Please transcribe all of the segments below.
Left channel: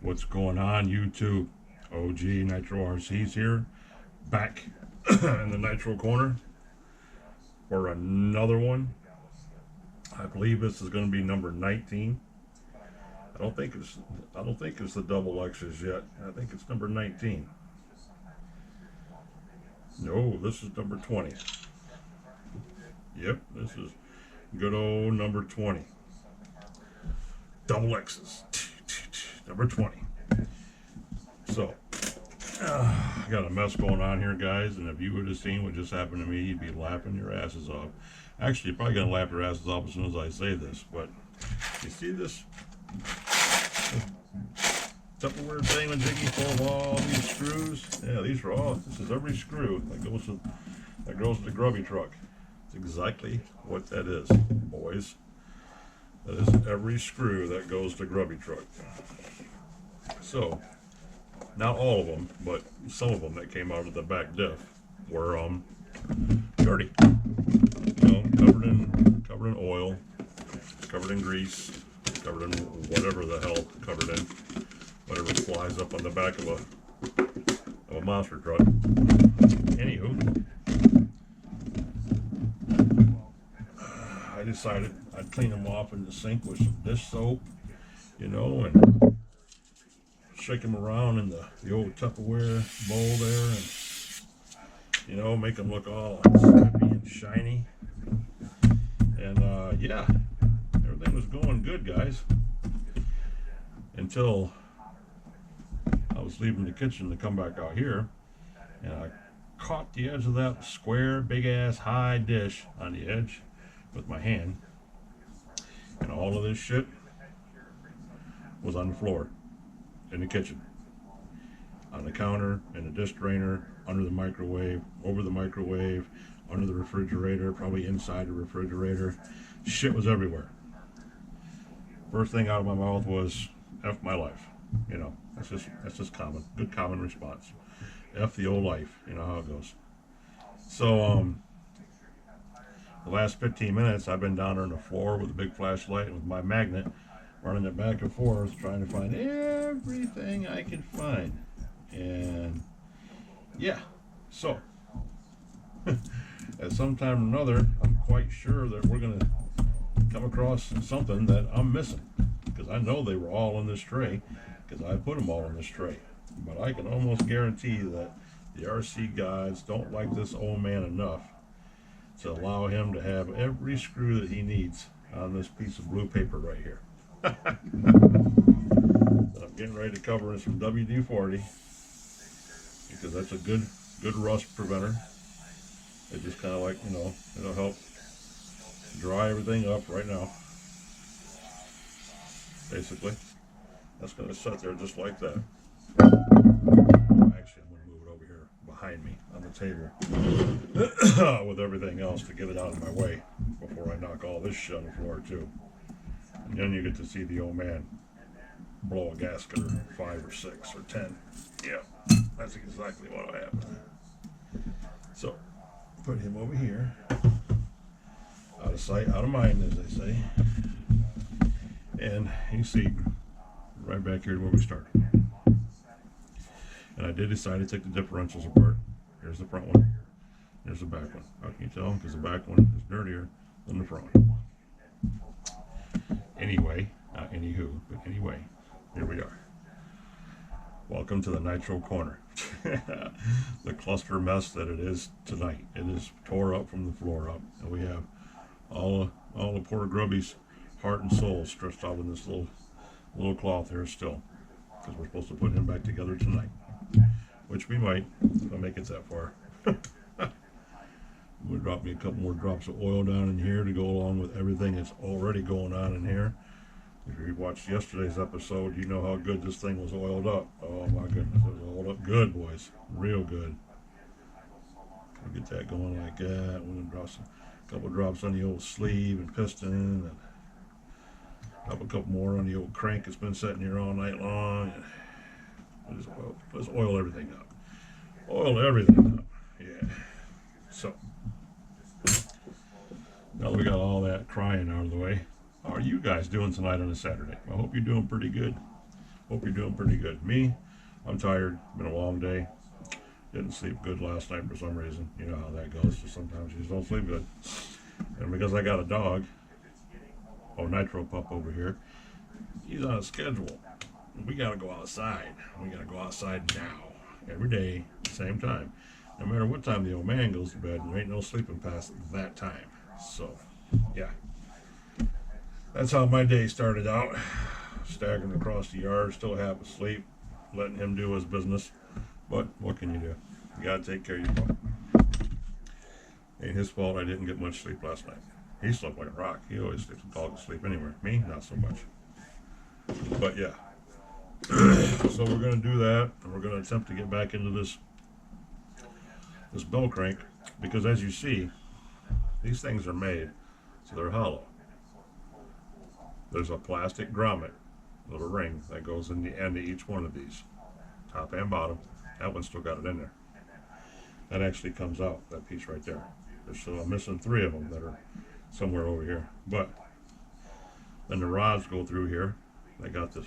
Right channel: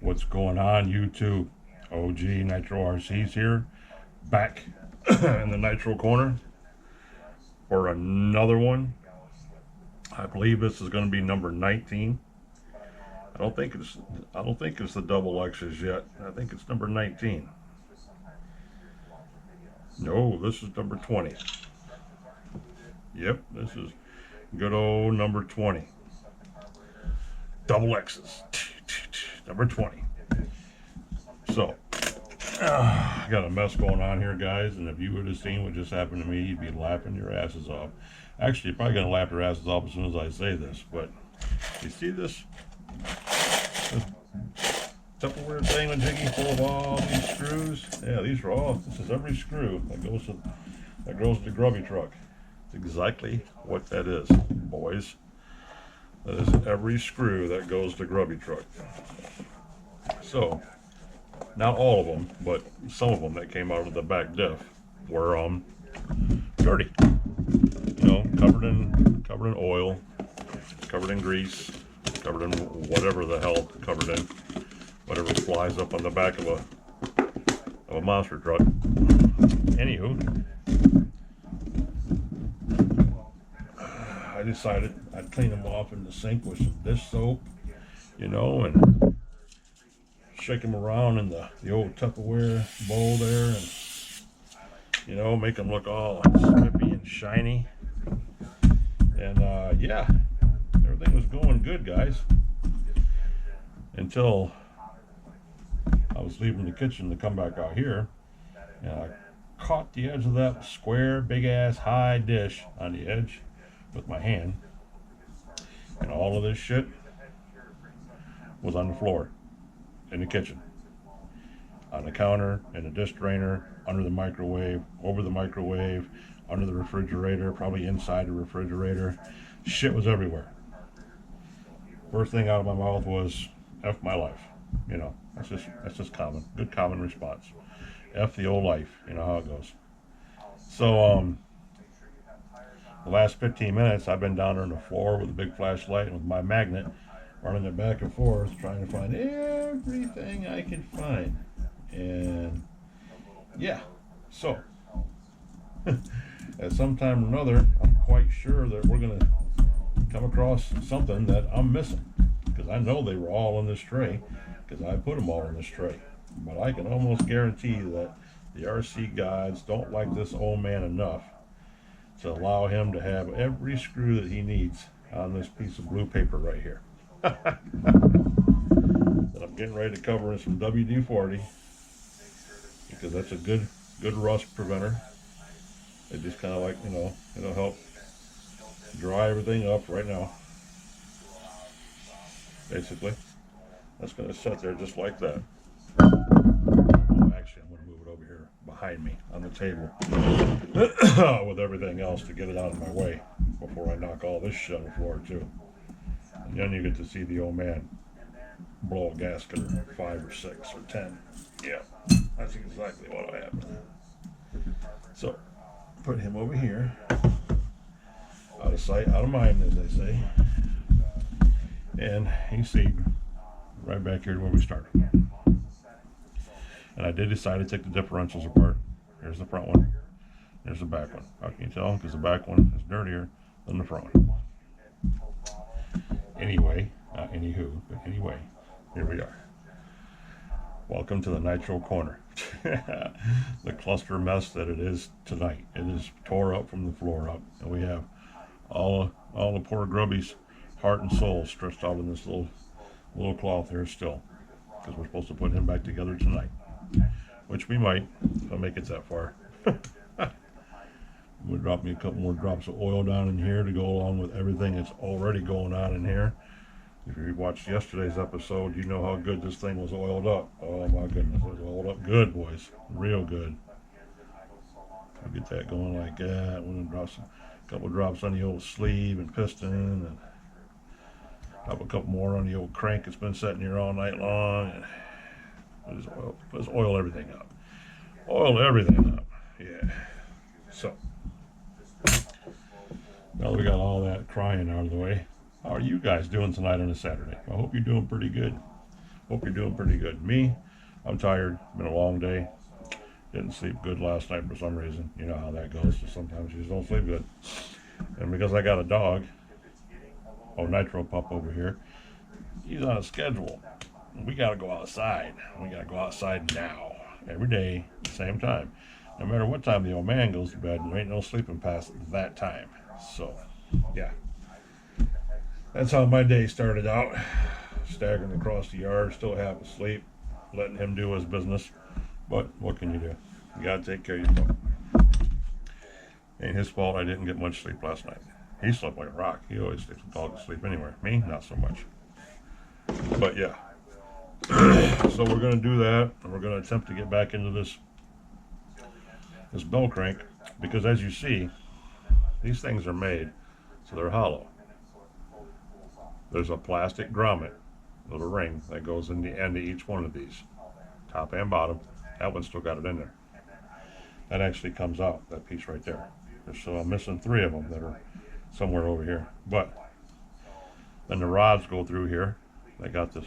What's going on, YouTube? OG Nitro RC's here, back in the Nitro corner for another one. I believe this is going to be number 19. I don't think it's the double X's yet. I think it's number 19. No, this is number 20. Yep, this is good old number 20. Double X's. Number 20. So, I got a mess going on here, guys, and if you would have seen what just happened to me, you'd be laughing your asses off. Actually, you're probably going to laugh your asses off as soon as I say this, but you see this Tupperware thing with Jiggy full of all these screws? Yeah, this is every screw that goes to the Grubby truck. It's exactly what that is, boys. That is every screw that goes to Grubby truck. So, not all of them, but some of them that came out of the back diff were dirty. You know, covered in oil, covered in grease, covered in whatever the hell covered in, whatever flies up on the back of a monster truck. Anywho, I decided I'd clean them off in the sink with some dish soap, you know, and shake them around in the old Tupperware bowl there, and you know, make them look all drippy and shiny. And yeah, everything was going good, guys, until I was leaving the kitchen to come back out here, and I caught the edge of that square, big ass, high dish on the edge with my hand, and all of this shit was on the floor in the kitchen, on the counter, in the dish drainer, under the microwave, over the microwave, under the refrigerator, probably inside the refrigerator. Shit was everywhere. First thing out of my mouth was F my life. You know, that's just good common response. F the old life, you know how it goes. So the last 15 minutes I've been down there on the floor with a big flashlight and with my magnet running it back and forth, trying to find everything I can find. And yeah, so at some time or another, I'm quite sure that we're going to come across something that I'm missing, because I know they were all in this tray, because I put them all in this tray. But I can almost guarantee that the RC gods don't like this old man enough to allow him to have every screw that he needs on this piece of blue paper right here. That I'm getting ready to cover in some WD-40, because that's a good rust preventer. It just kind of, like, you know, it'll help dry everything up right now. Basically, that's going to sit there just like that. Oh, actually, I'm going to move it over here behind me on the table with everything else to get it out of my way before I knock all this shit on the floor too. And then you get to see the old man blow a gasket or 5 or 6 or 10. Yeah, that's exactly what will happen. So, put him over here. Out of sight, out of mind, as they say. And you see, right back here to where we started. And I did decide to take the differentials apart. Here's the front one. There's the back one. How can you tell? Because the back one is dirtier than the front one. Anyway, not anywho, but anyway, here we are. Welcome to the Nitro corner. The cluster mess that it is tonight. It is tore up from the floor up, and we have all the poor Grubby's heart and soul stretched out in this little cloth here still, because we're supposed to put him back together tonight, which we might if I make it that far. We'll drop me a couple more drops of oil down in here to go along with everything that's already going on in here. If you watched yesterday's episode, you know how good this thing was oiled up. Oh my goodness, it was oiled up good, boys. Real good. I'll get that going like that. We're going to drop a couple drops on the old sleeve and piston, and drop a couple more on the old crank that's been sitting here all night long. And just oil everything up. Oil everything up. Yeah. So, now that we got all that crying out of the way, how are you guys doing tonight on a Saturday? I hope you're doing pretty good. Hope you're doing pretty good. Me, I'm tired. Been a long day. Didn't sleep good last night for some reason. You know how that goes. So sometimes you just don't sleep good. And because I got a dog, Nitro pup over here, he's on a schedule. We got to go outside. We got to go outside now. Every day, same time. No matter what time the old man goes to bed, there ain't no sleeping past that time. So, yeah. That's how my day started out. Staggering across the yard, still half asleep, letting him do his business. But what can you do? You gotta take care of your pup. Ain't his fault I didn't get much sleep last night. He slept like a rock. He always sleeps a dog asleep anywhere. Me, not so much. But yeah. So we're gonna do that, and we're gonna attempt to get back into this bell crank, because as you see, these things are made so they're hollow. There's a plastic grommet, little ring that goes in the end of each one of these, top and bottom. That one's still got it in there. That actually comes out, that piece right there. So I'm missing 3 of them that are somewhere over here. But then the rods go through here. They got the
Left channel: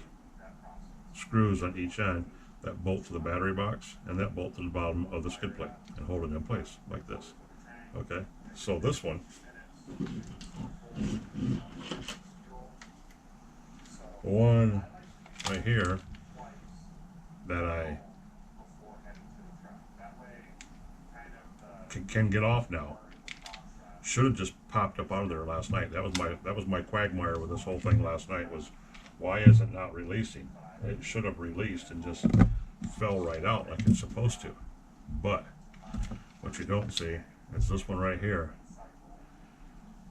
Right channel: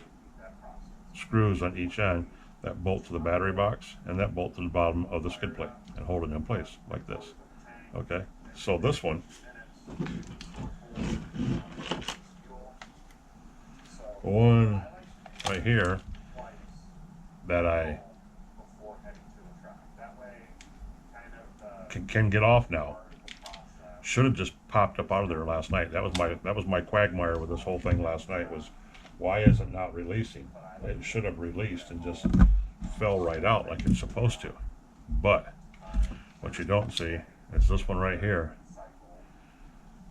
screws on each end that bolt to the battery box and that bolt to the bottom of the skid plate and hold it in place like this. Okay, so this one, the one right here that I can get off now, should have just popped up out of there last night. That was my quagmire with this whole thing last night, was why is it not releasing? It should have released and just fell right out like it's supposed to. But what you don't see is this one right here.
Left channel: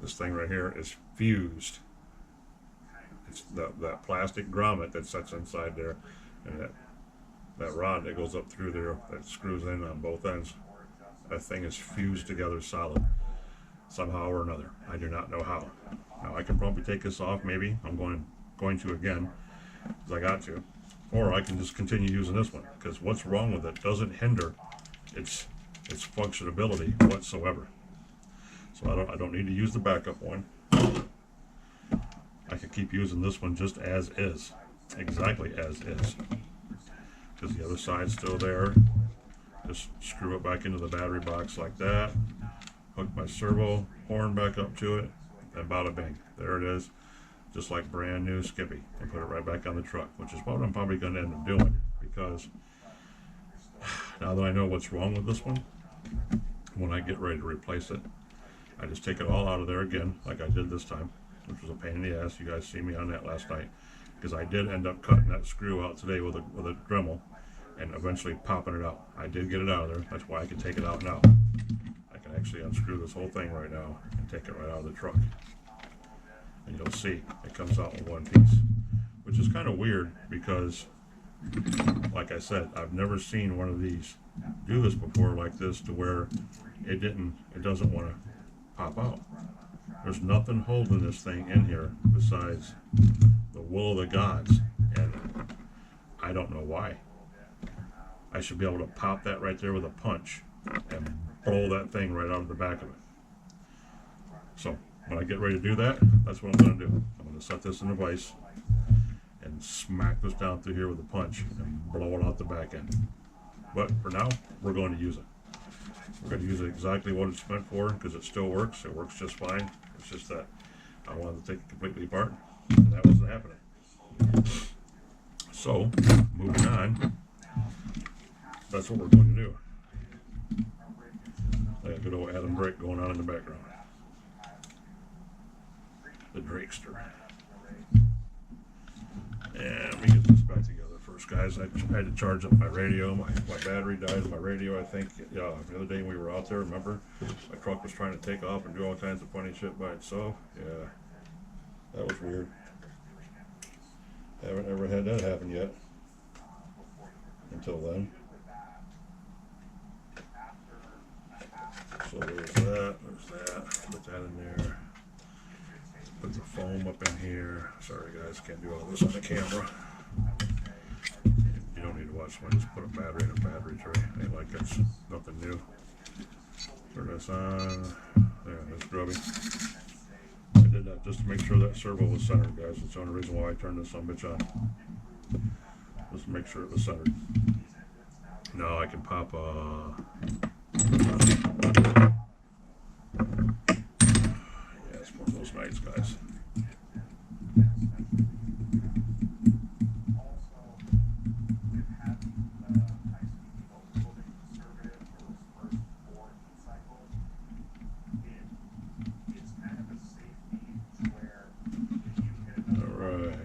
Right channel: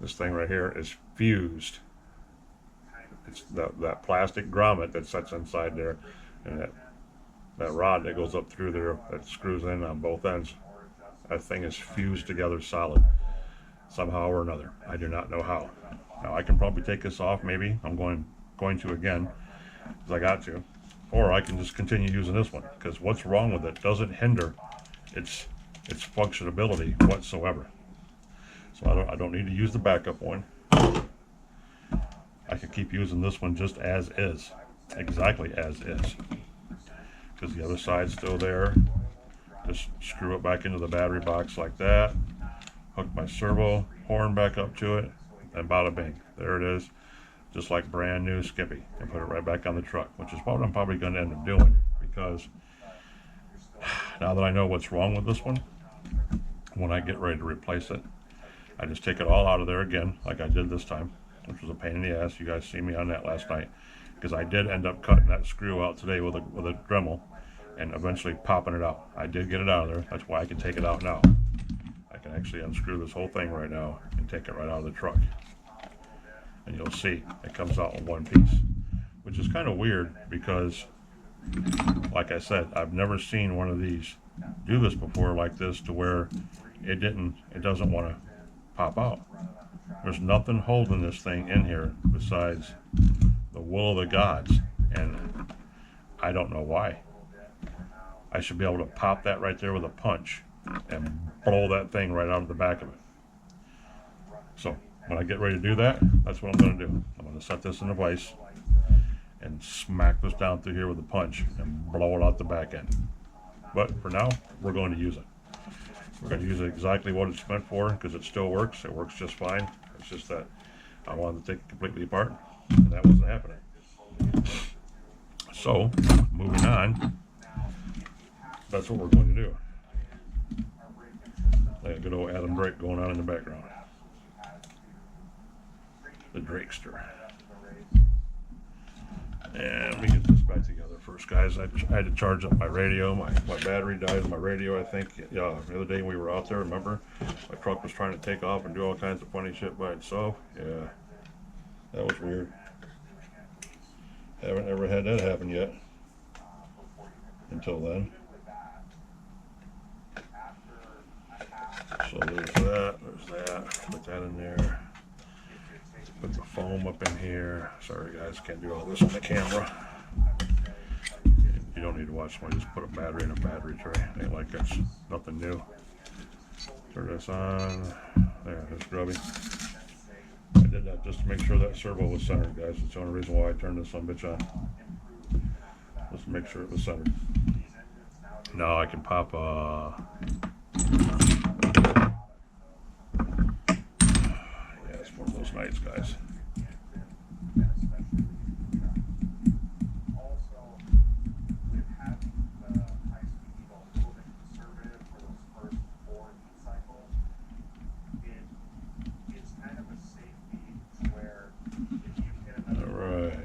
This thing right here is fused. It's that plastic grommet that sits inside there, and that rod that goes up through there that screws in on both ends. That thing is fused together solid somehow or another. I do not know how. Now I can probably take this off. Maybe I'm going to again, because I got to, or I can just continue using this one, because what's wrong with it doesn't hinder its functionability whatsoever. So I don't need to use the backup one. I could keep using this one just as is, exactly as is, because the other side's still there. Just screw it back into the battery box like that, hook my servo horn back up to it, and bada bing, there it is, just like brand new Skippy, and put it right back on the truck, which is what I'm probably going to end up doing, because now that I know what's wrong with this one, when I get ready to replace it, I just take it all out of there again, like I did this time, which was a pain in the ass. You guys see me on that last night, because I did end up cutting that screw out today with a Dremel, and eventually popping it out. I did get it out of there. That's why I can take it out now. I can actually unscrew this whole thing right now and take it right out of the truck. And you'll see it comes out in one piece, which is kind of weird because, like I said, I've never seen one of these do this before like this, to where it doesn't want to pop out. There's nothing holding this thing in here besides the will of the gods, and I don't know why. I should be able to pop that right there with a punch and blow that thing right out of the back of it. So when I get ready to do that, that's what I'm going to do. I'm going to set this in a vise and smack this down through here with a punch and blow it out the back end. But for now, we're going to use it. We're going to use it exactly what it's meant for, because it still works. It works just fine. It's just that I wanted to take it completely apart, and that wasn't happening. So, moving on, that's what we're going to do. That good old Adam Drake going on in the background. The Drakester. And let me get this back together first, guys. I had to charge up my radio. My battery died in my radio, I think. Yeah, the other day when we were out there, remember? My truck was trying to take off and do all kinds of funny shit by itself. Yeah, that was weird. Haven't ever had that happen yet. Until then. So there's that. Put that in there. Put the foam up in here. Sorry guys, can't do all this on the camera. You don't need to watch someone just put a battery in a battery tray. Ain't like it's nothing new. Turn this on. There, there's Grubby. I did that just to make sure that servo was centered, guys. It's the only reason why I turned this son bitch on. Let's make sure it was centered. Now I can pop yeah, it's one of those nights, guys. Alright.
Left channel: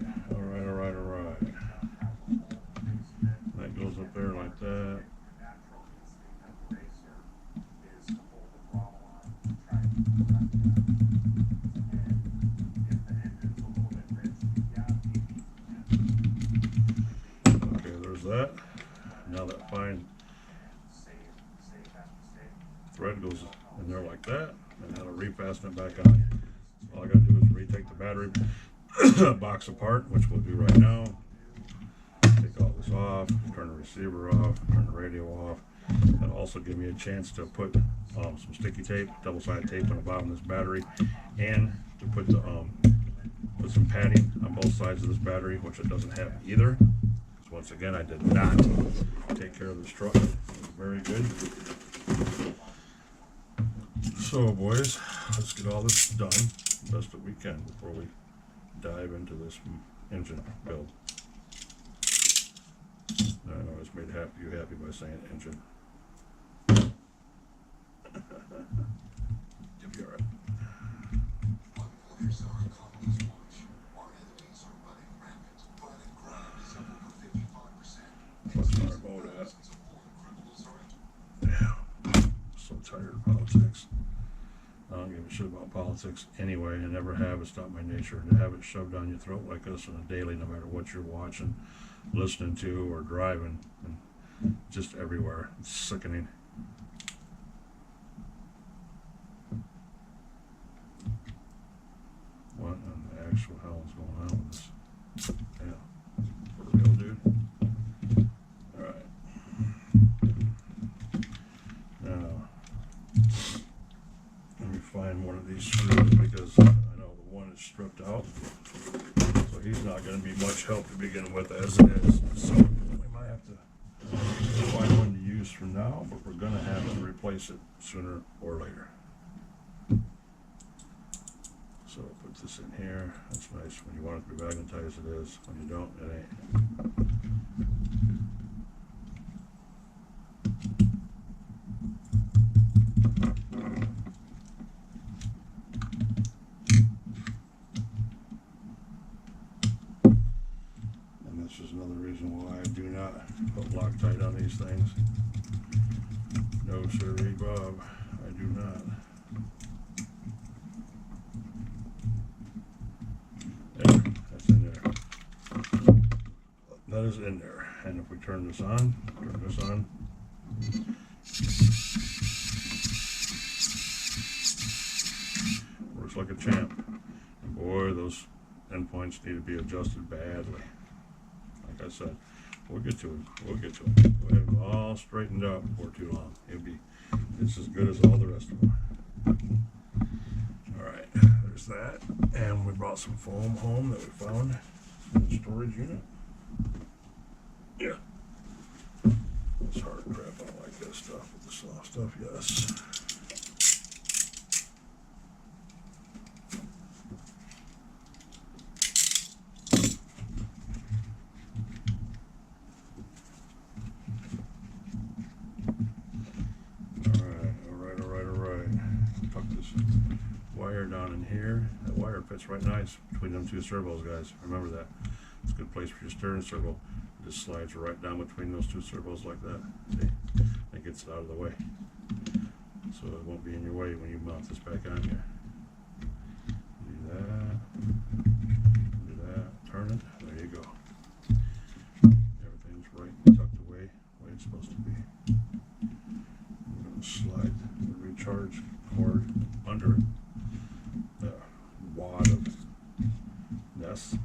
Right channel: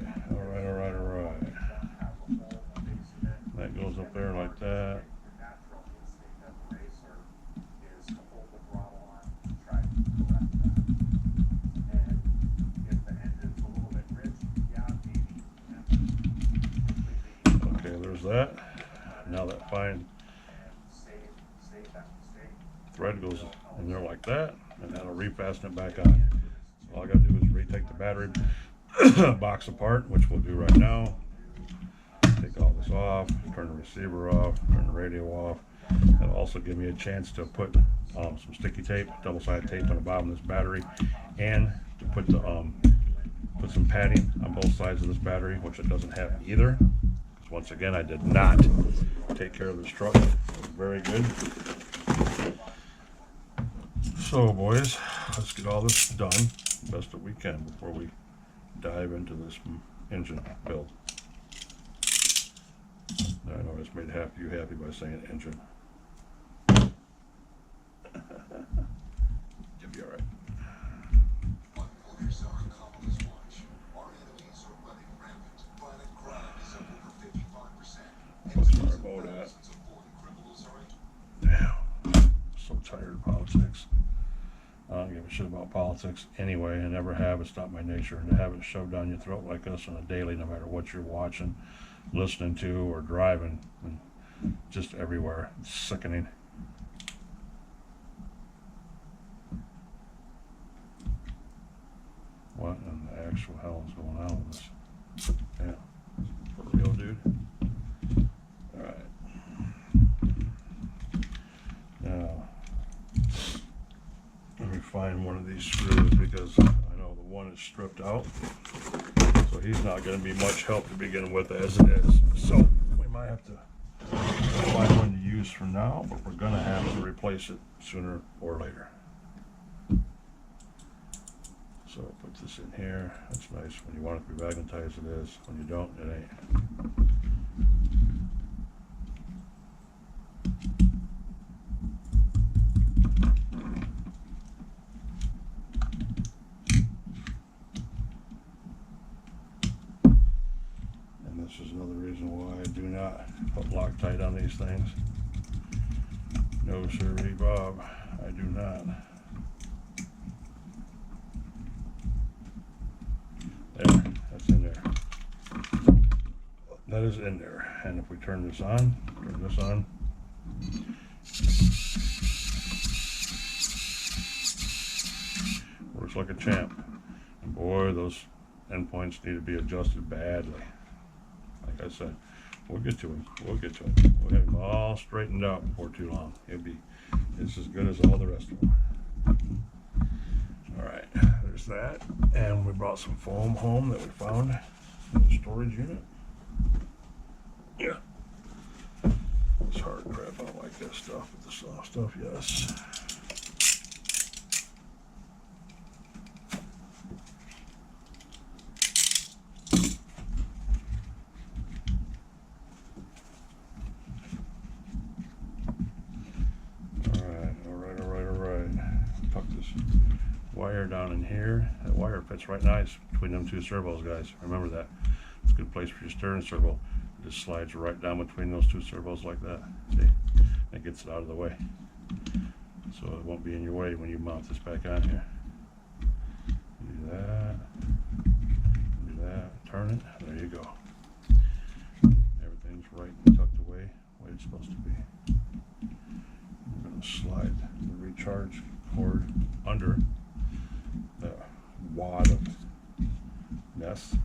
That goes up there like that. Okay, there's that. Now that fine thread goes in there like that, and that'll refasten it back on. So all I gotta do is retake the battery box apart, which we'll do right now. Take all this off, turn the receiver off, turn the radio off. That'll also give me a chance to put some sticky tape, double-sided tape on the bottom of this battery, and to put the put some padding on both sides of this battery, which it doesn't have either. Once again, I did not take care of this truck. It was very good. So, boys, let's get all this done best that we can before we dive into this engine build. Now, I know I just made you happy by saying engine. You'll be all right. What's my remote at? Damn, so tired of politics. I don't give a shit about politics anyway. I never have. It's not my nature to have it shoved down your throat like this on a daily, no matter what you're watching, listening to, or driving, and just everywhere. It's sickening. What in the actual hell is going on with this? Yeah, for real, dude. All right. Now, let me find one of these screws because I know the one is stripped out, so he's not going to be much help to begin with as it is. So we might have to find one to use for now, but we're going to have to replace it sooner or later. So put this in here. That's nice. When you want it to be magnetized, it is. When you don't, it ain't. And this is another reason why I do not put Loctite on these things. No, sirree, Bob. I do not. There, that's in there. That is in there. And if we turn this on, works like a champ. And boy, those endpoints need to be adjusted badly. Like I said, we'll get to it. We'll have them all straightened out before too long. It'll be just as good as all the rest of them. Alright, there's that. And we brought some foam home that we found in the storage unit. Yeah. This hard crap, I don't like that stuff, but the soft stuff, yes. Alright. Tuck this wire down in here. That wire fits right nice between them two servos, guys. Remember that. It's a good place for your steering servo. It just slides right down between those two servos like that. See? It gets it out of the way. So it won't be in your way when you mount this back on here. You do that. You do that. Turn it. There you go. Everything's right and tucked away the way it's supposed to be. We're going to slide the recharge cord under the wad of nest.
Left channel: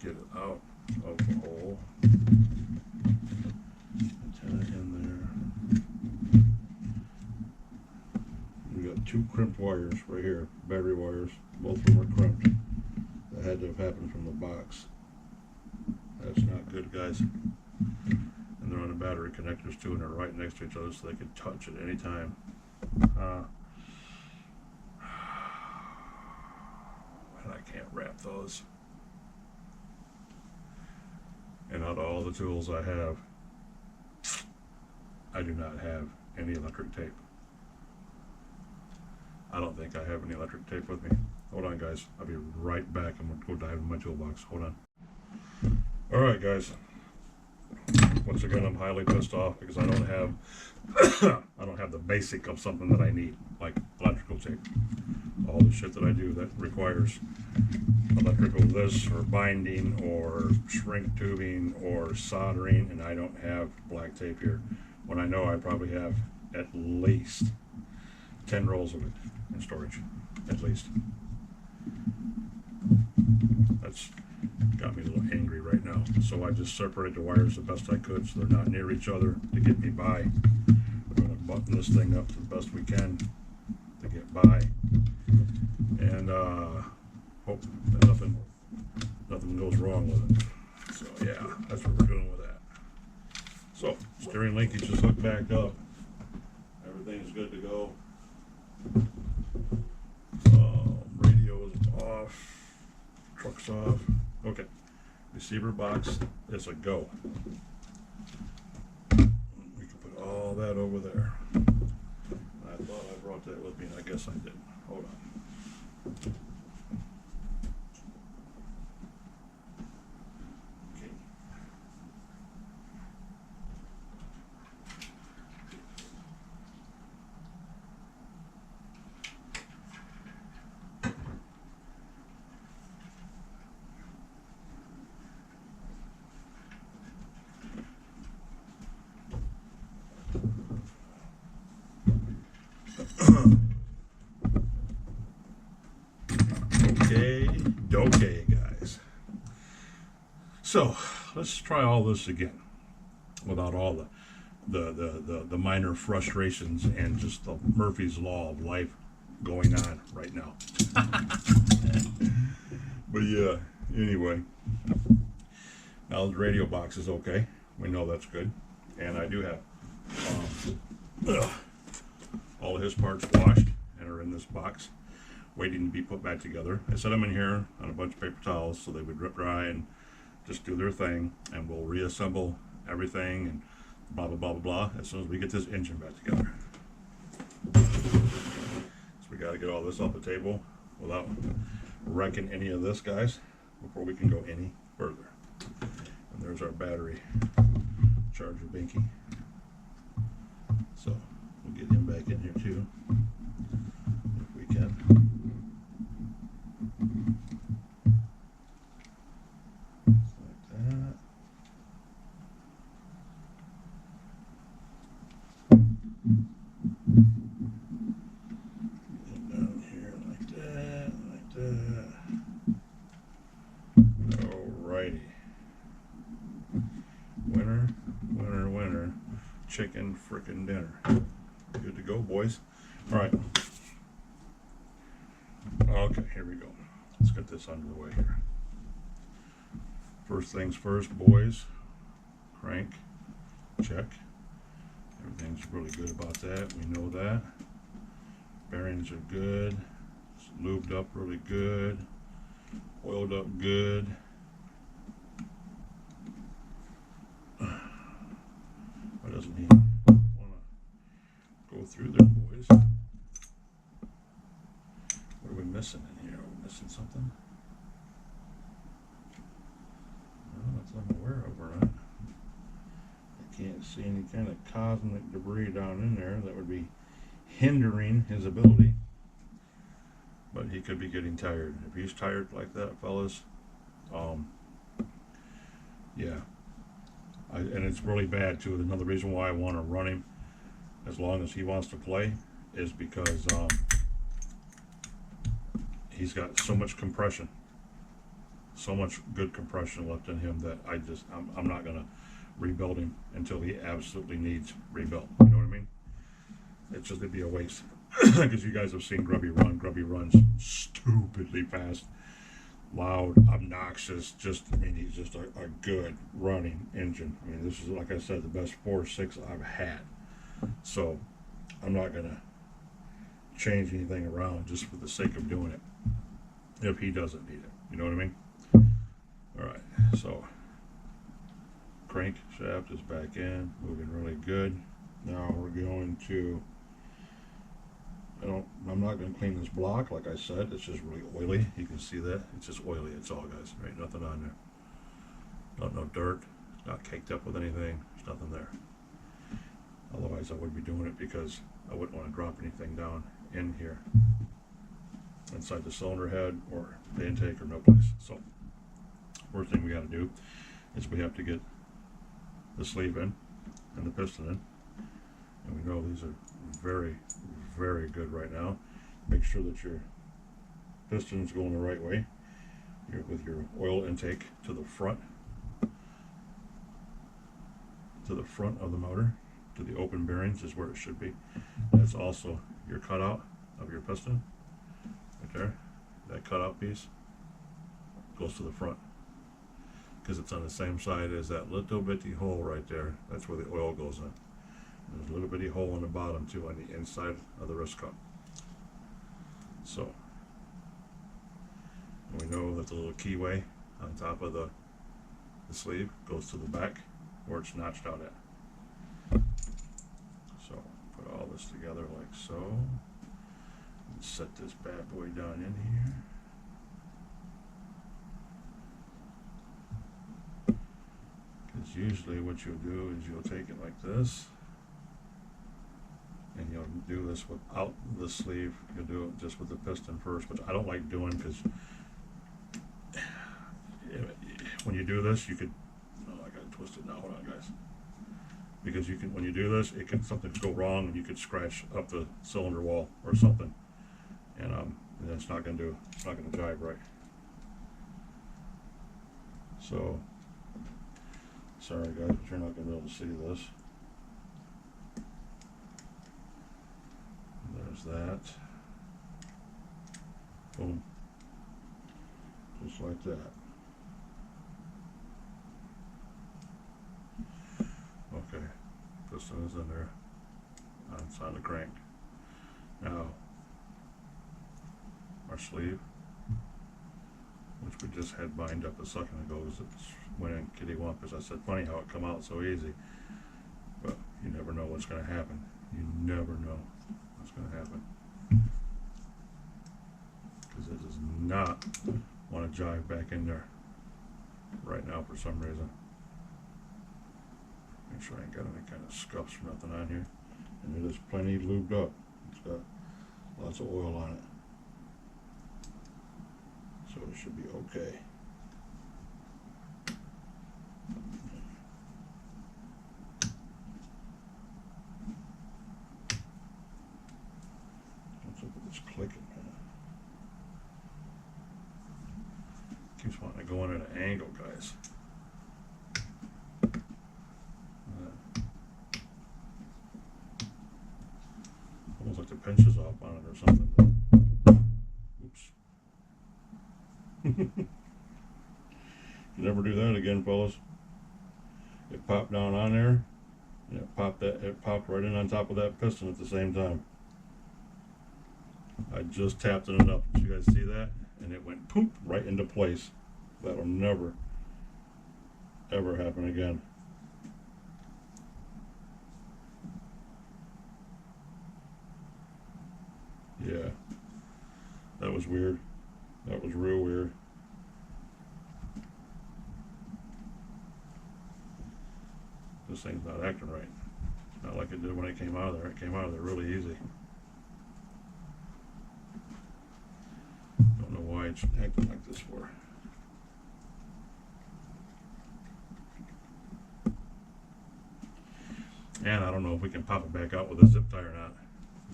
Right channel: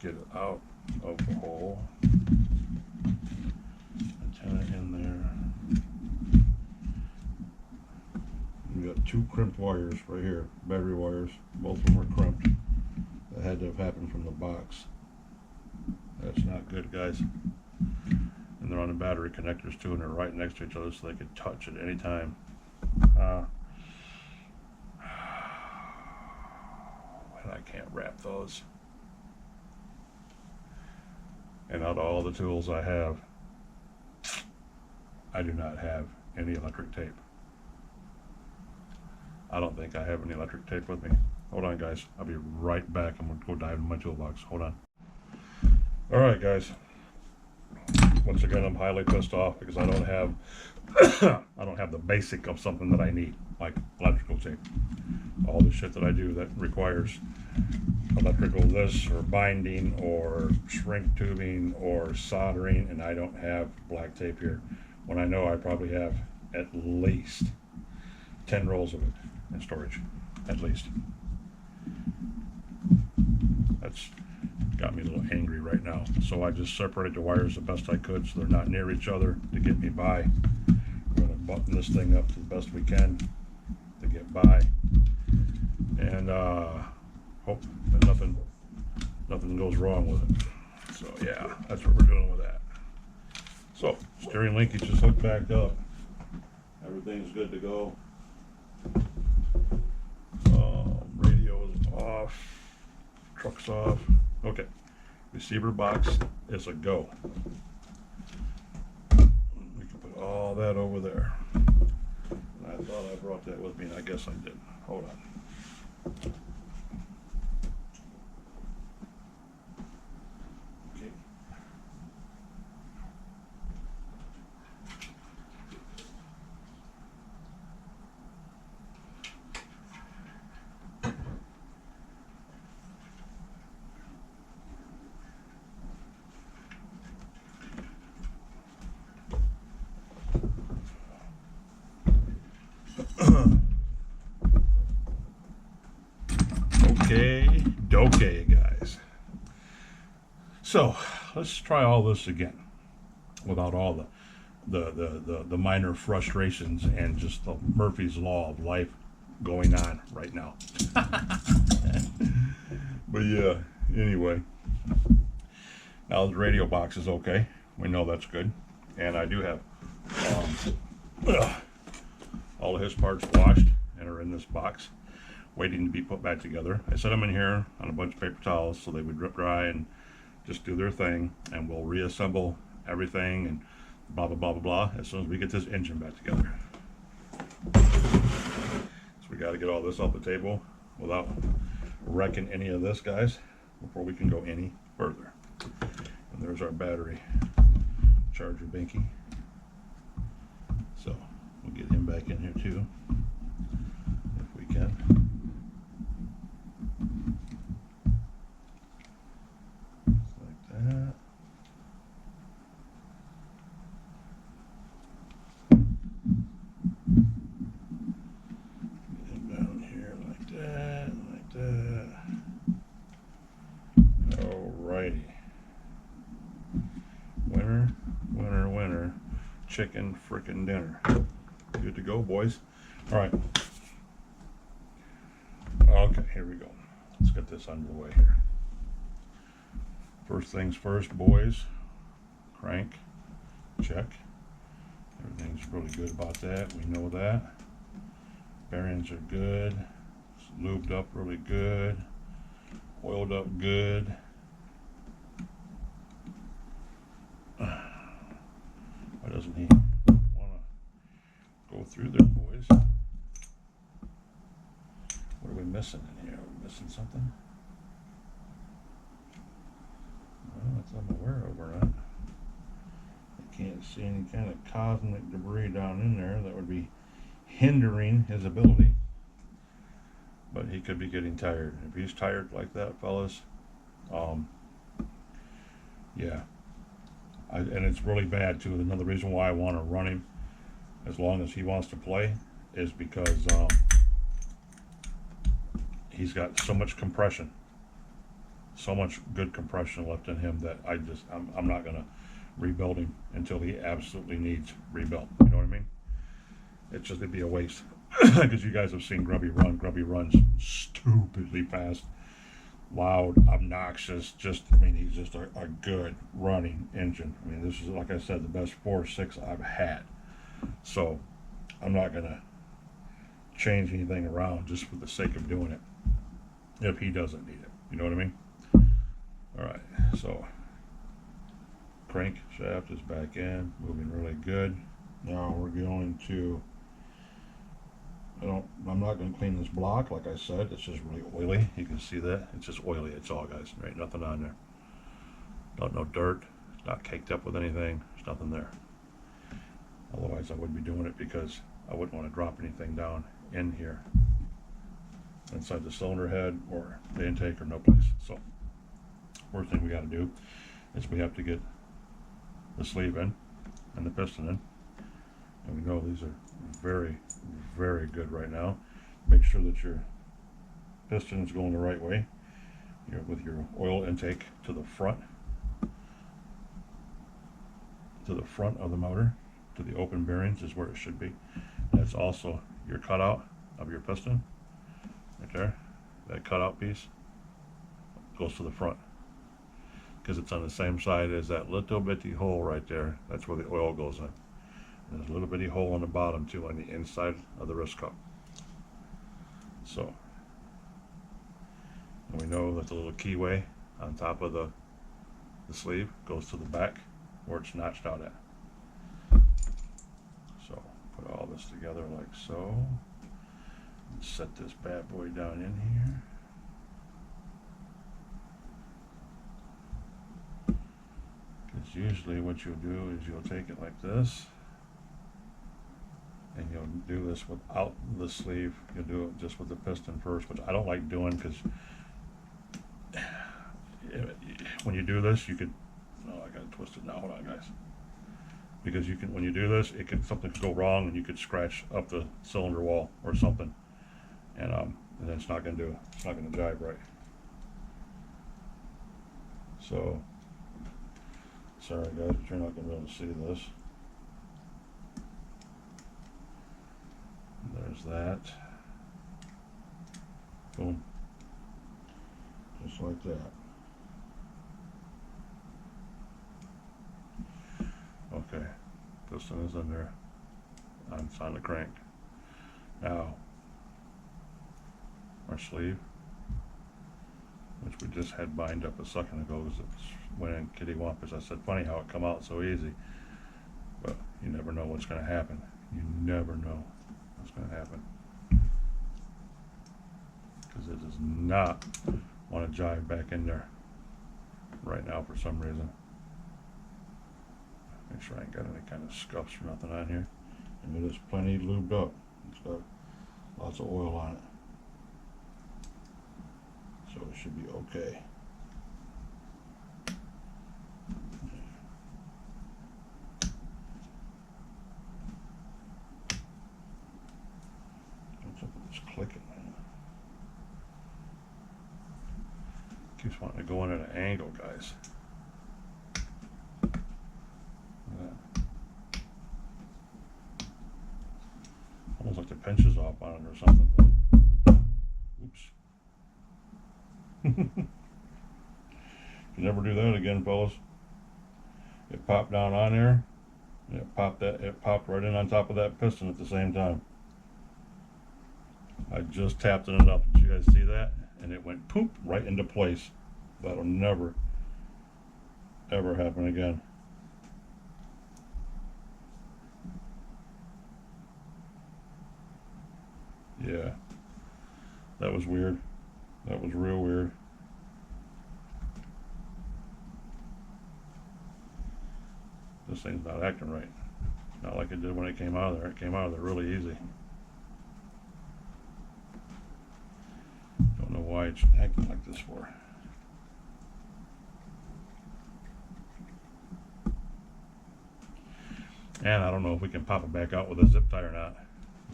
Get it out of the hole. Antenna in there. We got two crimped wires right here, battery wires. Both of them are crimped. That had to have happened from the box. That's not good, guys. And they're on the battery connectors too, and they're right next to each other so they could touch at any time. And I can't wrap those. And out of all the tools I have, I do not have any electric tape. I don't think I have any electric tape with me. Hold on, guys. I'll be right back. I'm going to go dive into my toolbox. Hold on. All right, guys. Once again, I'm highly pissed off because I don't have I don't have the basic of something that I need, like electrical tape. All the shit that I do that requires electrical this or binding or shrink tubing or soldering, and I don't have black tape here, when I know I probably have at least 10 rolls of it in storage, at least. That's got me a little angry right now. So I just separated the wires the best I could so they're not near each other to get me by. We're going to button this thing up to the best we can to get by, and hope that nothing goes wrong with it. So yeah, that's what we're doing with that. So steering linkage is hooked back up. Everything's good to go. Radio is off. Truck's off. Okay. Receiver box is a go. We can put all that over there. And I thought I brought that with me, and I guess I didn't. Hold on. Okay. Okay, guys. So let's try all this again without all the minor frustrations and just the Murphy's Law of life going on right now. But yeah, anyway. Now the radio box is okay. We know that's good. And I do have all of his parts washed and are in this box, waiting to be put back together. I set them in here on a bunch of paper towels so they would drip dry and just do their thing, and we'll reassemble everything and blah blah blah blah blah as soon as we get this engine back together. So we got to get all this off the table without wrecking any of this, guys, before we can go any further. And there's our battery charger binky. So we'll get him back in here too, if we can. Like that. Get him down here like that, like that. Alrighty. Winner, winner, winner. Chicken frickin' dinner. Good to go, boys. All right. Okay, here we go. Let's get this under the way here. First things first, boys. Crank. Check. Everything's really good about that. We know that. Bearings are good. It's lubed up really good. Oiled up good. Why doesn't he want to go through there, boys? What are we missing in here? Are we missing something? Well, that's I'm aware of, or not. I can't see any kind of cosmic debris down in there that would be hindering his ability. But he could be getting tired. If he's tired like that, fellas, yeah. And it's really bad too. Another reason why I want to run him as long as he wants to play is because he's got so much compression, so much good compression left in him that I'm not gonna rebuild him until he absolutely needs rebuilt. You know what I mean? It'd be a waste because you guys have seen Grubby run. Grubby runs stupidly fast. loud, obnoxious, just, I mean, he's just a good running engine. I mean, this is, like I said, the best 4.6 I've had. So I'm not going to change anything around just for the sake of doing it if he doesn't need it. You know what I mean? All right, so crank shaft is back in, moving really good. Now we're going to, I'm not going to clean this block, like I said. It's just really oily. You can see that. It's just oily. It's all, guys. There ain't nothing on there. No dirt. It's not caked up with anything. There's nothing there. Otherwise, I would be doing it because I wouldn't want to drop anything down in here inside the cylinder head or the intake or no place. So first thing we got to do is we have to get the sleeve in and the piston in. And we know these are very, very good right now. Make sure that your piston is going the right way. With your oil intake to the front of the motor, to the open bearings is where it should be. And it's also your cutout of your piston, right there. That cutout piece goes to the front because it's on the same side as that little bitty hole right there. That's where the oil goes in. And there's a little bitty hole on the bottom too, on the inside of the wrist cup. So, and we know that the little keyway on top of the sleeve goes to the back where it's notched out at. So put all this together like so. And set this bad boy down in here. Because usually what you'll do is you'll take it like this, and you'll do this without the sleeve. You'll do it just with the piston first, which I don't like doing because when you do this, you could, oh, I gotta twist it now, hold on guys. Because you can, when you do this, something could go wrong and you could scratch up the cylinder wall or something. And then it's not gonna jive right. So, sorry guys, but you're not gonna be able to see this. There's that. Boom. Just like that. Okay, piston is in there. It's on the crank. Now, our sleeve, which we just had bind up a second ago because it went in kitty wampus. I said, funny how it come out so easy. But you never know what's going to happen. You never know what's going to happen. Because it does not want to jive back in there right now for some reason. Make sure I ain't got any kind of scuffs or nothing on here. And it is plenty lubed up. It's got lots of oil on it. So it should be okay. What's up with this clicking, man? Keeps wanting to go in at an angle, guys. Almost like the pinch is off on it or something. Oops. You never do that again, fellas. It popped down on there, and it popped right in on top of that piston at the same time. I just tapped it enough. Did you guys see that? And it went poop right into place. That'll never, ever happen again. Yeah, that was weird. That was real weird. This thing's not acting right. Not like it did when it came out of there. It came out of there really easy. Don't know why it's acting like this for. And I don't know if we can pop it back out with a zip tie or not.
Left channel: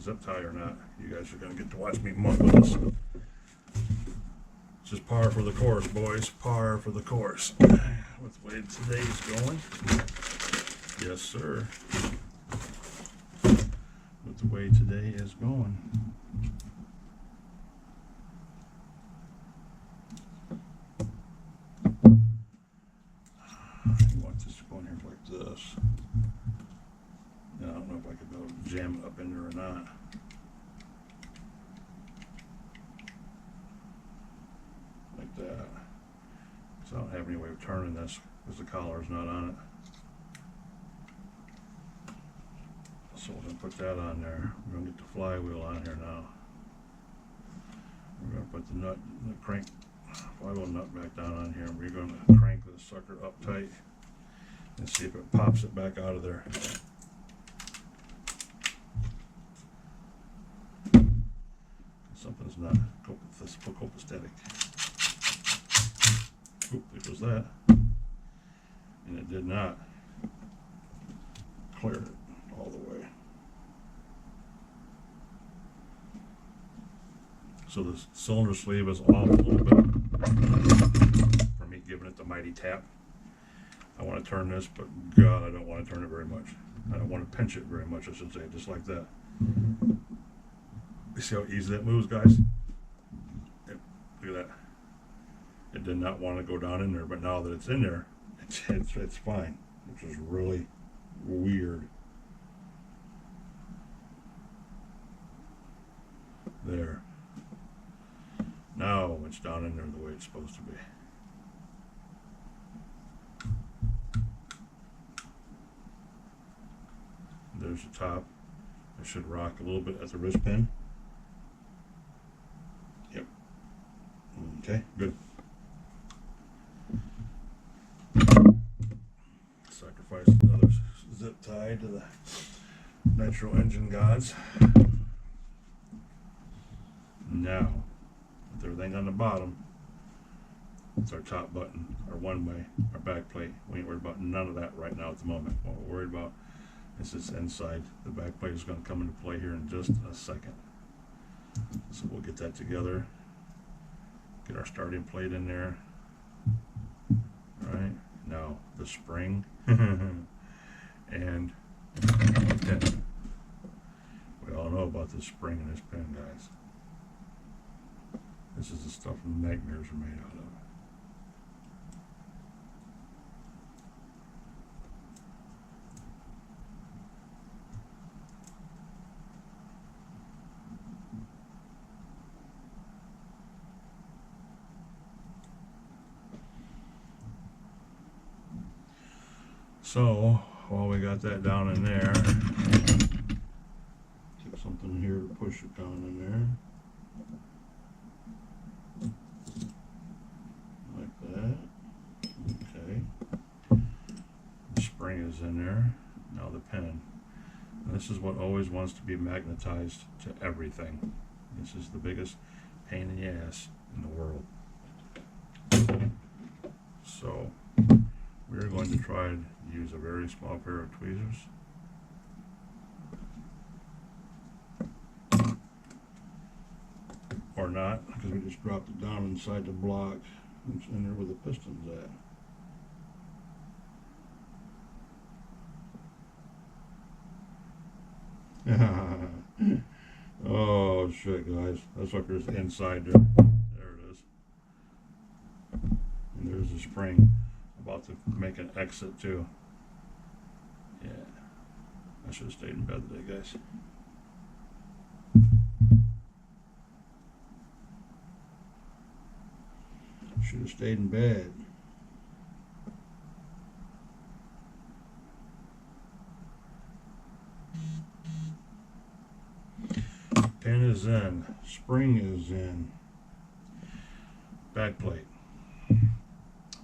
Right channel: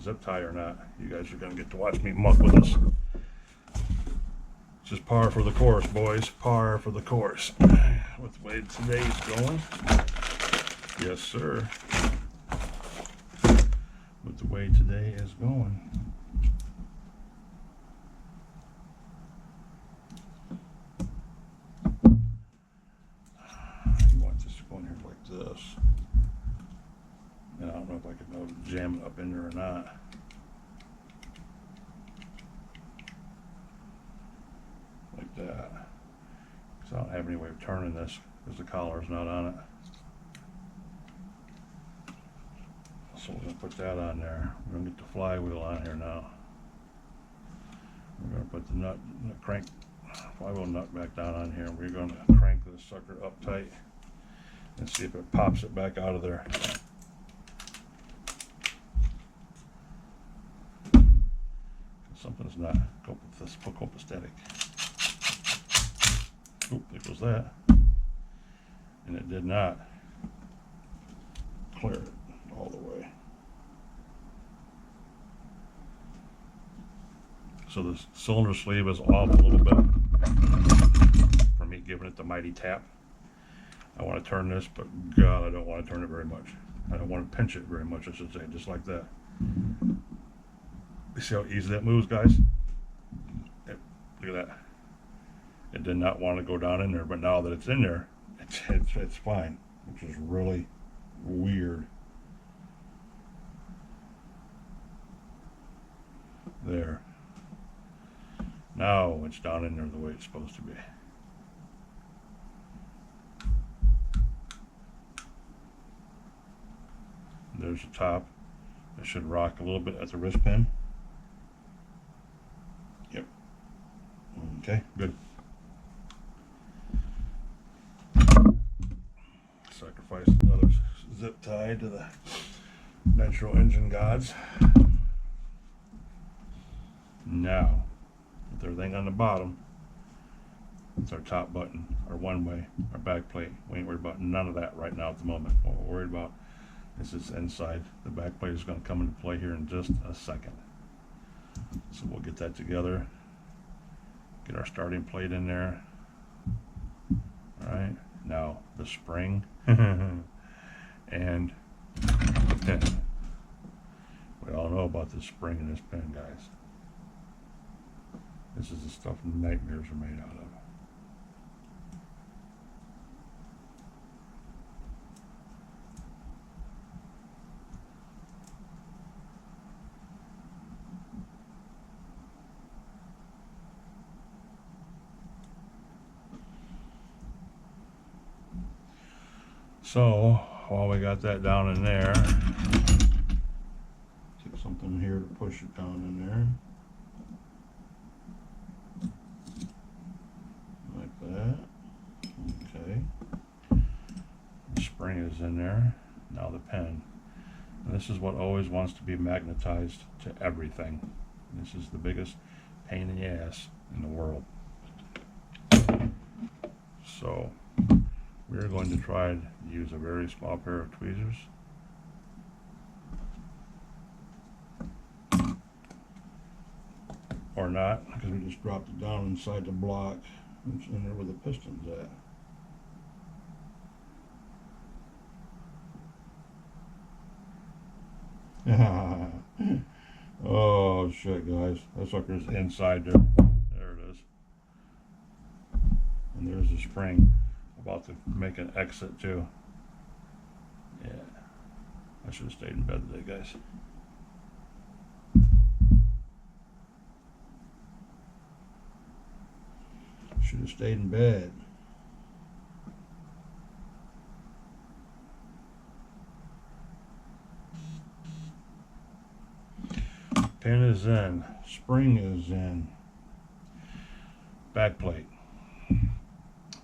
Zip tie or not, you guys are gonna get to watch me muck with this. Just par for the course, boys. Par for the course. With the way today's going. Yes, sir. With the way today is going. this. And I don't know if I could be able to jam it up in there or not. Like that. Because I don't have any way of turning this because the collar's not on it. So we're going to put that on there. We're going to get the flywheel on here now. We're going to put the nut, the crank, flywheel nut back down on here. We're going to crank this sucker up tight and see if it pops it back out of there. Something's not copacetic. Oop, there goes that. And it did not clear it all the way. So the cylinder sleeve is off a little bit from me giving it the mighty tap. I want to turn this, but God, I don't want to turn it very much. I don't want to pinch it very much, I should say, just like that. You see how easy that moves, guys? Yep, look at that. It did not want to go down in there, but now that it's in there, it's fine, which is really weird. There. Now it's down in there the way it's supposed to be. There's the top. It should rock a little bit at the wrist pin. Yep. Okay, good. Sacrifice another zip tie to the Nitro engine gods. Now, with everything on the bottom, it's our top button, our one way, our back plate. We ain't worried about none of that right now at the moment. What we're worried about is this inside. The back plate is going to come into play here in just a second. So we'll get that together. Get our starting plate in there. All right, now the spring and the pin. We all know about this spring and this pin, guys. This is the stuff nightmares are made out of. So while we got that down in there, take something here to push it down in there. Like that. Okay. The spring is in there. Now the pen. And this is what always wants to be magnetized to everything. This is the biggest pain in the ass in the world. So we're going to try to use a very small pair of tweezers. Or not, because we just dropped it down inside the block. It's in there where the piston's at. Oh shit, guys. That sucker's inside there. There it is. And there's the spring. About to make an exit too. Yeah. I should have stayed in bed today, guys. Should have stayed in bed. Pin is in. Spring is in. Back plate.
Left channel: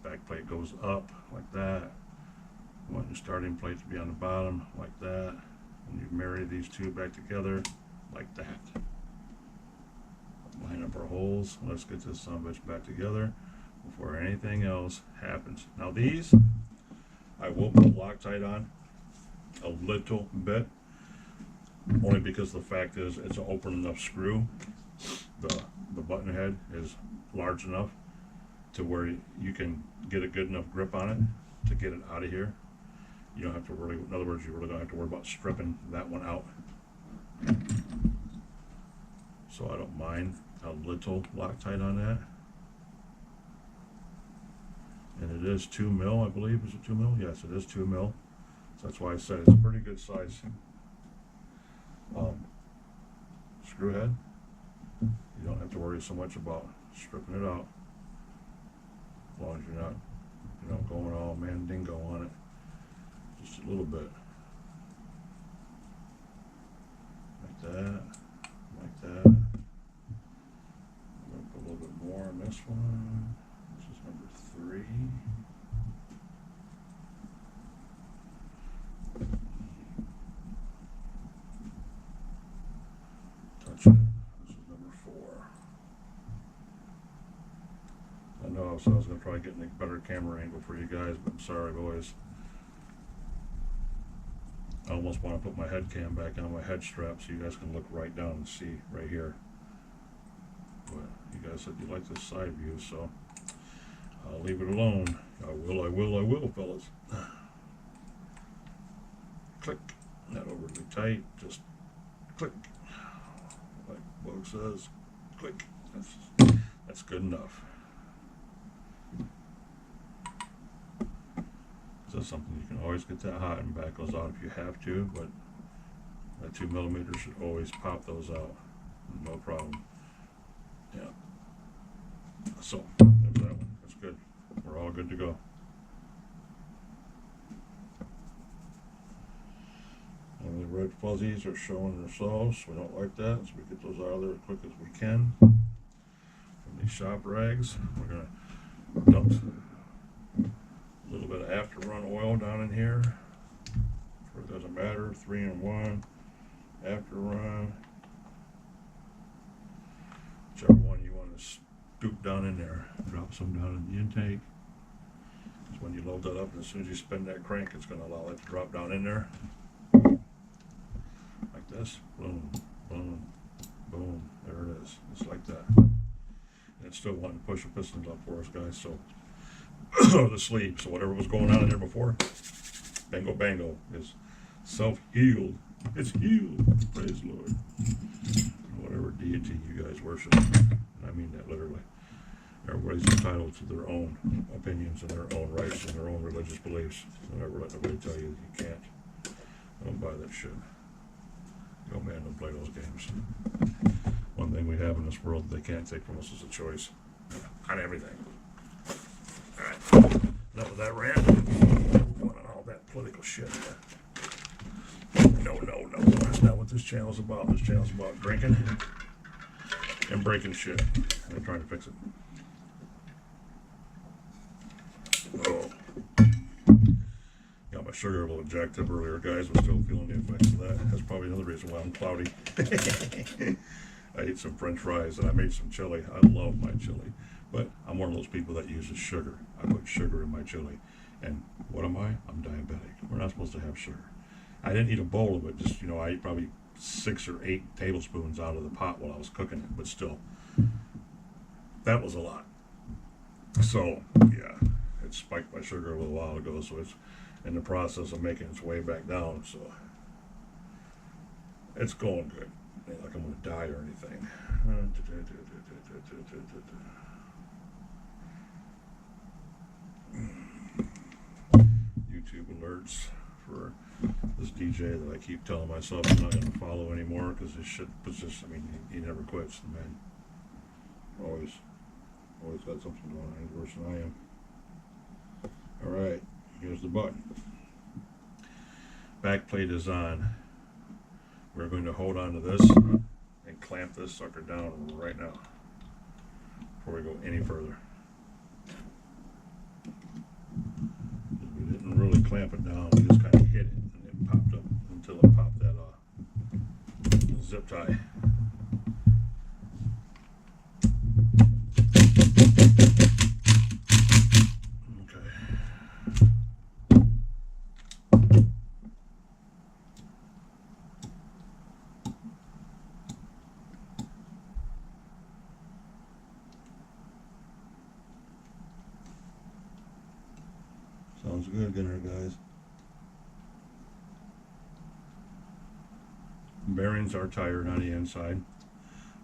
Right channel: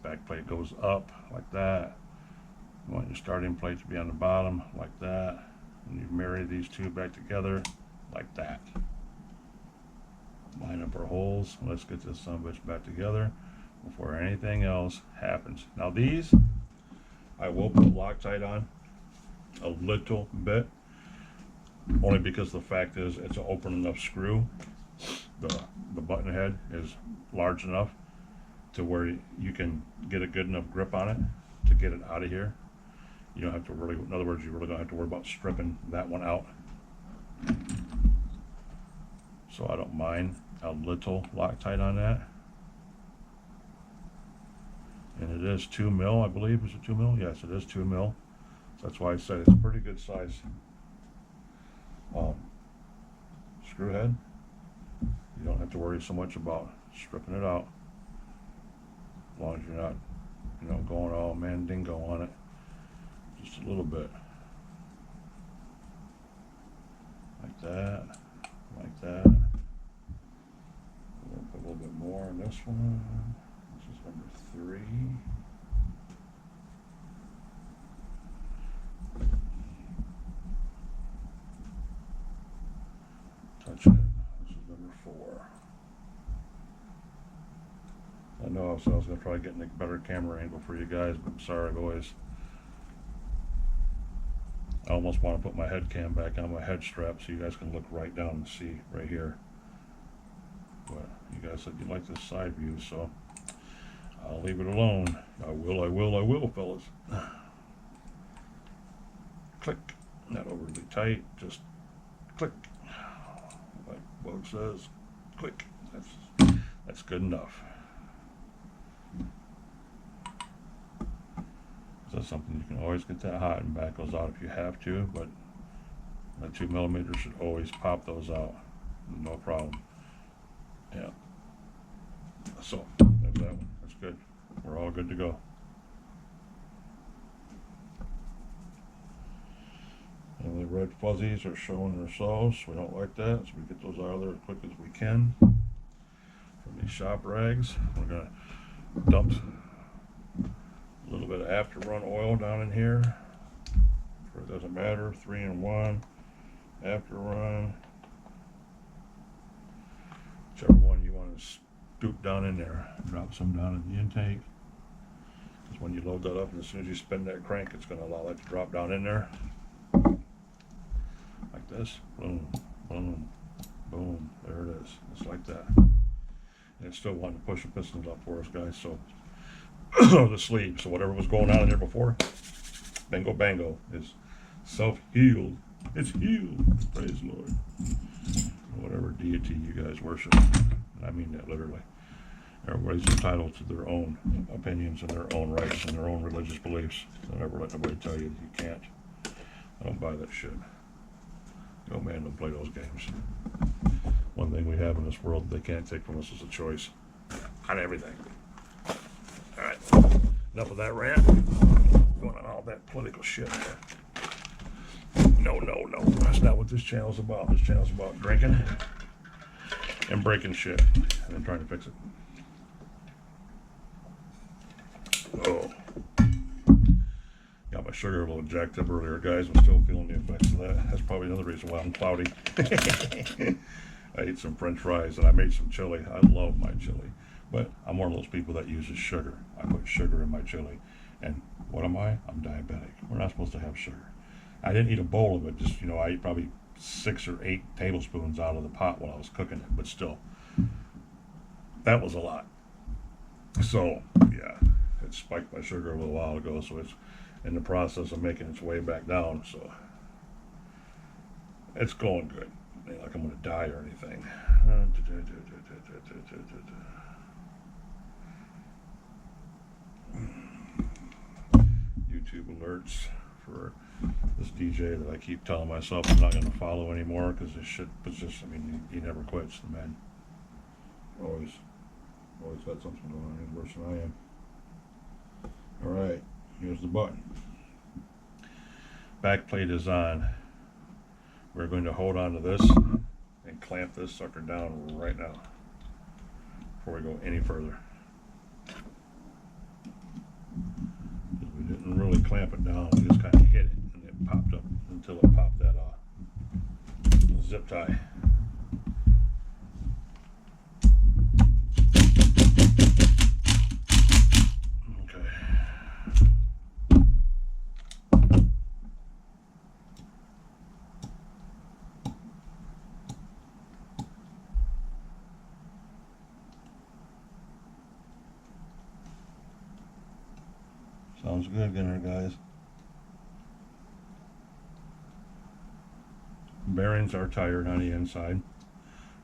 Back plate goes up like that. You want your starting plate to be on the bottom like that. And you marry these two back together like that. Line up our holes. Let's get this son of a bitch back together before anything else happens. Now these, I will put Loctite on a little bit, only because the fact is it's an open enough screw. The button head is large enough to where you can get a good enough grip on it to get it out of here. You don't have to really, in other words, you really don't have to worry about stripping that one out. So I don't mind a little Loctite on that. And it is 2 mil, I believe. Is it 2 mil? Yes, it is 2 mil. That's why I said it's a pretty good size screw head. You don't have to worry so much about stripping it out, as long as you're not, going all mandingo on it. Just a little bit, like that, like that. I'm going to put a little bit more on this one. This is number 3. Touch it. This is number 4. I know I was going to try getting a better camera angle for you guys, but I'm sorry, boys. I almost want to put my head cam back on my head strap so you guys can look right down and see right here. But you guys said you like this side view, so I'll leave it alone. I will, fellas. Click. Not overly tight, just click. Like Bug says, click. That's good enough. That's something you can always get that hot and back those out if you have to, but that 2mm should always pop those out, no problem. Yeah. So there's that one. That's good. We're all good to go. And the red fuzzies are showing themselves. We don't like that, so we get those out of there as quick as we can. From these shop rags, we're gonna dump a little bit of after run oil down in here. It doesn't matter, 3-in-1, after run, whichever one you want to scoop down in there. Drop some down in the intake, because when you load that up and as soon as you spin that crank, it's going to allow it to drop down in there like this. Boom, boom, boom. There it is. It's like that. And it's still wanting to push the pistons up for us, guys. So the sleeve, so whatever was going on in there before, bingo bango, is self-healed. It's healed. Praise the Lord. Whatever deity you guys worship, and I mean that literally. Everybody's entitled to their own opinions and their own rights and their own religious beliefs. Don't ever let nobody tell you you can't. I don't buy that shit. Yo, man, don't play those games. One thing we have in this world that they can't take from us is a choice on everything. All right, enough of that rant. Going on all that political shit. No. That's not what this channel's about. This channel's about drinking and breaking shit and then trying to fix it. Oh. Got my sugar a little jacked up earlier, guys. I'm still feeling the effects of that. That's probably another reason why I'm cloudy. I ate some french fries and I made some chili. I love my chili. But I'm one of those people that uses sugar. I put sugar in my chili. And what am I? I'm diabetic. We're not supposed to have sugar. I didn't eat a bowl of it. Just, I ate probably 6 or 8 tablespoons out of the pot while I was cooking it. But still, that was a lot. So, yeah, it spiked my sugar a little while ago. So it's in the process of making its way back down. So it's going good. Ain't like I'm going to die or anything. YouTube alerts for this DJ that I keep telling myself I'm not going to follow anymore because this shit was just, he never quits, the man. Always had something going on. He's worse than I am. Alright, here's the button. Back plate is on. We're going to hold on to this and clamp this sucker down right now before we go any further. Because we didn't really clamp it down, we just kind of hit it and it popped up until it popped that zip tie. Sounds good, getting there, guys. Bearings are tired on the inside,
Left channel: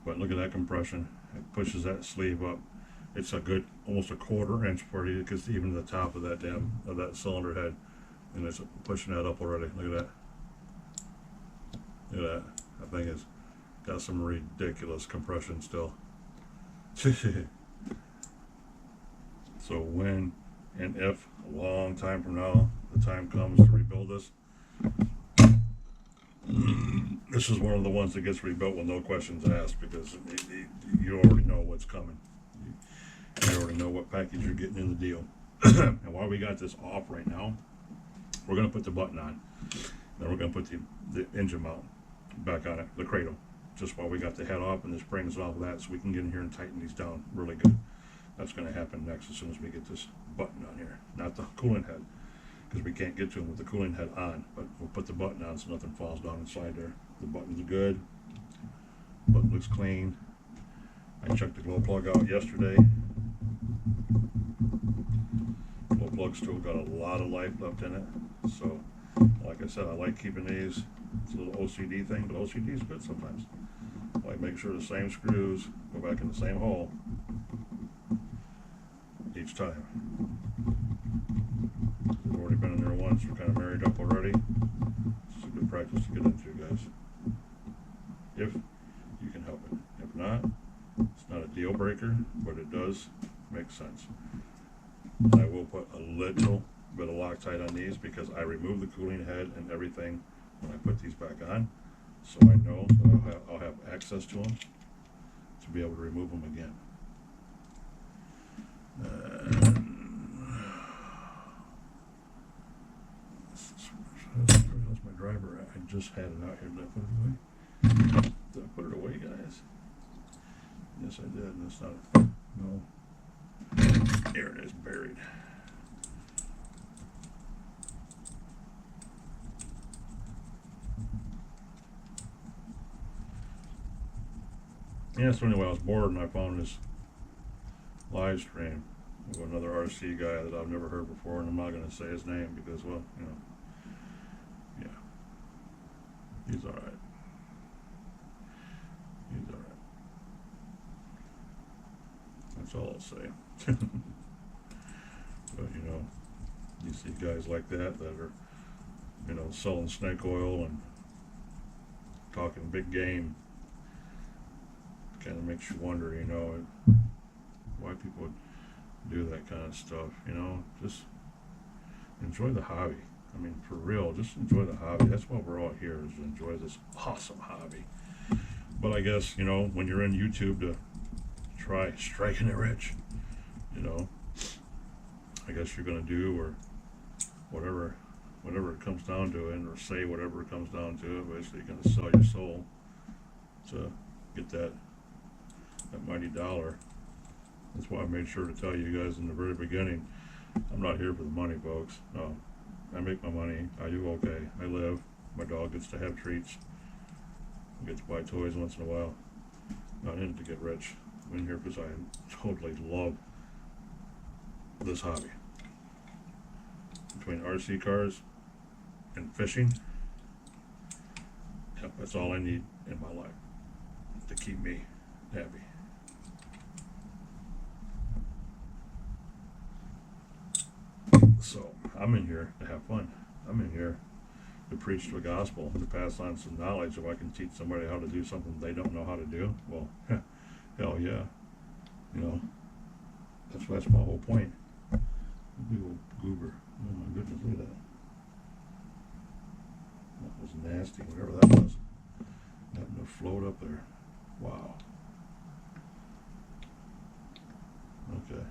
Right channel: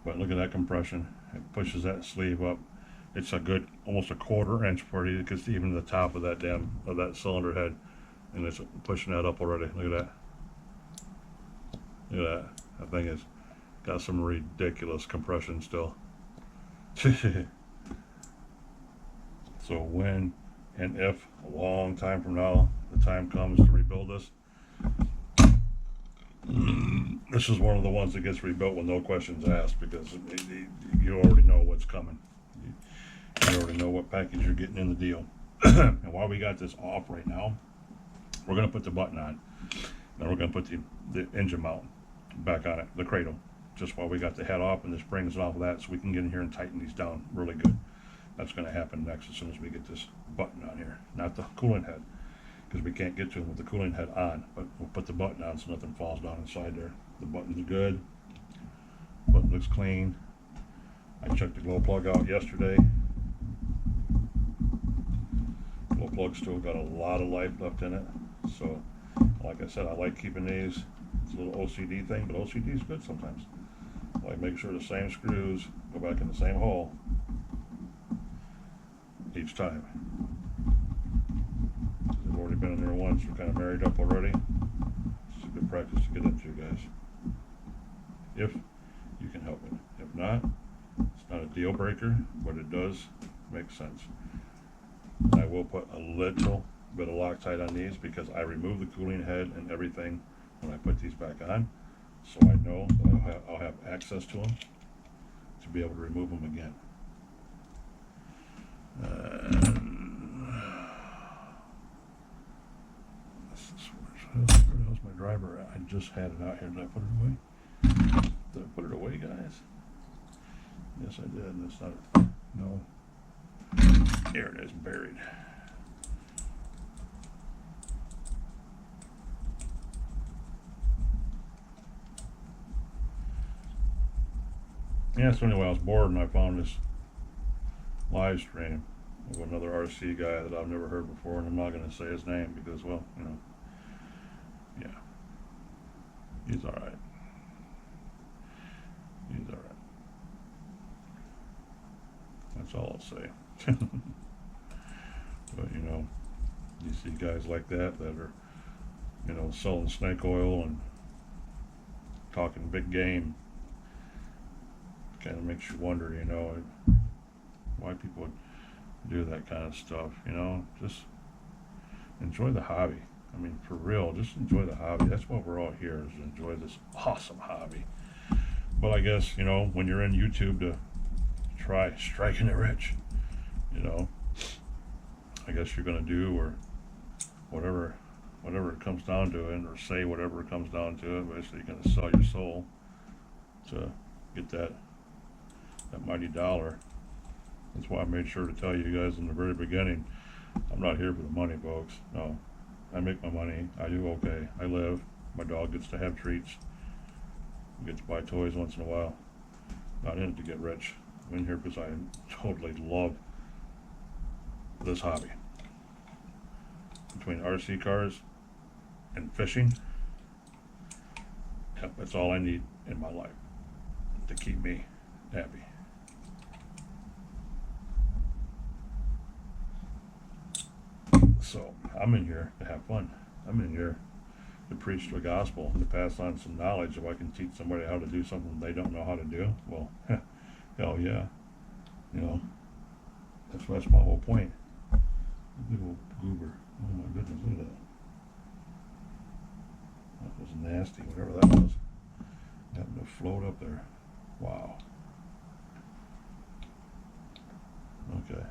but look at that compression. It pushes that sleeve up. It's a good, almost a 1/4 inch before you get even to the top of that cylinder head. and it's pushing that up already. Look at that. Look at that. That thing has got some ridiculous compression still. So when and if a long time from now the time comes to rebuild this, this is one of the ones that gets rebuilt with no questions asked, because you already know what's coming. You already know what package you're getting in the deal. And while we got this off right now, we're going to put the button on. Then we're going to put the engine mount back on it, the cradle, just while we got the head off and the springs off of that, so we can get in here and tighten these down really good. That's going to happen next as soon as we get this button on here. Not the cooling head, because we can't get to them with the cooling head on, but we'll put the button on so nothing falls down inside there. The button's good. Button looks clean. I checked the glow plug out yesterday. Glow plug still got a lot of life left in it. So, like I said, I like keeping these. It's a little OCD thing, but OCD is good sometimes. I like making sure the same screws go back in the same hole each time. They've already been in there once. We're kind of married up already. It's a good practice to get into, guys, if you can help it. If not, it's not a deal breaker, but it does make sense. And I will put a little bit of Loctite on these, because I remove the cooling head and everything when I put these back on, so I know that I'll have access to them to be able to remove them again. Where's my driver at? I just had it out here. Did I put it away? Did I put it away, guys? Yes, I did. And it's not a, no. There it is, buried. Yeah, so anyway, I was bored and I found this live stream of another RC guy that I've never heard before, and I'm not going to say his name because, well, you know, yeah, he's all right. He's all right. That's all I'll say. But, you know, you see guys like that are, you know, selling snake oil and talking big game. Kind of makes you wonder, you know, why people do that kind of stuff. You know, just enjoy the hobby. I mean, for real, just enjoy the hobby. That's why we're all here, is to enjoy this awesome hobby. But I guess, you know, when you're in YouTube to try striking it rich, you know, I guess you're going to do, or whatever it comes down to it, or say whatever it comes down to it. Basically, you're going to sell your soul to get that mighty dollar. That's why I made sure to tell you guys in the very beginning, I'm not here for the money, folks. No, I make my money. I do okay. I live. My dog gets to have treats. I get to buy toys once in a while. Not in it to get rich. I'm in here because I totally love this hobby. Between RC cars and fishing, yep, that's all I need in my life to keep me happy. So I'm in here to have fun. I'm in here to preach the gospel and to pass on some knowledge. If I can teach somebody how to do something they don't know how to do, well, hell yeah. You know, that's my whole point. A big old goober. Oh my goodness, look at that. That was nasty, whatever that was. Happened to float up there. Wow. Okay.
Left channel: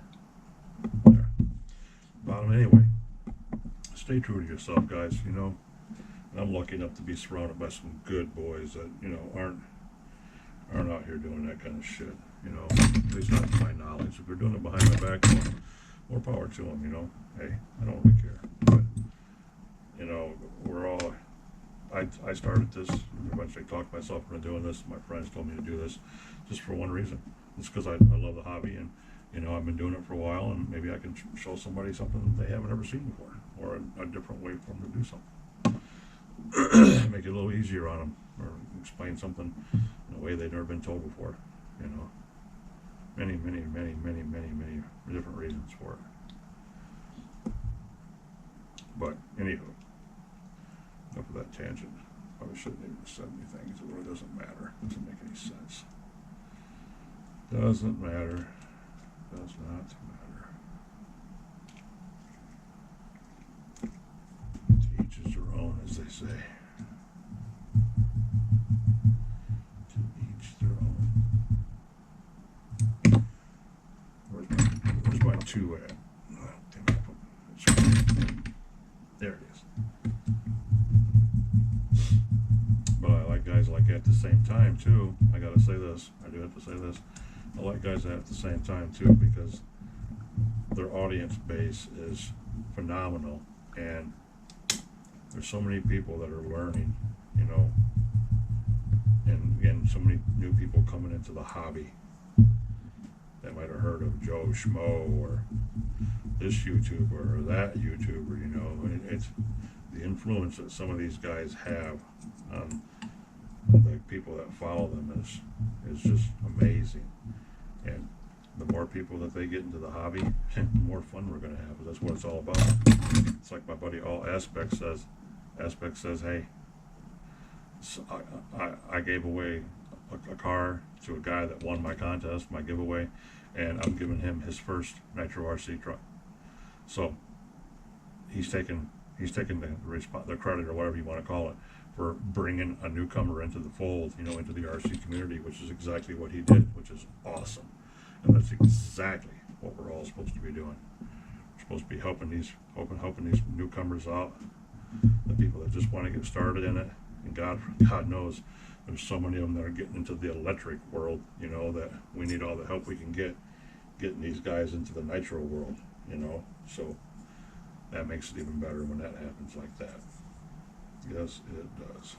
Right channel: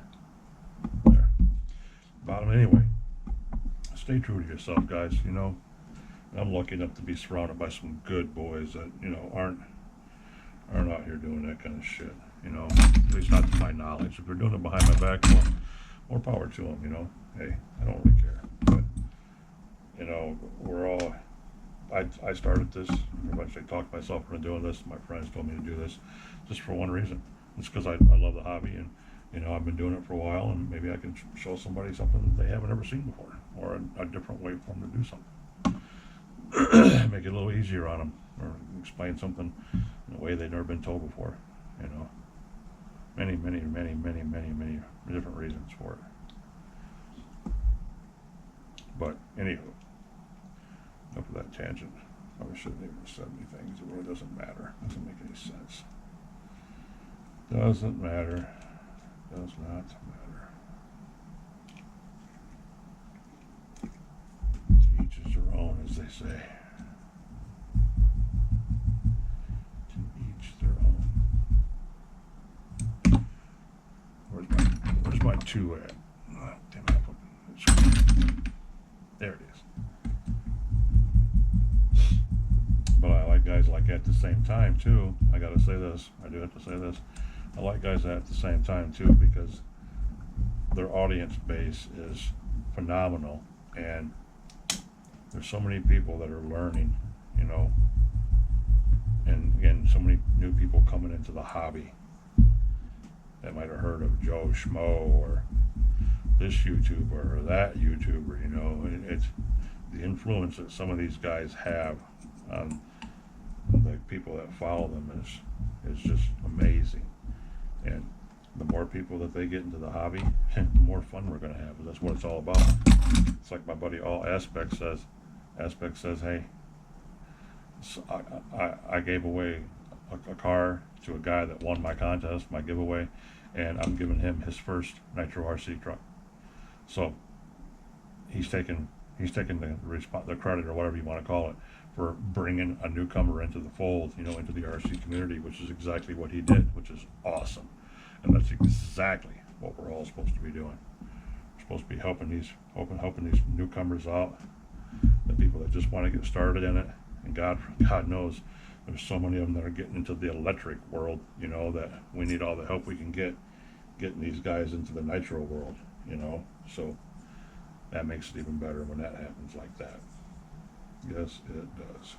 There. Bottom anyway. Stay true to yourself, guys. You know, I'm lucky enough to be surrounded by some good boys that, you know, aren't out here doing that kind of shit. You know, at least not to my knowledge. If they're doing it behind my back, well, more power to them. You know, hey, I don't really care. But you know, we're all. I started this. Eventually talked myself into doing this. My friends told me to do this, just for one reason. It's because I love the hobby, and you know, I've been doing it for a while, and maybe I can show somebody something they haven't ever seen before, or a different way for them to do something. Make it a little easier on them, or explain something in a way they've never been told before. You know, many different reasons for it. But Anywho, enough of that tangent. Probably shouldn't even have said anything, because it really doesn't matter. Doesn't make any sense. Doesn't matter. Does not matter. To each is their own, as they say. To each their own. Where's my 2 at? Oh, damn it, I put it. There it is. But I like guys like at the same time too. I gotta say this. I do have to say this. I like guys at the same time too, because their audience base is phenomenal, and there's so many people that are learning, you know, and so many new people coming into the hobby that might have heard of Joe Schmo or this YouTuber or that YouTuber, you know. It's the influence that some of these guys have on the people that follow them is just amazing. And the more people that they get into the hobby, the more fun we're going to have. That's what it's all about. It's like my buddy All Aspect says. Aspect says, hey, so I gave away a car to a guy that won my contest, my giveaway, and I'm giving him his first Nitro RC truck. So he's taking the credit, or whatever you want to call it, for bringing a newcomer into the fold, you know, into the RC community, which is exactly what he did, which is awesome. And that's exactly what we're all supposed to be doing. We're supposed to be helping these newcomers out, the people that just want to get started in it. And God knows there's so many of them that are getting into the electric world, you know, that we need all the help we can get getting these guys into the Nitro world, you know. So that makes it even better when that happens like that. Yes, it does.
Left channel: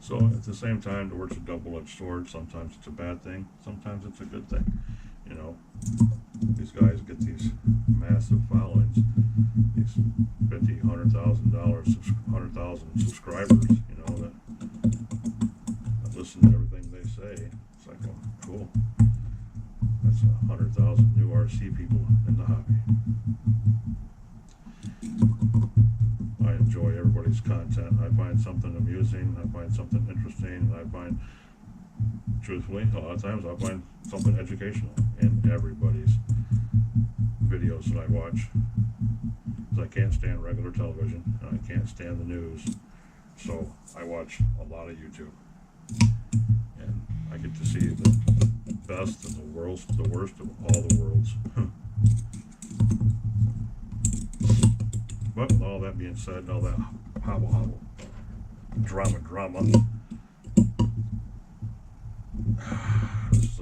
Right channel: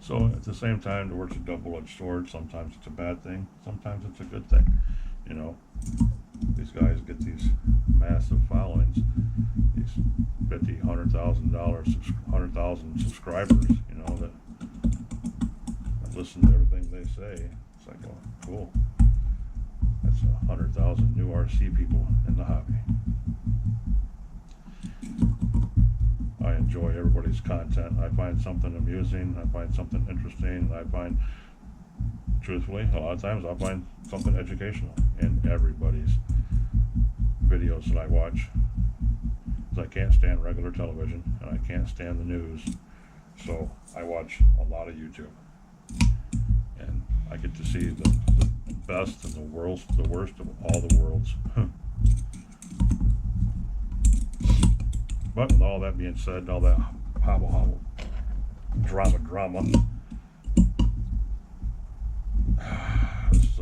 So at the same time, the word's a double-edged sword. Sometimes it's a bad thing. Sometimes it's a good thing. You know, these guys get these massive followings, these $50,000, $100,000 subscribers, you know, that listen to everything they say. It's like, well, cool. That's 100,000 new RC people in the hobby. I enjoy everybody's content. I find something amusing. I find something interesting. I find, truthfully, a lot of times I find something educational in everybody's videos that I watch. Because I can't stand regular television, and I can't stand the news. So I watch a lot of YouTube. And I get to see the best and the worst of all the worlds. But with all that being said, all that hobble drama, this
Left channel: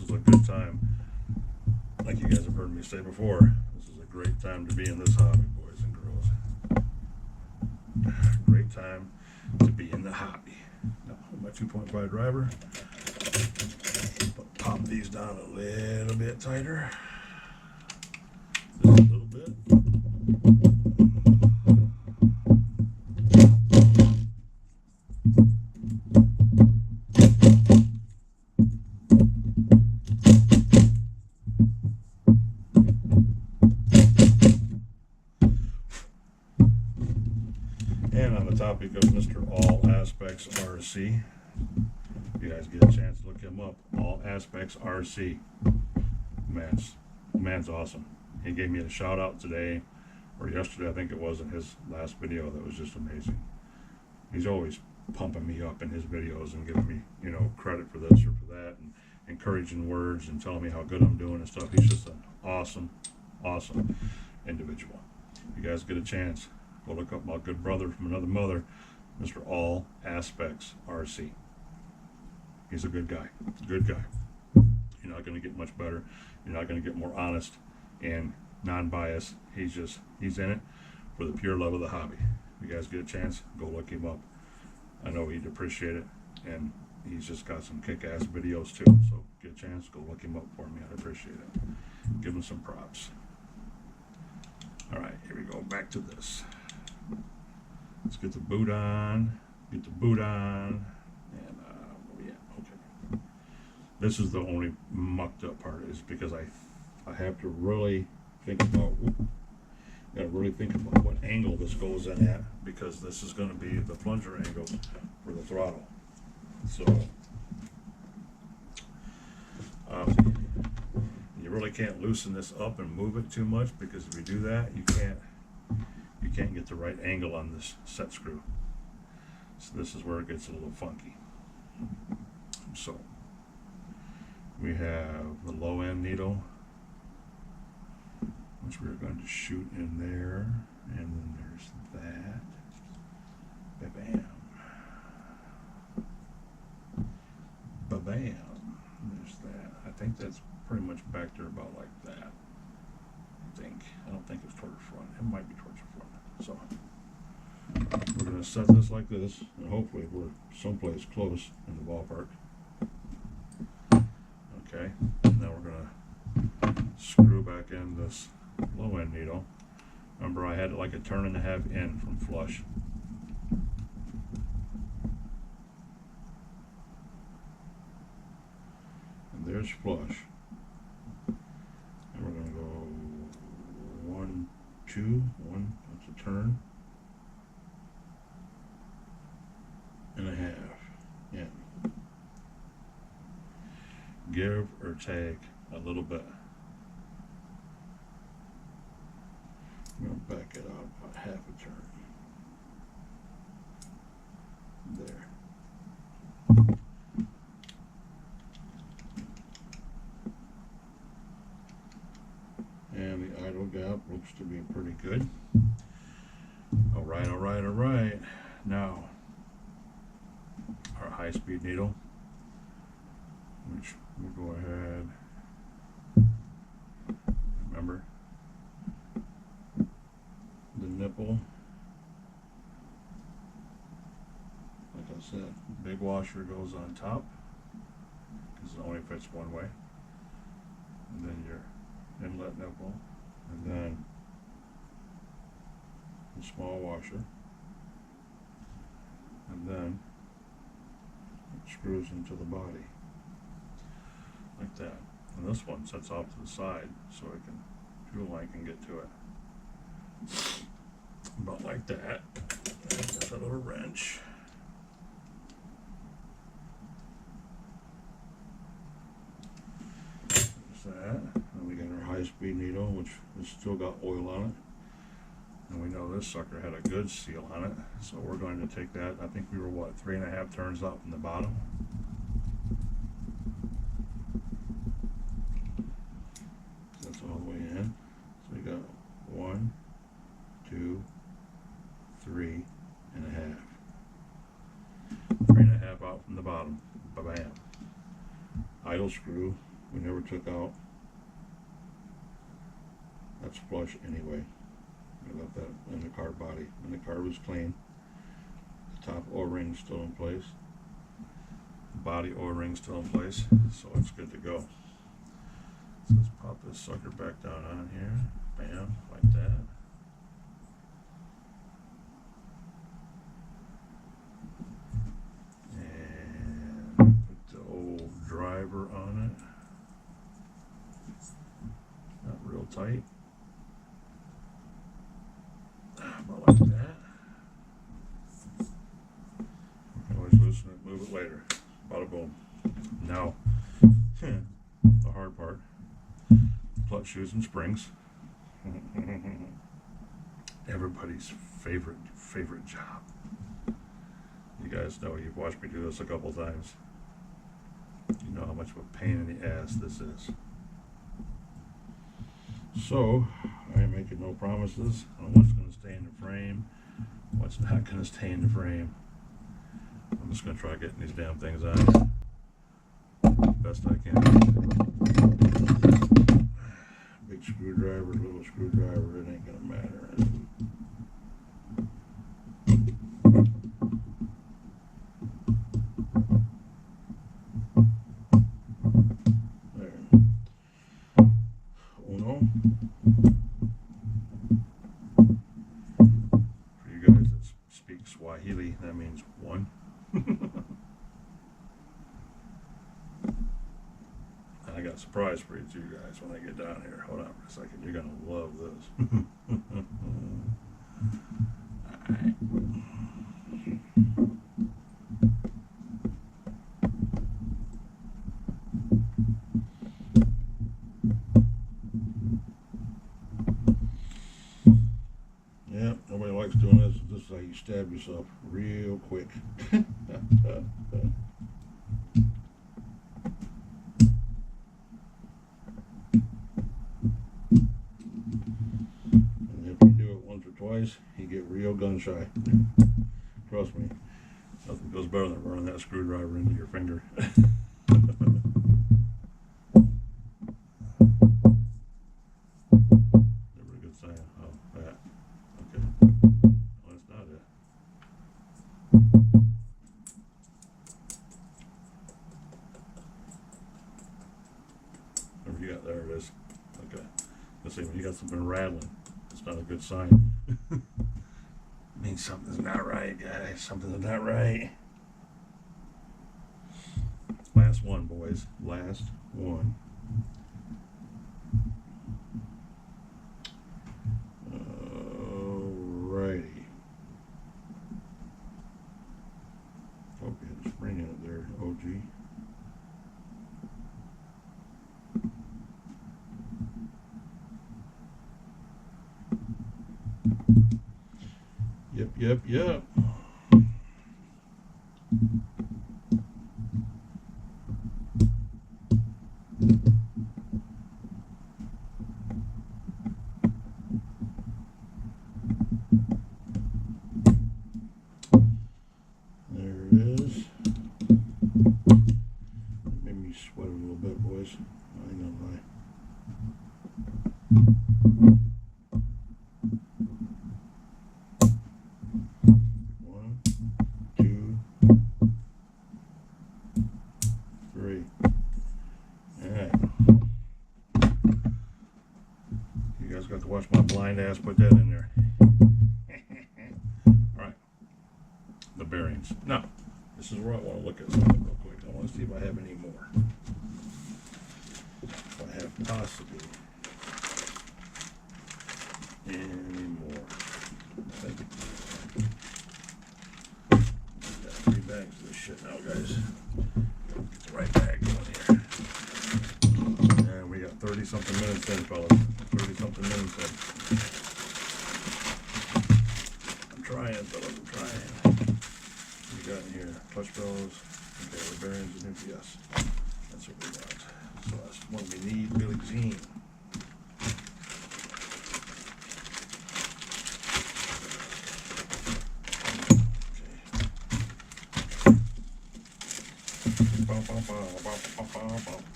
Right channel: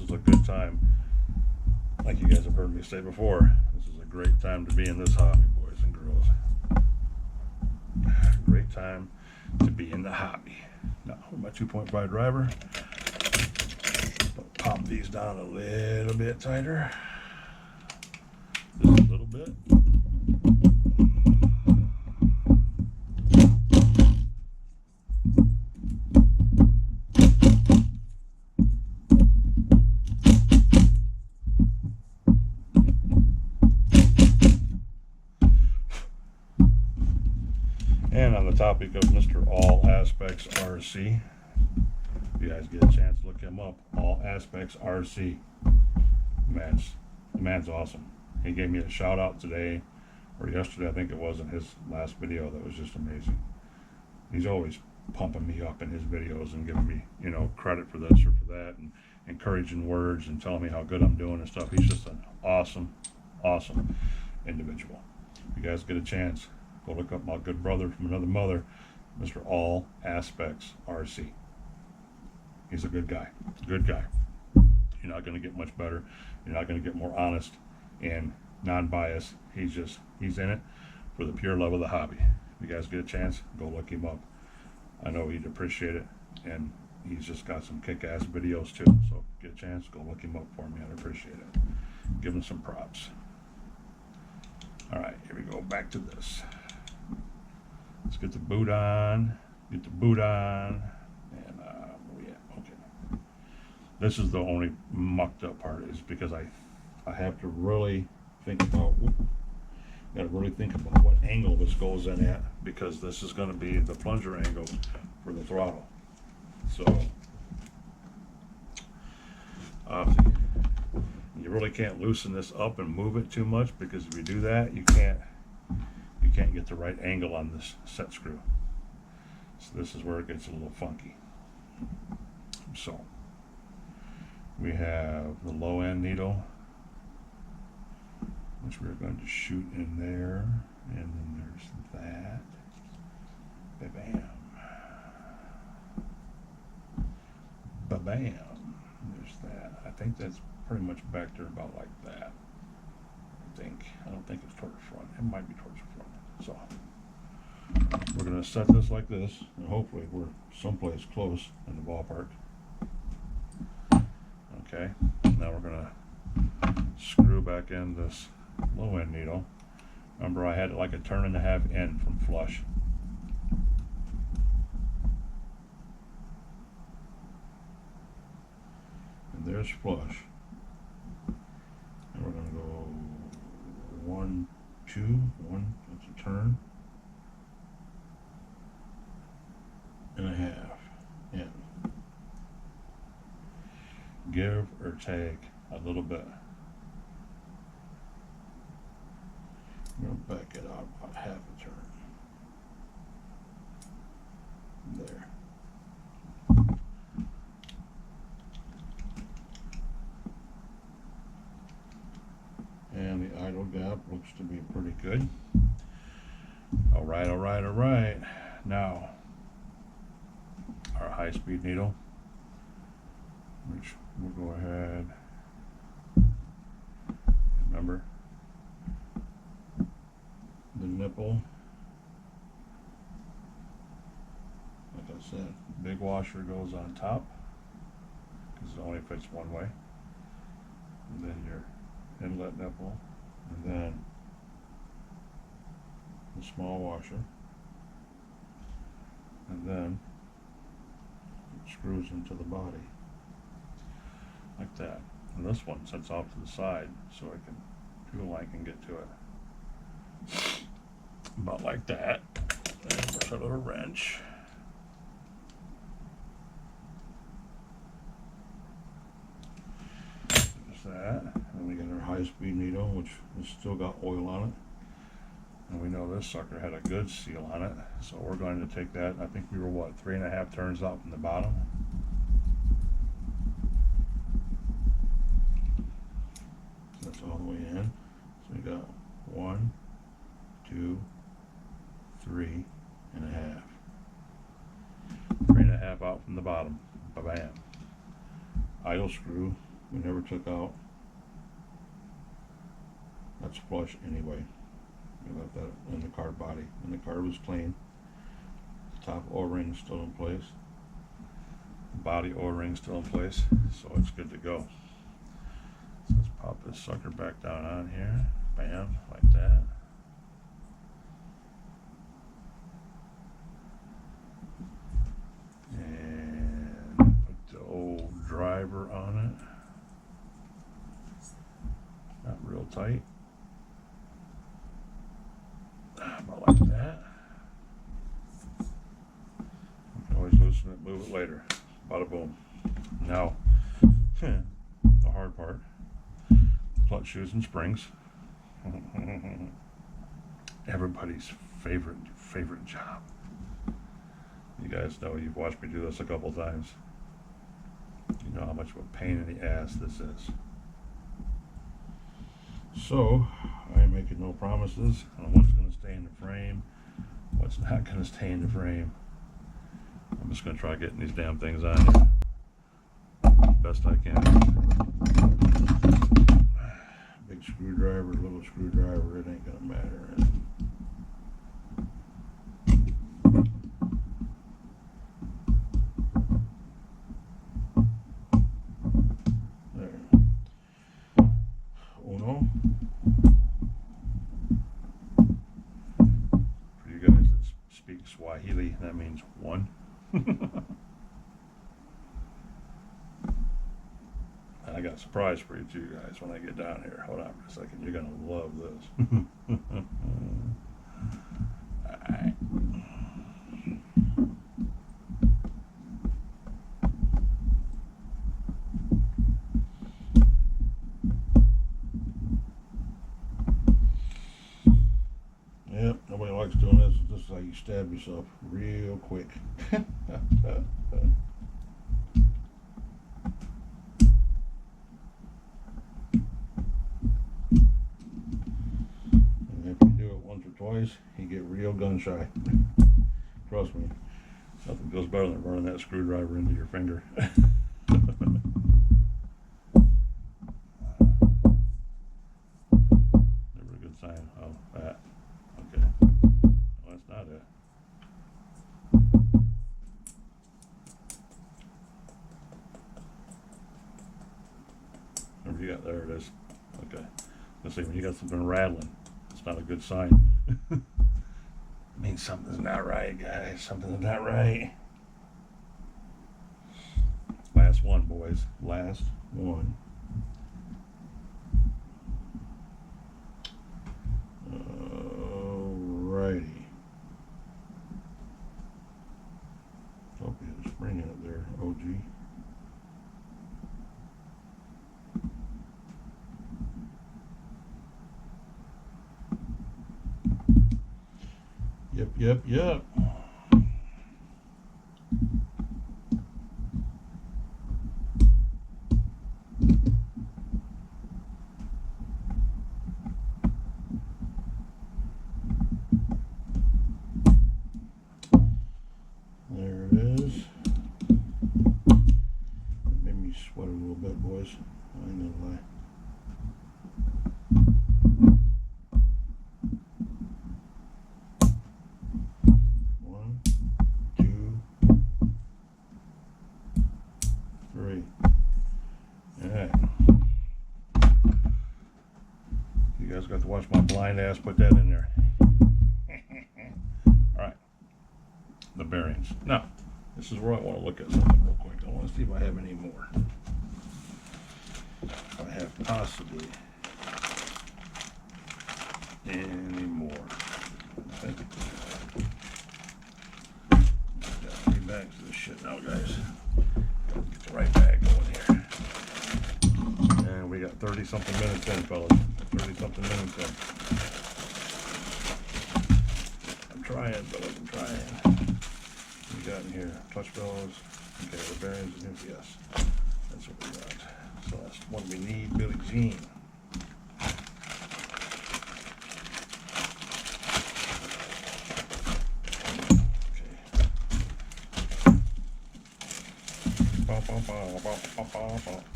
is a good time. Like you guys have heard me say before, this is a great time to be in this hobby, boys and girls. Great time to be in the hobby. Now, with my 2.5 driver, pop these down a little bit tighter. Just a little bit. And on the topic of Mr. All Aspects RC, if you guys get a chance to look him up, All Aspects RC, man's awesome. He gave me a shout out today, or yesterday I think it was, in his last video. That was just amazing. He's always pumping me up in his videos and giving me, you know, credit for this or for that, and encouraging words and telling me how good I'm doing and stuff. He's just an awesome individual. If you guys get a chance, go look up my good brother from another mother, Mr. All Aspects RC. He's a good guy. Good guy. You're not going to get much better. You're not going to get more honest and non-biased. He's in it for the pure love of the hobby. If you guys get a chance, go look him up. I know he'd appreciate it, and he's just got some kick-ass videos too. So get a chance, go look him up for me. I'd appreciate it. Give him some props. All right, here we go. Back to this. Let's get the boot on. And where we at? Okay. This is the only mucked up part, is because I have to really think about got to really think about what angle this goes in at, because this is going to be the plunger angle for the throttle. So you really can't loosen this up and move it too much, because if you do that, you can't get the right angle on this set screw. So this is where it gets a little funky. So we have the low end needle, which we're going to shoot in there, and then there's that. Ba-bam. Ba-bam. There's that. I think that's pretty much back there about like that. I don't think it's toward the front. It might be towards the front. So we're going to set this like this, and hopefully we're someplace close in the ballpark. Okay, now we're going to screw back in this low end needle. Remember, I had it like a turn and a half in from flush. And there's flush. And we're going to go 1, 2, 1, that's a turn and a half in. Give or take a little bit. I'm going to back it out about half a turn. There. And the idle gap looks to be pretty good. All right, all right, all right. Now, our high-speed needle, which we'll go ahead. Remember, the nipple, like I said, big washer goes on top because it only fits one way, and then your inlet nipple, and then the small washer, and then it screws into the body like that. And this one sets off to the side so it can, fuel line can get to it. About like that. And there's a little wrench. There's that. And we got our high-speed needle, which has still got oil on it. And we know this sucker had a good seal on it. So we're going to take that. I think we were, what, 3.5 turns out from the bottom. So that's all the way in. So we got 1, 2, 3 and a half. 3.5 out from the bottom. Ba-bam. Idle screw we never took out. That's flush anyway. We left that in the car body, and the car was clean. The top O-ring still in place. The body O-ring still in place, so it's good to go. So let's pop this sucker back down on here. Bam, like that. And put the old driver on it. Not real tight. About like that. We can always loosen it, move it later. Bada boom. Now, the hard part. Clutch shoes and springs. Everybody's favorite job. You guys know, you've watched me do this a couple times. You know how much of a pain in the ass this is. So, I am making no promises on what's going to stay in the frame, what's not going to stay in the frame. I'm just going to try getting these damn things on here best I can. Big screwdriver, little screwdriver, it ain't going to matter. Swahili, that means one. And I got a surprise for you two guys when I get down here. Hold on for a second. You're going to love this. Alright. Yep, nobody likes doing this. This is how you stab yourself real quick. If you do it once or twice, you get real gun shy. Trust me, nothing feels better than running that screwdriver into your finger. Never a good sign. Oh, that. Okay. No, that's not it. Whatever you got there, it is. Okay. Let's see, when you got something rattling, it's not a good sign. It means something's not right, guys. Something's not right. Last one, boys. Last one. Alrighty. Hope you had a spring in it there, OG. Yep. There it is. It made me sweat a little bit, boys. I ain't gonna lie. One, two, three. Alright. You guys got to watch my blind ass put that in there. Alright. The bearings. Now, this is where I want to look at something real quick. I want to see if I have any more. If I have possibly any more. I think got 3 bags of this shit now, guys. Get the right bag going here. And we got 30 something minutes in, fellas. 30 something minutes in. I'm trying, fellas. I'm trying. What we got in here? Clutch bells. Okay, the bearings and yes. That's what we want. So that's one we need, Billie Jean. Okay.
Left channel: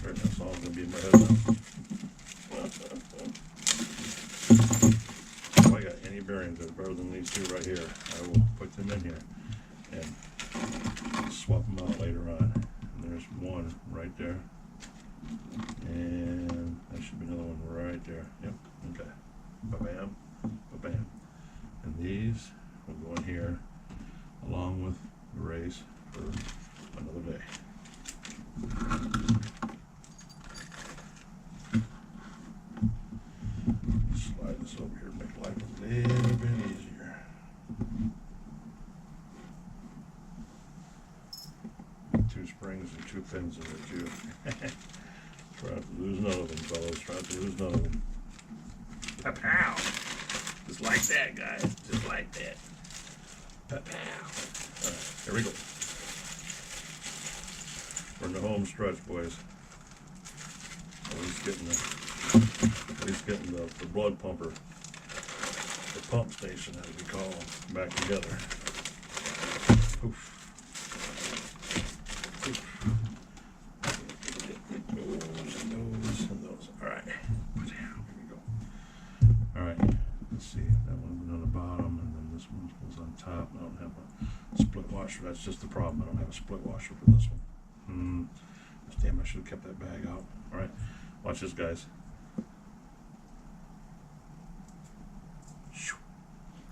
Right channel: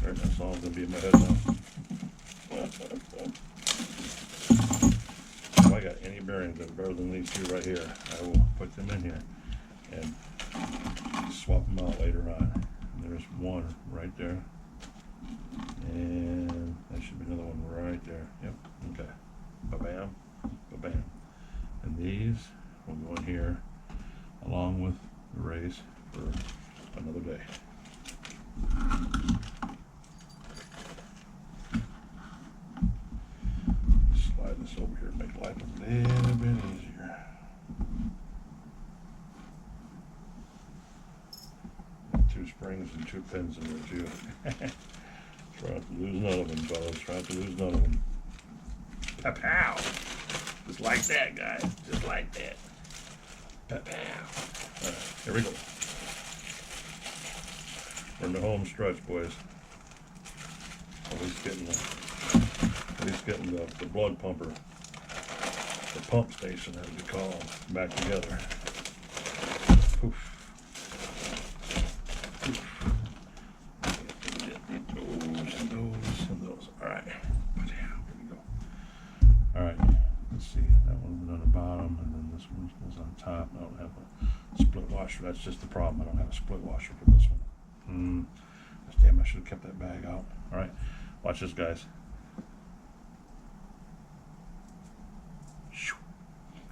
There, that song's gonna be in my head now. If I got any bearings that are better than these two right here, I will put them in here and swap them out later on. And there's one right there. And there should be another one right there. Yep. Okay. Ba-bam. Ba-bam. And these will go in here along with the race for another day. Slide this over here, make life a little bit easier. Got 2 springs and 2 pins in there too. Try not to lose none of them, fellas. Try not to lose none of them. Pow! Just like that, guys. Just like that. Pow! Alright, here we go. We're in the home stretch, boys. At least getting the blood pumper, the pump station as we call them, back together. Poof. Poof. Those. Alright. Here we go. Alright. Let's see. That one's on the bottom, and then this one goes on top. I don't have a split washer. That's just the problem. I don't have a split washer for this one. Damn, I should have kept that bag out. Alright. Watch this, guys.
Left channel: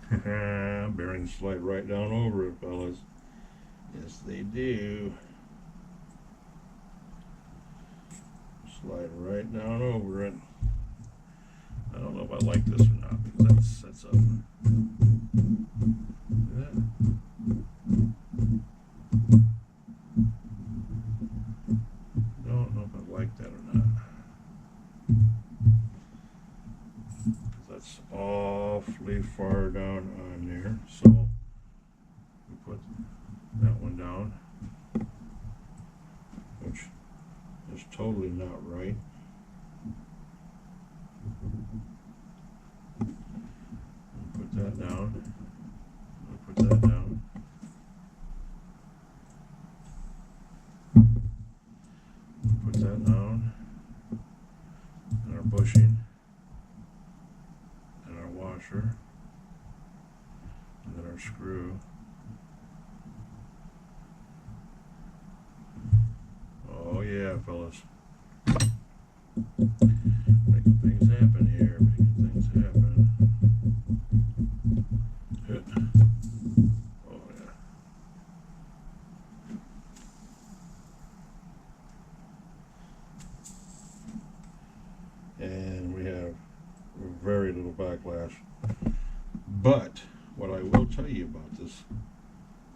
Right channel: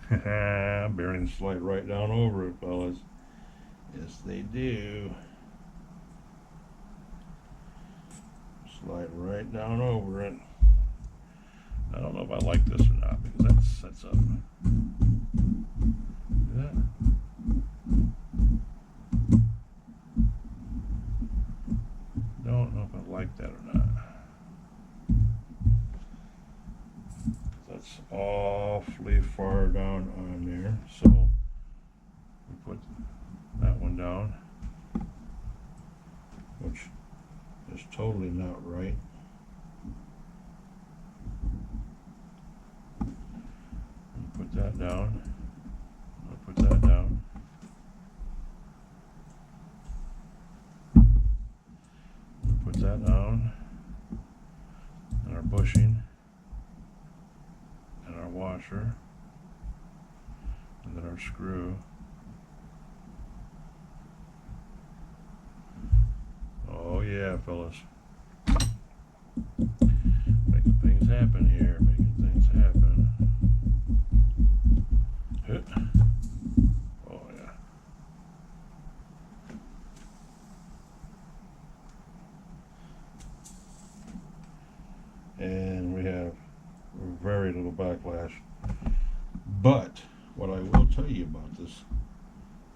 Bearings slide right down over it, fellas. Yes, they do. Slide right down over it. I don't know if I like this or not, because that sets up. See that? Don't know if I like that or not. That's awfully far down on there, so we put that one down, which is totally not right. And put that down. We put that down. We put that down. And our bushing. And our washer. And then our screw. Oh yeah, fellas. Making things happen here, making things happen. Hit. Oh yeah. And we have very little backlash. But what I will tell you about this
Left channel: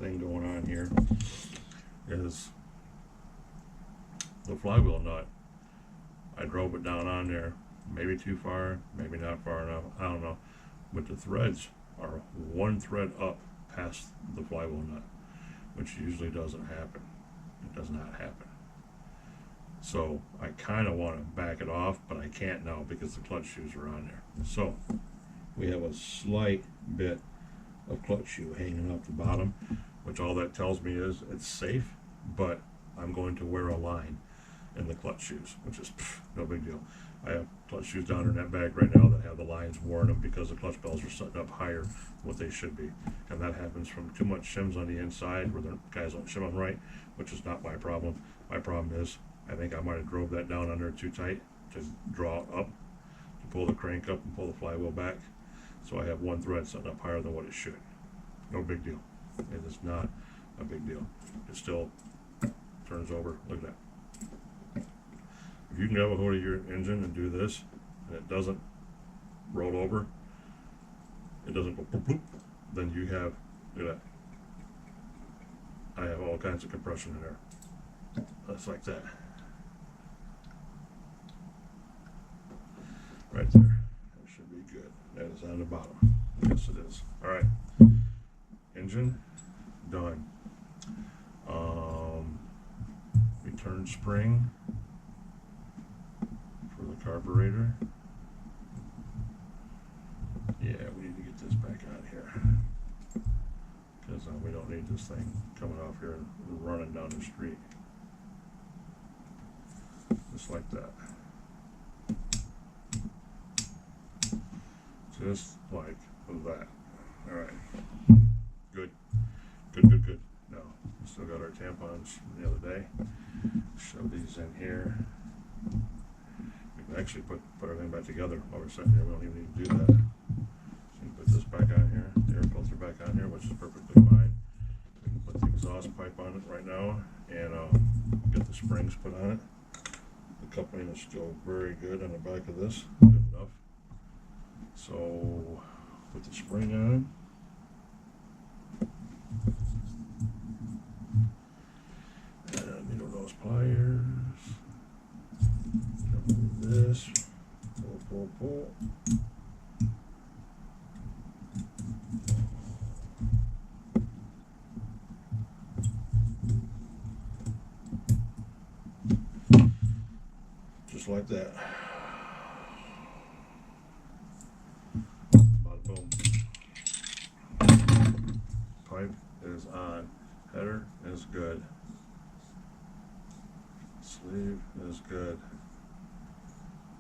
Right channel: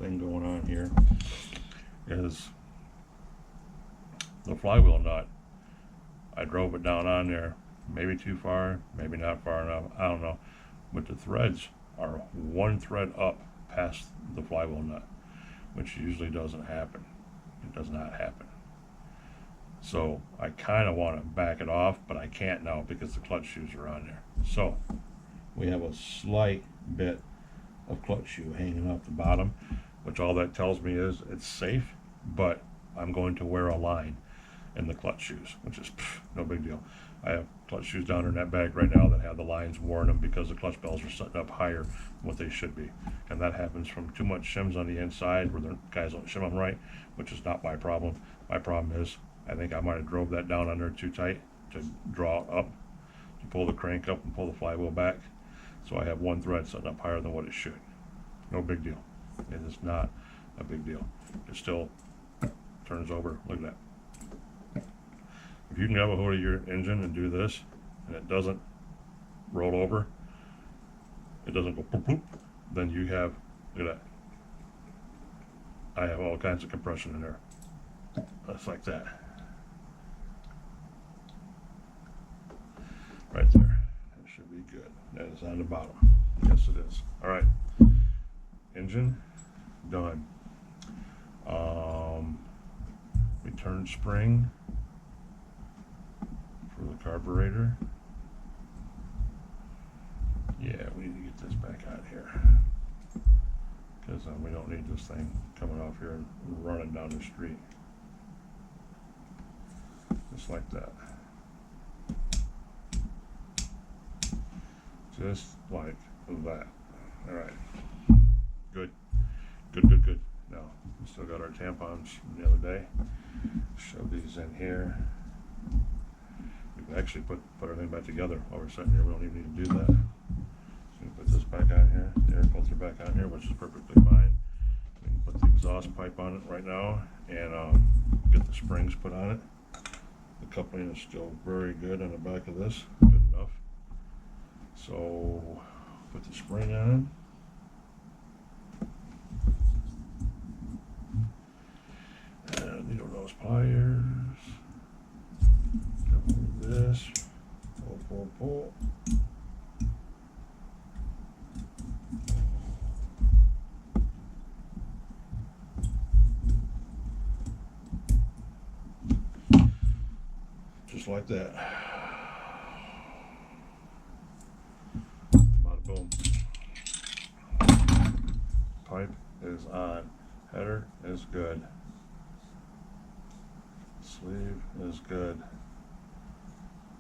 thing going on here is the flywheel nut. I drove it down on there, maybe too far, maybe not far enough, I don't know. But the threads are one thread up past the flywheel nut, which usually doesn't happen. It does not happen. So I kind of want to back it off, but I can't now because the clutch shoes are on there. So we have a slight bit of clutch shoe hanging off the bottom, which all that tells me is it's safe, but I'm going to wear a line in the clutch shoes, which is no big deal. I have clutch shoes down in that bag right now that have the lines worn them because the clutch bells are setting up higher than what they should be, and that happens from too much shims on the inside where the guys don't shim them right, which is not my problem. My problem is I think I might have drove that down under too tight to draw up, to pull the crank up and pull the flywheel back, so I have one thread setting up higher than what it should. No big deal. It is not a big deal. It still turns over. Look at that. If you can grab a hold of your engine and do this, and it doesn't roll over, it doesn't go poop poop, then you have, look at that. I have all kinds of compression in there. That's like that. Right there. That should be good. That is on the bottom. Yes, it is. All right. Engine done. Return spring for the carburetor. Yeah, we need to get this back out here because we don't need this thing coming off here and running down the street. Just like that. Just like that. All right. Good. Good, good, good. Now, we still got our tampons from the other day. Shove these in here. We can actually put everything back together while we're sitting here. We don't even need to do that. So we can put this back on here, the air filter back on here, which is perfectly fine. We can put the exhaust pipe on it right now and get the springs put on it. The coupling is still very good on the back of this, good enough. So put the spring on. And needle nose pliers. Couple of this. Pull, pull, pull. Just like that. Bada boom. Pipe is on. Header is good. Sleeve is good.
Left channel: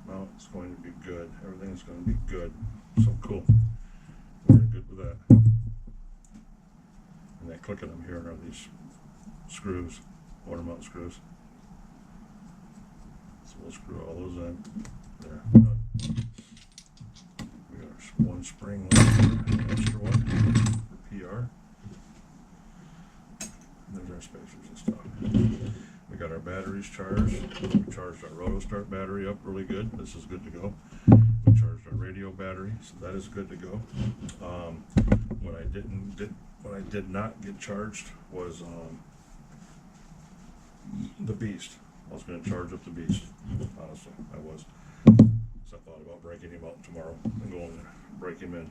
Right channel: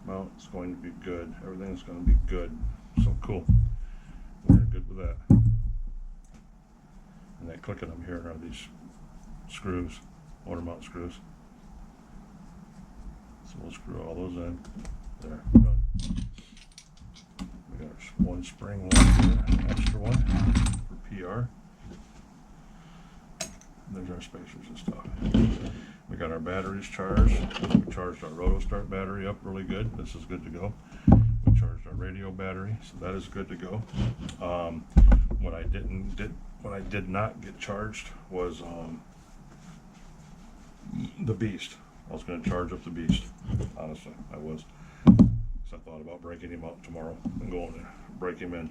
Mount is going to be good. Everything is going to be good. So cool. We're good with that. And that clicking I'm hearing are these screws, motor mount screws. So we'll screw all those in. There, done. We got one spring left here, an extra one for PR. And there's our spacers and stuff. We got our batteries charged. We charged our Roto Start battery up really good. This is good to go. We We charged our radio battery, so that is good to go. What I did not get charged was the Beast. I was going to charge up the Beast. Honestly, I was. So I thought about breaking him out tomorrow and going to break him in.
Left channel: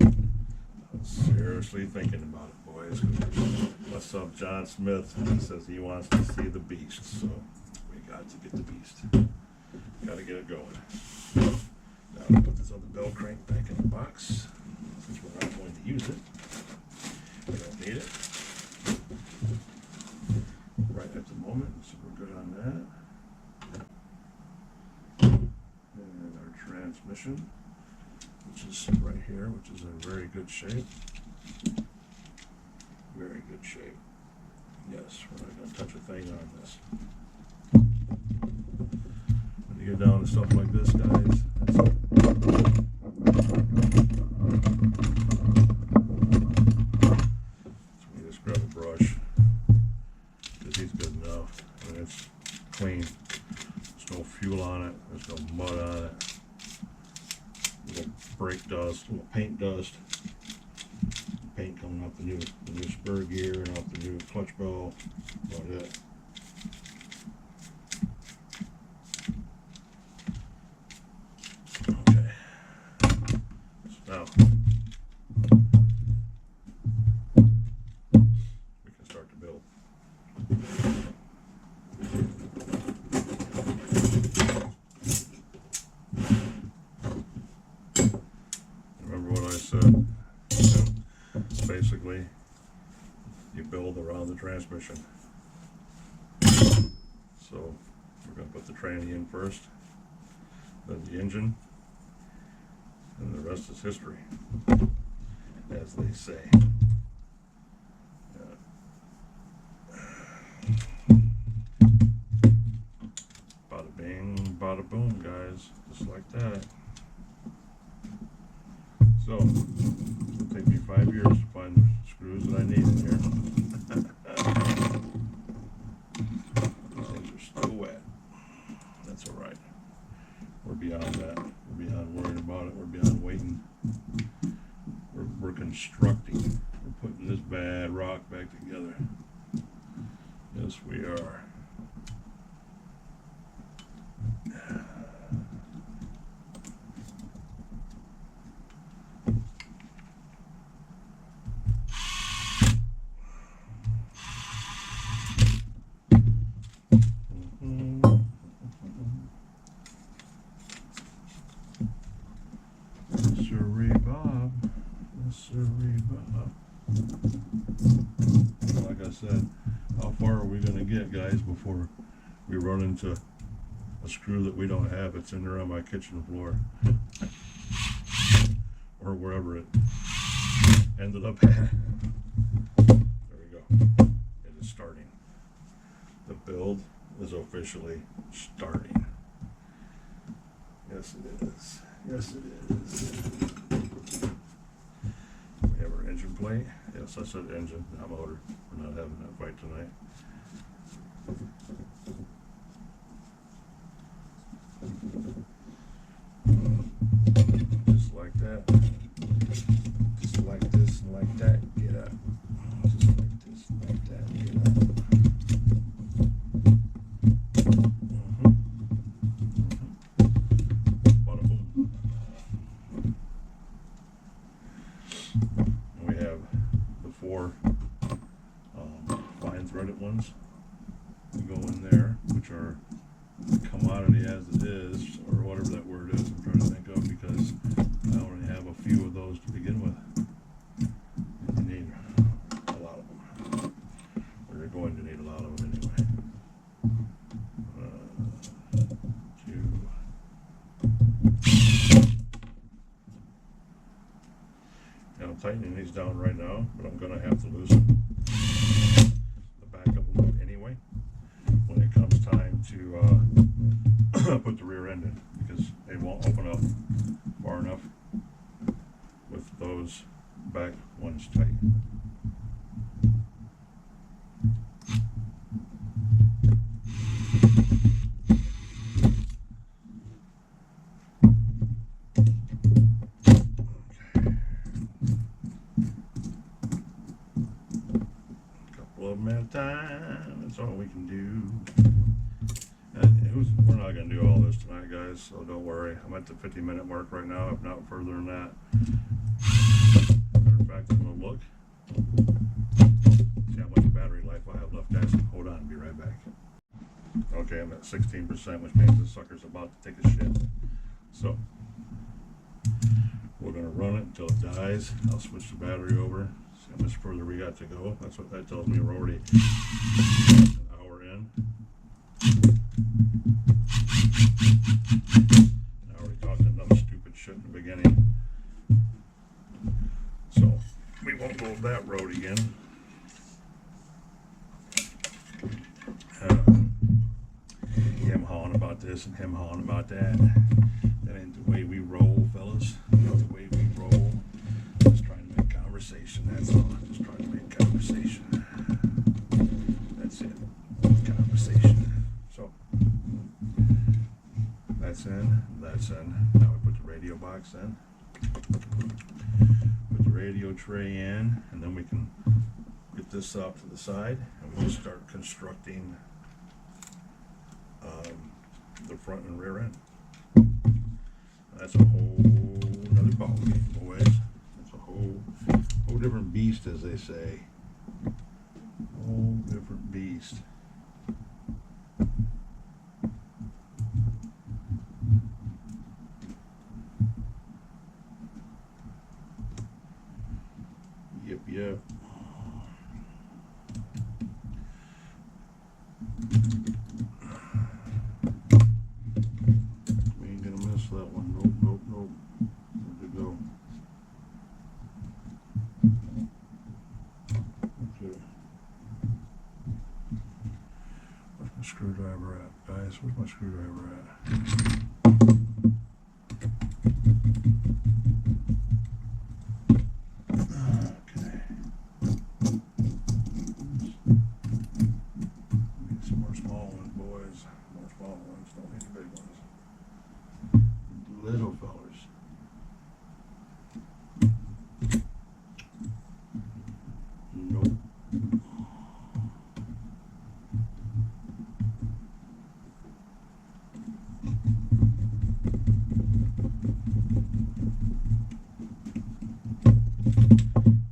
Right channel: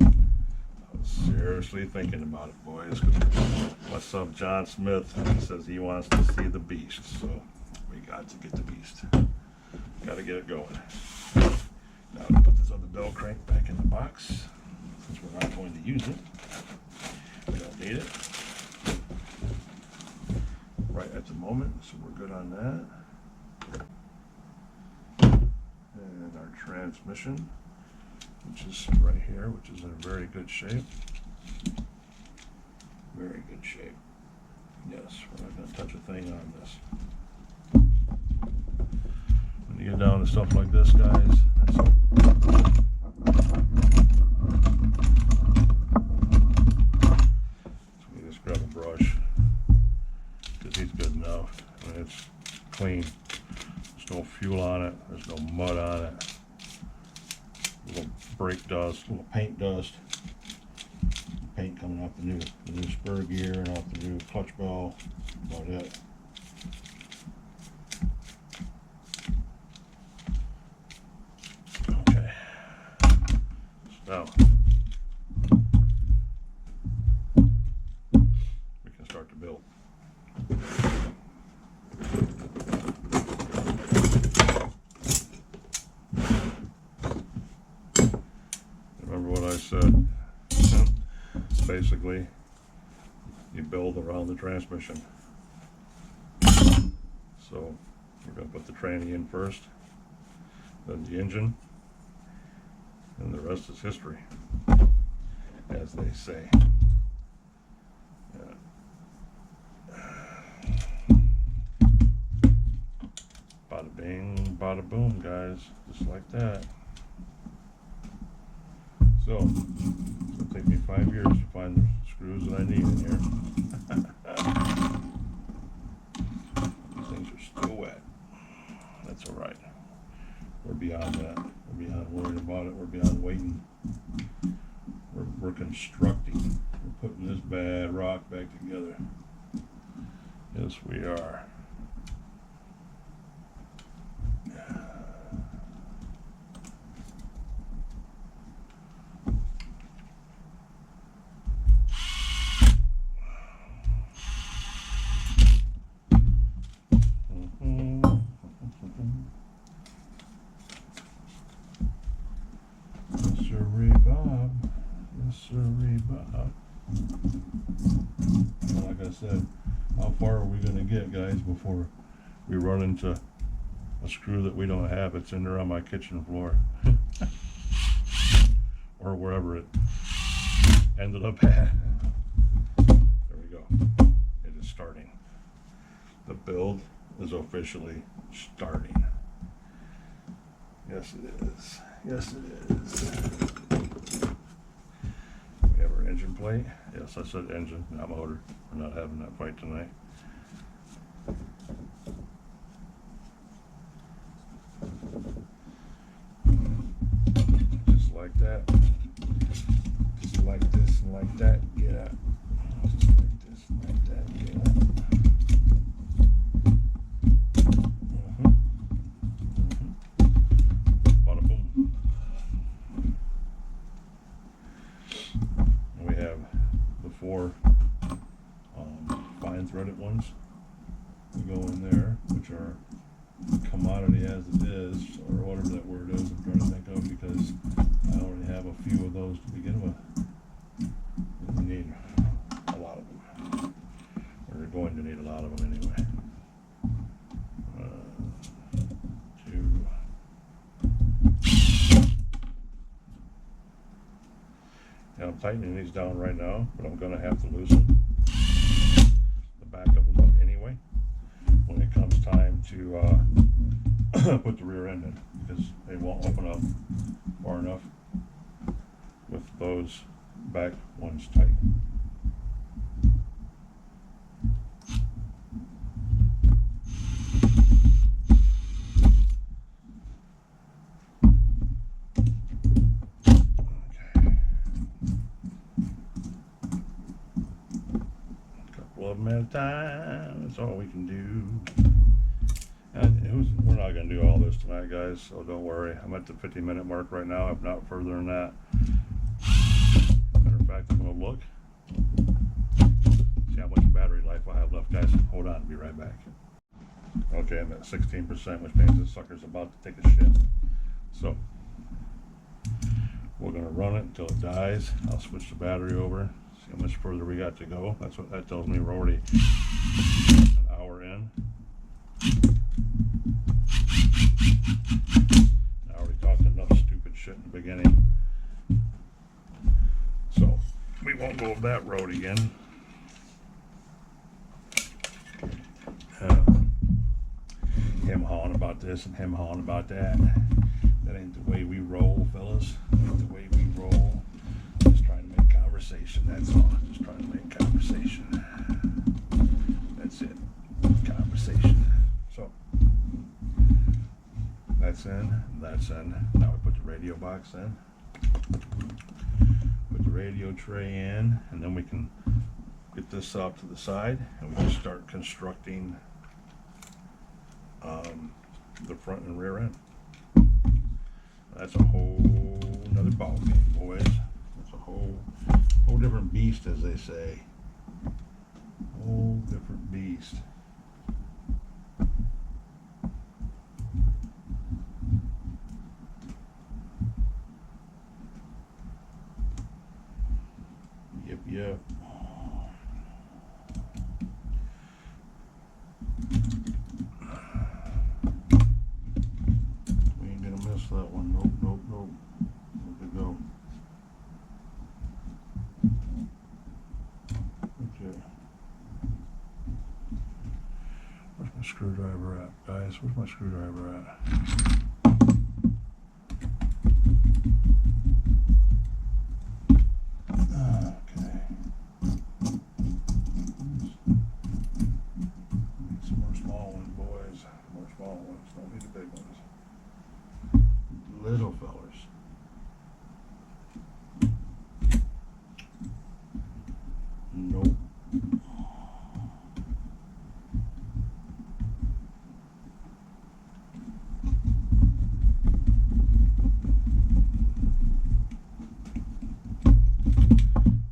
I was seriously thinking about it, boys. My son John Smith says he wants to see the Beast, so we got to get the Beast. Got to get it going. Now to put this other bell crank back in the box, since we're not going to use it. We don't need it right at the moment, so we're good on that. And our transmission, which is right here, which is in very good shape. Very good shape. Yes, we're not going to touch a thing on this. When you get down to stuff like this, guys, that's so we just grab a brush, because he's good enough. I mean, it's clean. There's no fuel on it. There's no mud on it. Little brake dust, little paint dust. Paint coming off the new spur gear and off the new clutch bell. About it. Okay. So now we can start to build. Remember what I said? Basically, you build around the transmission. So we're going to put the tranny in first, then the engine, and the rest is history, as they say. Bada bing, bada boom, guys, just like that. So, it'll take me 5 years to find the screws that I need in here. These things are still wet. That's all right. We're beyond that. We're beyond worrying about it. We're beyond waiting. We're constructing. We're putting this bad rock back together. Yes, we are. Yes, sirree, Bob. Yes, sirree, Bob. Like I said, how far are we going to get, guys, before we run into a screw that we don't have? It's in there on my kitchen floor. Or wherever it ended up at. There we go. It is starting. The build is officially starting. Yes, it is. Yes, it is. We have our engine plate. Yes, I said engine, not motor. We're not having that fight tonight. Just like that. Just like this and like that. Get up. Just like this and like that. Get up. Bada boom. And we have the 4 fine threaded ones that go in there, which are commodity as it is, or whatever that word is I'm trying to think of, because I already have a few of those to begin with. And you need a lot of them, or you're going to need a lot of them anyway. 2. Now I'm tightening these down right now, but I'm going to have to loosen the back of them up anyway when it comes time to put the rear end in, because they won't open up far enough with those back ones tight. little bit at a time. That's all we can do. And we're not going to do all this tonight, guys, so don't worry. I'm at the 50-minute mark right now, if not further than that. Matter of fact, I'm going to look. See how much battery life I have left, guys. Hold on, I'll be right back. Okay, I'm at 16%, which means this sucker's about to take a shit. So, we're going to run it until it dies. I'll switch the battery over. See how much further we got to go. That's what that tells me. We're already an hour in. I already talked enough stupid shit in the beginning. So, we won't go that road again. Him hawing about this and him hawing about that. That ain't the way we roll, fellas. Ain't the way we roll. Just trying to make conversation, that's all. Just trying to make conversation. That's it. Conversation. So, that's in, that's in. Now we put the radio box in. Put the radio tray in, and then we can get this off to the side, and we can start constructing the front and rear end. That's a whole another ball game, boys. That's a whole different beast, as they say. Whole different beast. Yep. We ain't gonna miss that one. Nope. Where'd it go? Okay. Where's my screwdriver at, guys? Where's my screwdriver at? Don't need the big ones. Little fellers. Nope.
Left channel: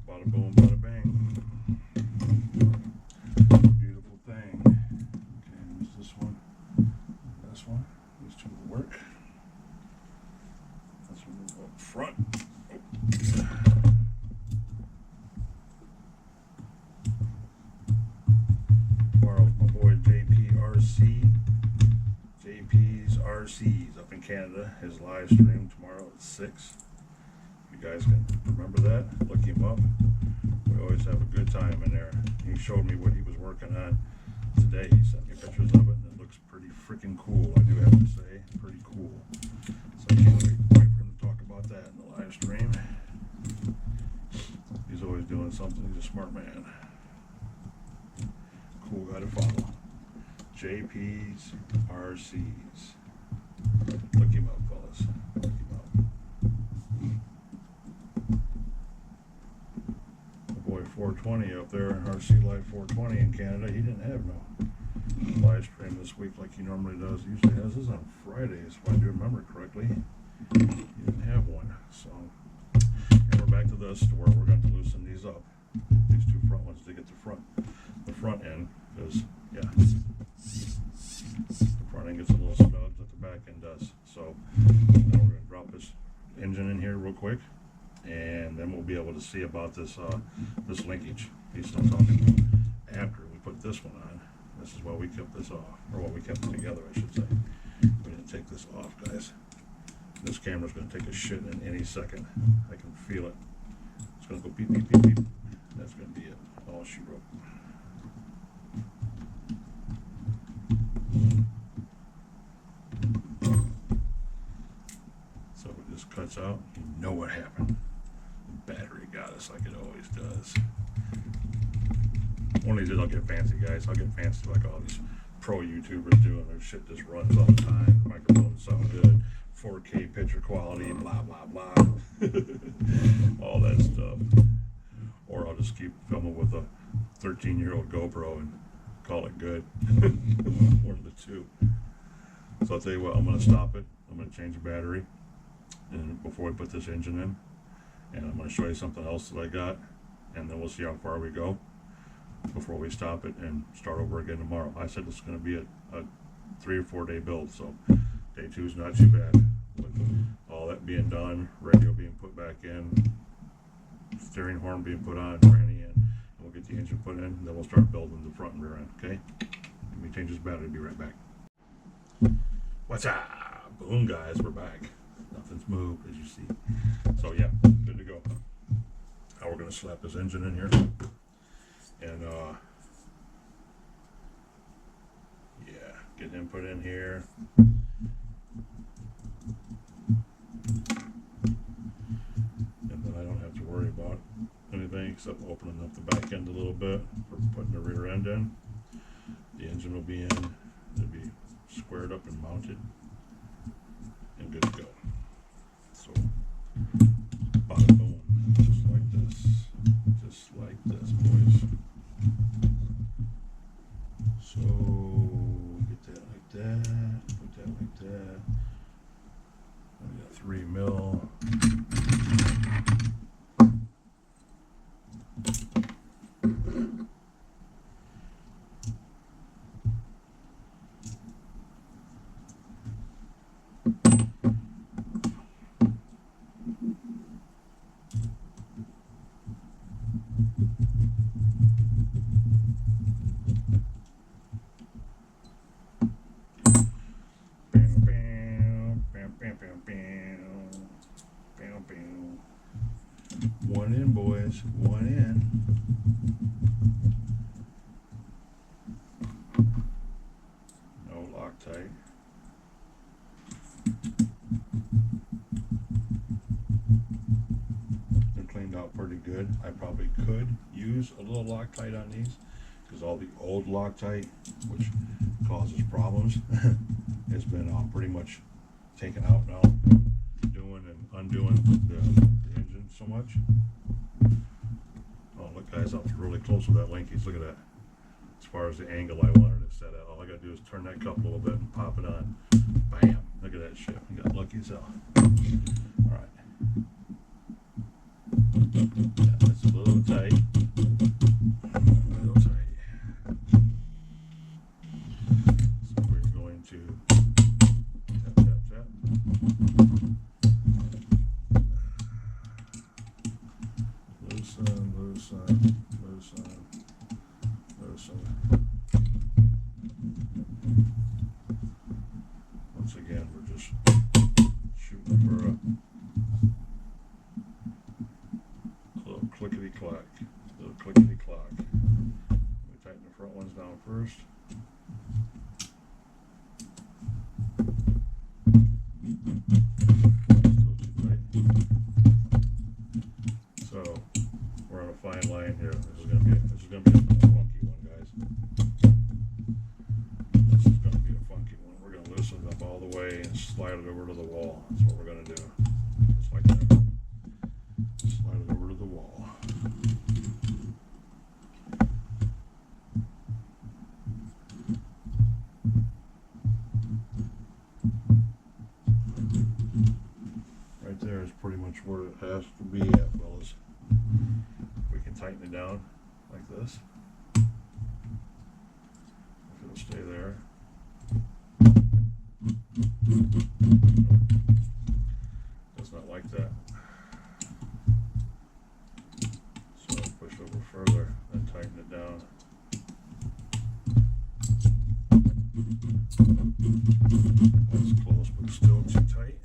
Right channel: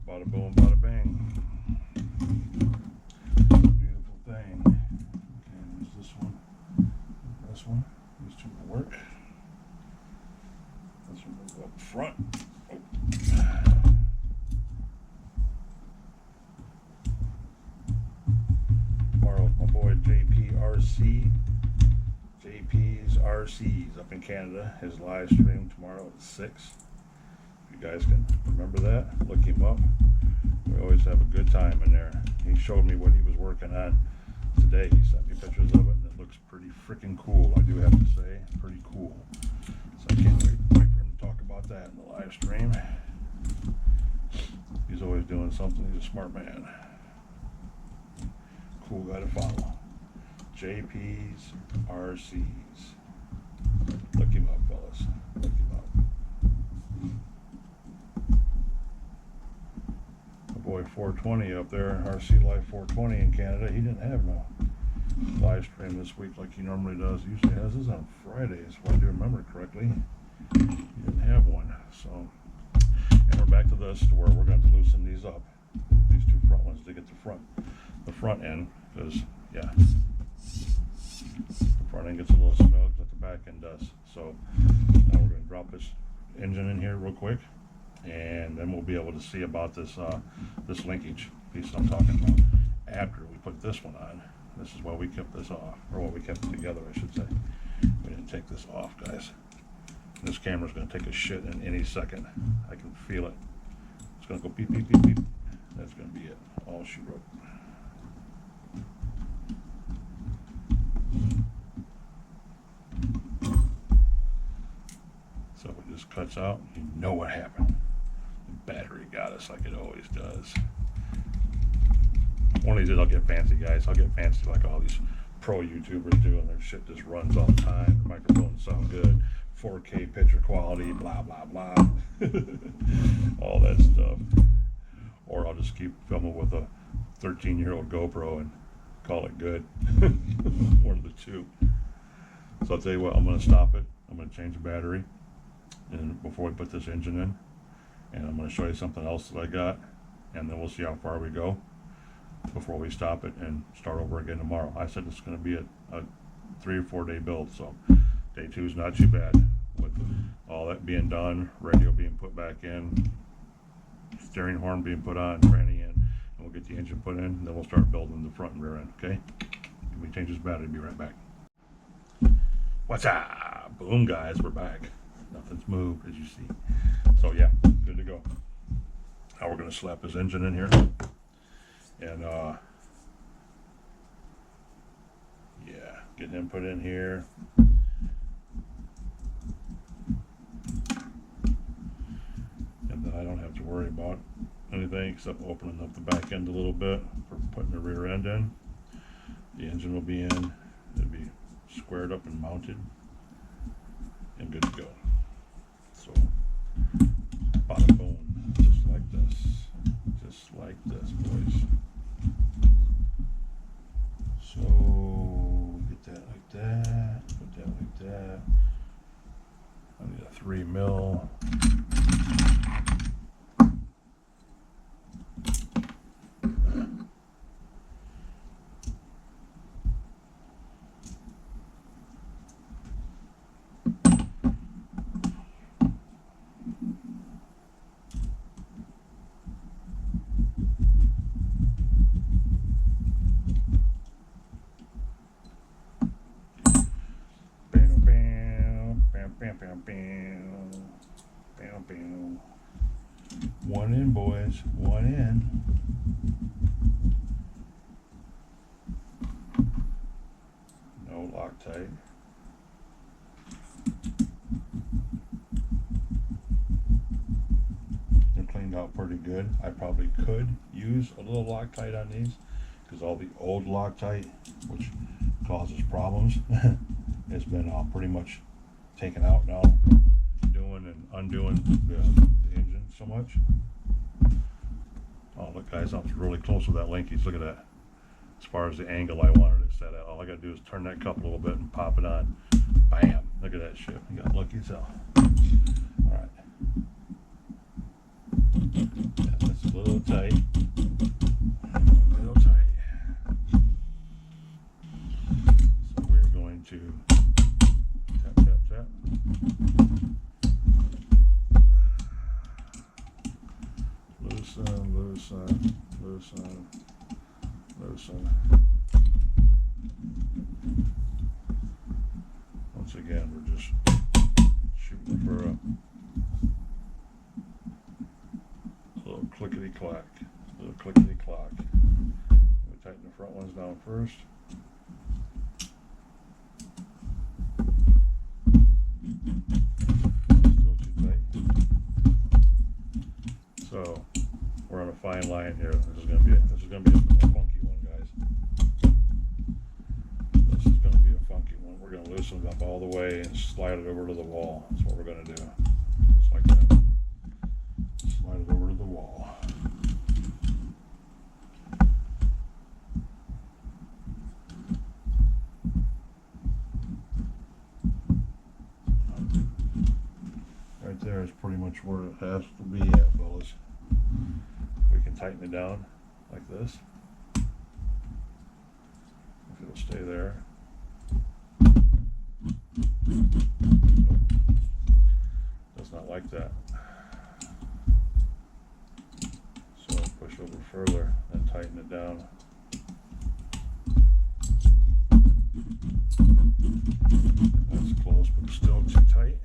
Bada boom, bada bang. Beautiful thing. Okay, there's this one. This one, these two will work. This one will go up front. Oh. Tomorrow's my boy JP's RC's up in Canada. His live stream tomorrow at 6. If you guys can remember that, look him up. We always have a good time in there. He showed me what he was working on today. He sent me pictures of it, and it looks pretty freaking cool, I do have to say. Pretty cool. So I can't wait for him to talk about that in the live stream. He's always doing something. He's a smart man. Cool guy to follow. JP's RC's. Look him up, fellas. Look him up. My boy 420 up there, RC Life 420 in Canada, he didn't have no live stream this week like he normally does. He usually has this on Fridays, if I do remember correctly. He didn't have one. So, and we're back to this, to where we're going to loosen these up, these two front ones, to get the front end, because yeah, the front end gets a little snug like the back end does. So now we're going to drop this engine in here real quick, and then we'll be able to see about this this linkage piece I'm talking about after we put this one on. This is why we kept this off, or why we kept it together, I should say. We didn't take this off, guys. This camera's going to take a shit in any second. I can feel it. It's going to go beep, beep, beep, beep. That's going to be it. All she wrote. So if it just cuts out, you know what happened. The battery got us like it always does. One of these days I'll get fancy, guys. I'll get fancy like all these pro YouTubers do, and their shit just runs all the time. Their microphones sound good. 4K picture quality, blah, blah, blah. All that stuff. Or I'll just keep filming with 13-year-old GoPro and call it good. One of the two. So I'll tell you what, I'm going to stop it. I'm going to change the battery and before we put this engine in, and I'm going to show you something else that I got, and then we'll see how far we go before we stop it and start over again tomorrow. I said it's going to be a 3 or 4 day build, so day 2 is not too bad with all that being done, radio being put back in, steering horn being put on, tranny in, and we'll get the engine put in, and then we'll start building the front and rear end. Okay, let me change this battery. Be right back. What's up? Boom, guys, we're back. Nothing's moved, as you see. So yeah, good to go. Now we're going to slap this engine in here, and yeah, get him put in here. And then I don't have to worry about anything except opening up the back end a little bit for putting the rear end in. The engine will be in. It'll be squared up and mounted and good to go. So bada boom, just like this, boys. So get that like that, put that like that. I need a 3 mil. One in, boys. One in. No Loctite. They're cleaned out pretty good. I probably could use a little Loctite on these because all the old Loctite, which causes problems, has been pretty much taken out now, doing and undoing the engine so much. Oh, look, guys, I was really close with that linkies. Look at that. As far as the angle I wanted it set at, all I gotta do is turn that cup a little bit and pop it on. Bam! Look at that shit. You got lucky as hell. All right. Yeah, that's a little tight. A little tight. So we're going to tap, tap, tap. Loosen, loosen, loosen, loosen. Once again, we're just shooting for a little clickety-clack, little clickety-clack. We tighten the front ones down first. Still too tight. So we're on a fine line here. This is gonna be a funky one, guys. This is gonna be a funky one. We're gonna loosen it up all the way and slide it over to the wall. That's what we're gonna do. Just like that. Slide it over to the wall. Right there is pretty much where it has to be at, fellas. We can tighten it down like this. If it'll stay there. Nope. Does not like that. So push over further, then tighten it down. That's close, but still too tight.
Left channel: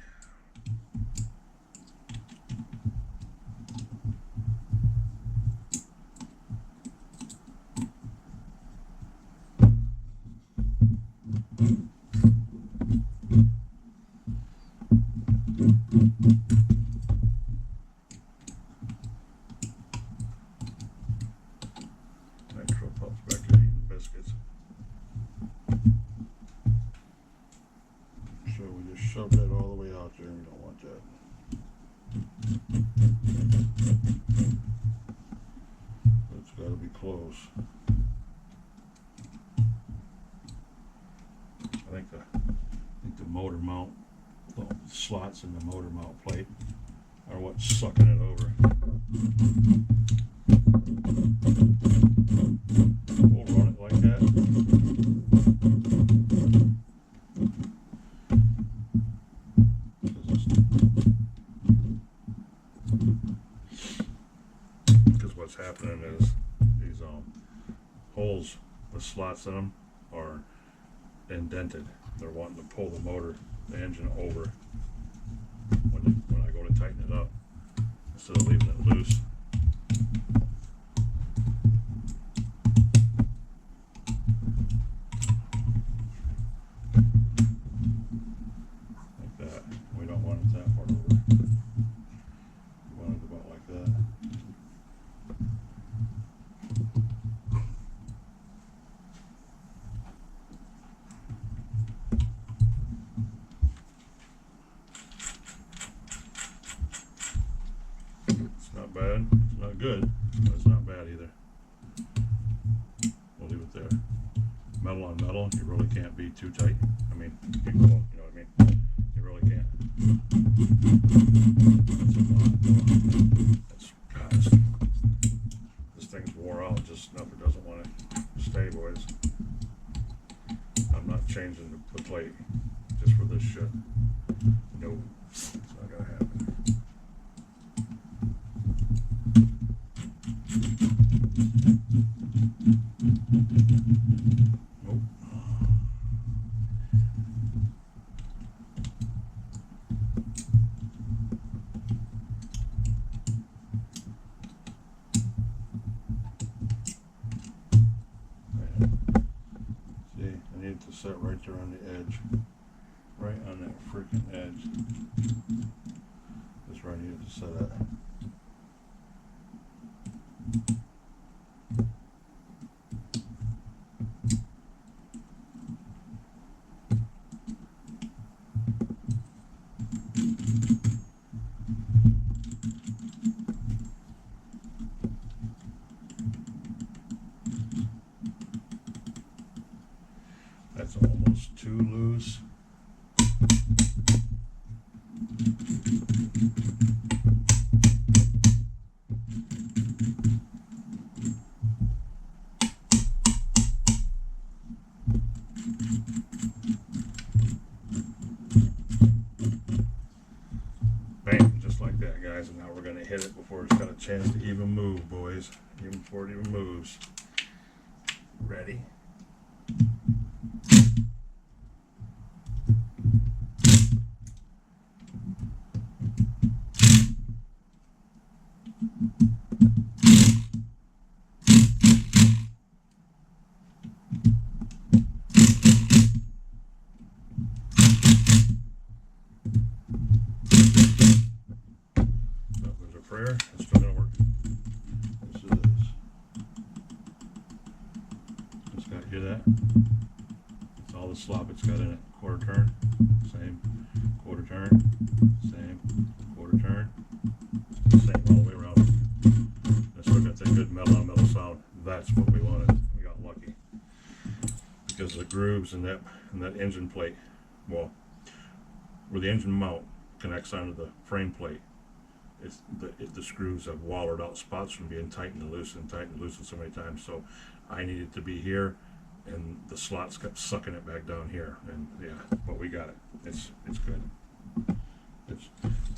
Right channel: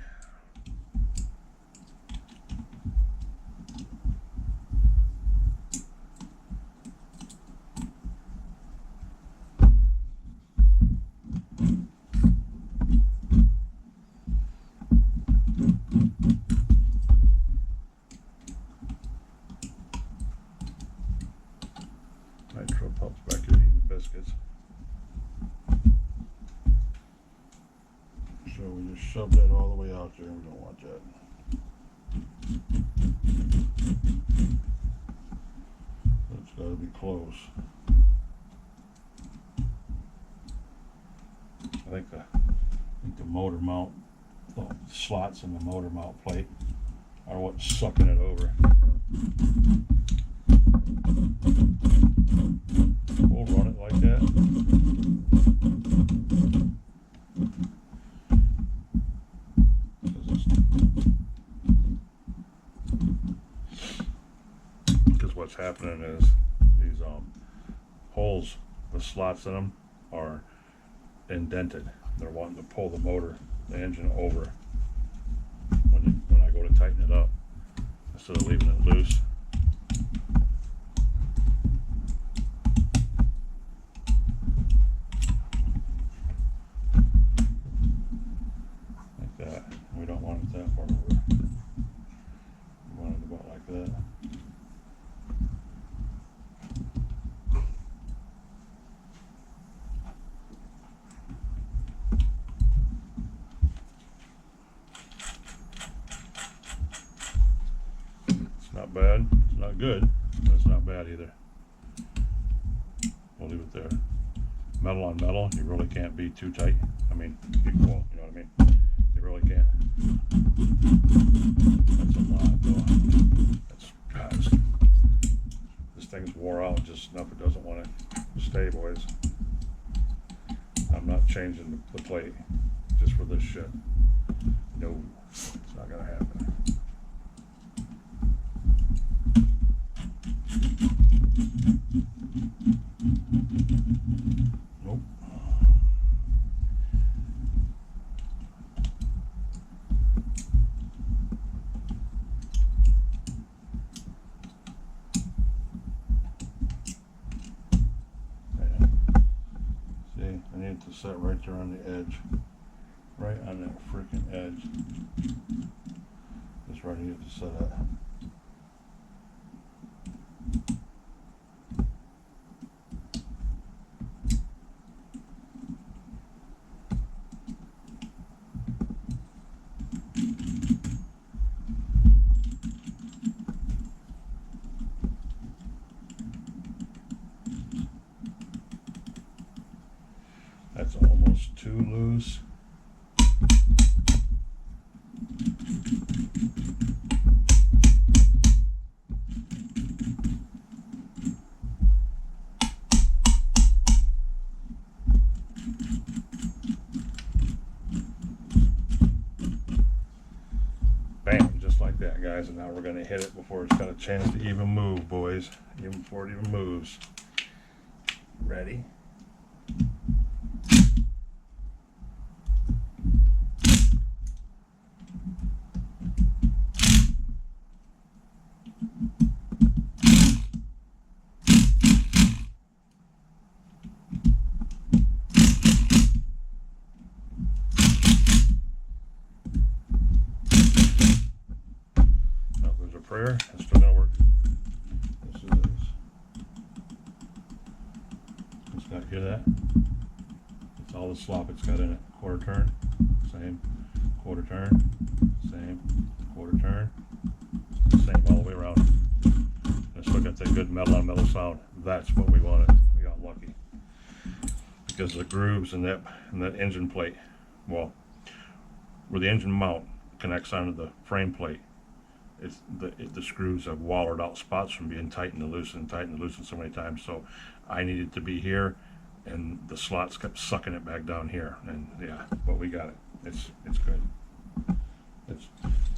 Nitro pups back here eating biscuits. So we just shove that all the way out there. We don't want that. Let's got to be close. I think the motor mount, the slots in the motor mount plate are what's sucking it over. We'll run it like that. Because what's happening is these holes, the slots in them are indented. They're wanting to pull the motor, the engine over when I go to tighten it up instead of leaving it loose. Like that. We don't want it that far over. We want it about like that. Not bad. It's not good, but it's not bad either. We'll leave it there. Metal on metal, you really can't be too tight. I mean, equal, you know what I mean? You really can't. That's a lot, though. That's, gosh, this thing's wore out just enough. It doesn't want to stay, boys. I'm not changing the plate just for this shit. No, it's not gonna happen. Nope. Yeah. See, I need it to set right there on the edge. Right on that freaking edge. That's where I need it to set at. That's almost too loose. Bam, just like that, guys. And now we're going to hit it before it's got a chance to even move, boys. Even before it even moves. Ready? Prayer, it's still gonna work. Yes, it is. It's got, hear that? It's all the slop it's got in it. Quarter turn, same. Quarter turn, same. Quarter turn, same all the way around. And it's still got that good metal on metal sound. That's what we wanted. We got lucky because of the grooves and that engine plate. Well, where the engine mount connects onto the frame plate. It's the screws have wallowed out spots from being tightened and loosened so many times. So I needed to be here, and the slots kept sucking it back down here. And yeah, but we got it. It's good. It's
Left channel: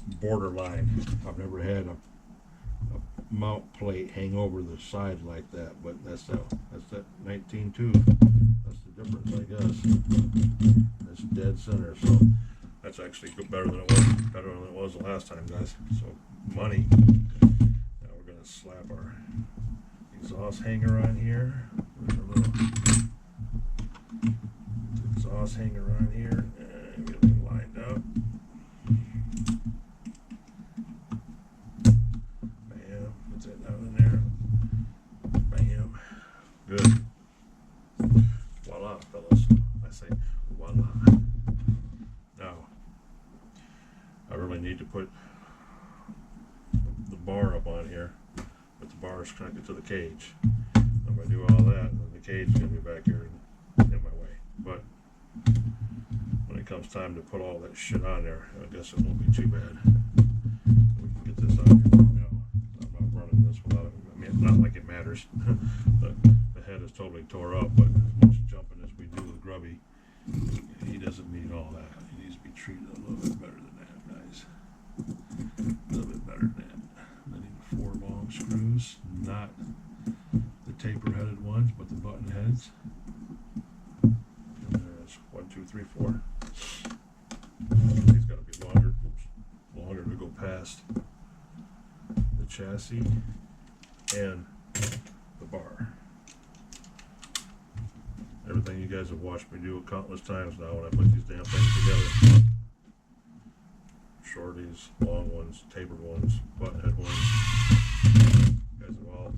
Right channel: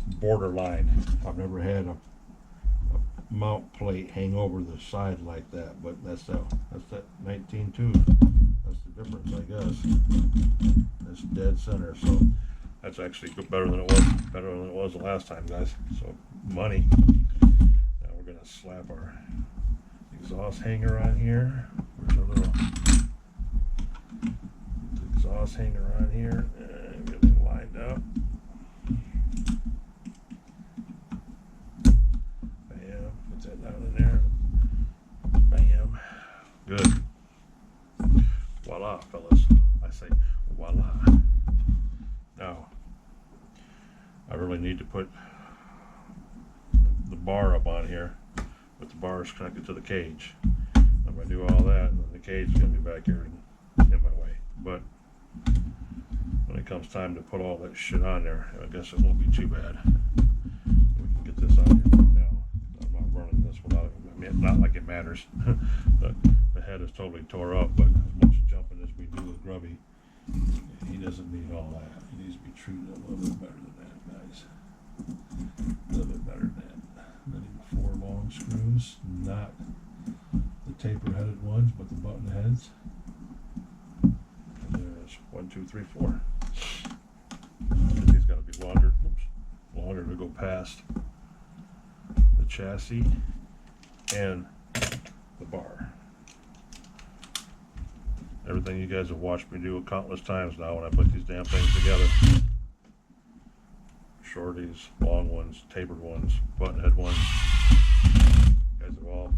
borderline. I've never had a mount plate hang over the side like that, but that's that 19.2. That's the difference, I guess. That's dead center. So. That's actually better than it was the last time, guys. So money. Now we're gonna slap our exhaust hanger on here. Where's our little exhaust hanger on here? And get everything lined up. Bam. Get that down in there. Bam. Good. Voila, fellas. I say voila. Now, I really need to put the bar up on here with the bars connected to the cage. If I do all that, then the cage is going to be back here in my way. But when it comes time to put all that shit on there, I guess it won't be too bad. We can get this on here right now. I'm not running this without it. I mean, not like it matters. But the head is totally tore up, but as much jumping as we do with Grubby, he doesn't need all that. He needs to be treated a little bit better than that, guys. A little bit better than that. I need 4 long screws, not the taper-headed ones, but the button heads. And there's 1, 2, 3, 4. These got to be longer. Oops, longer to go past the chassis and the bar. Everything you guys have watched me do countless times now when I put these damn things together. Shorties, long ones, tapered ones, button head ones. You guys have all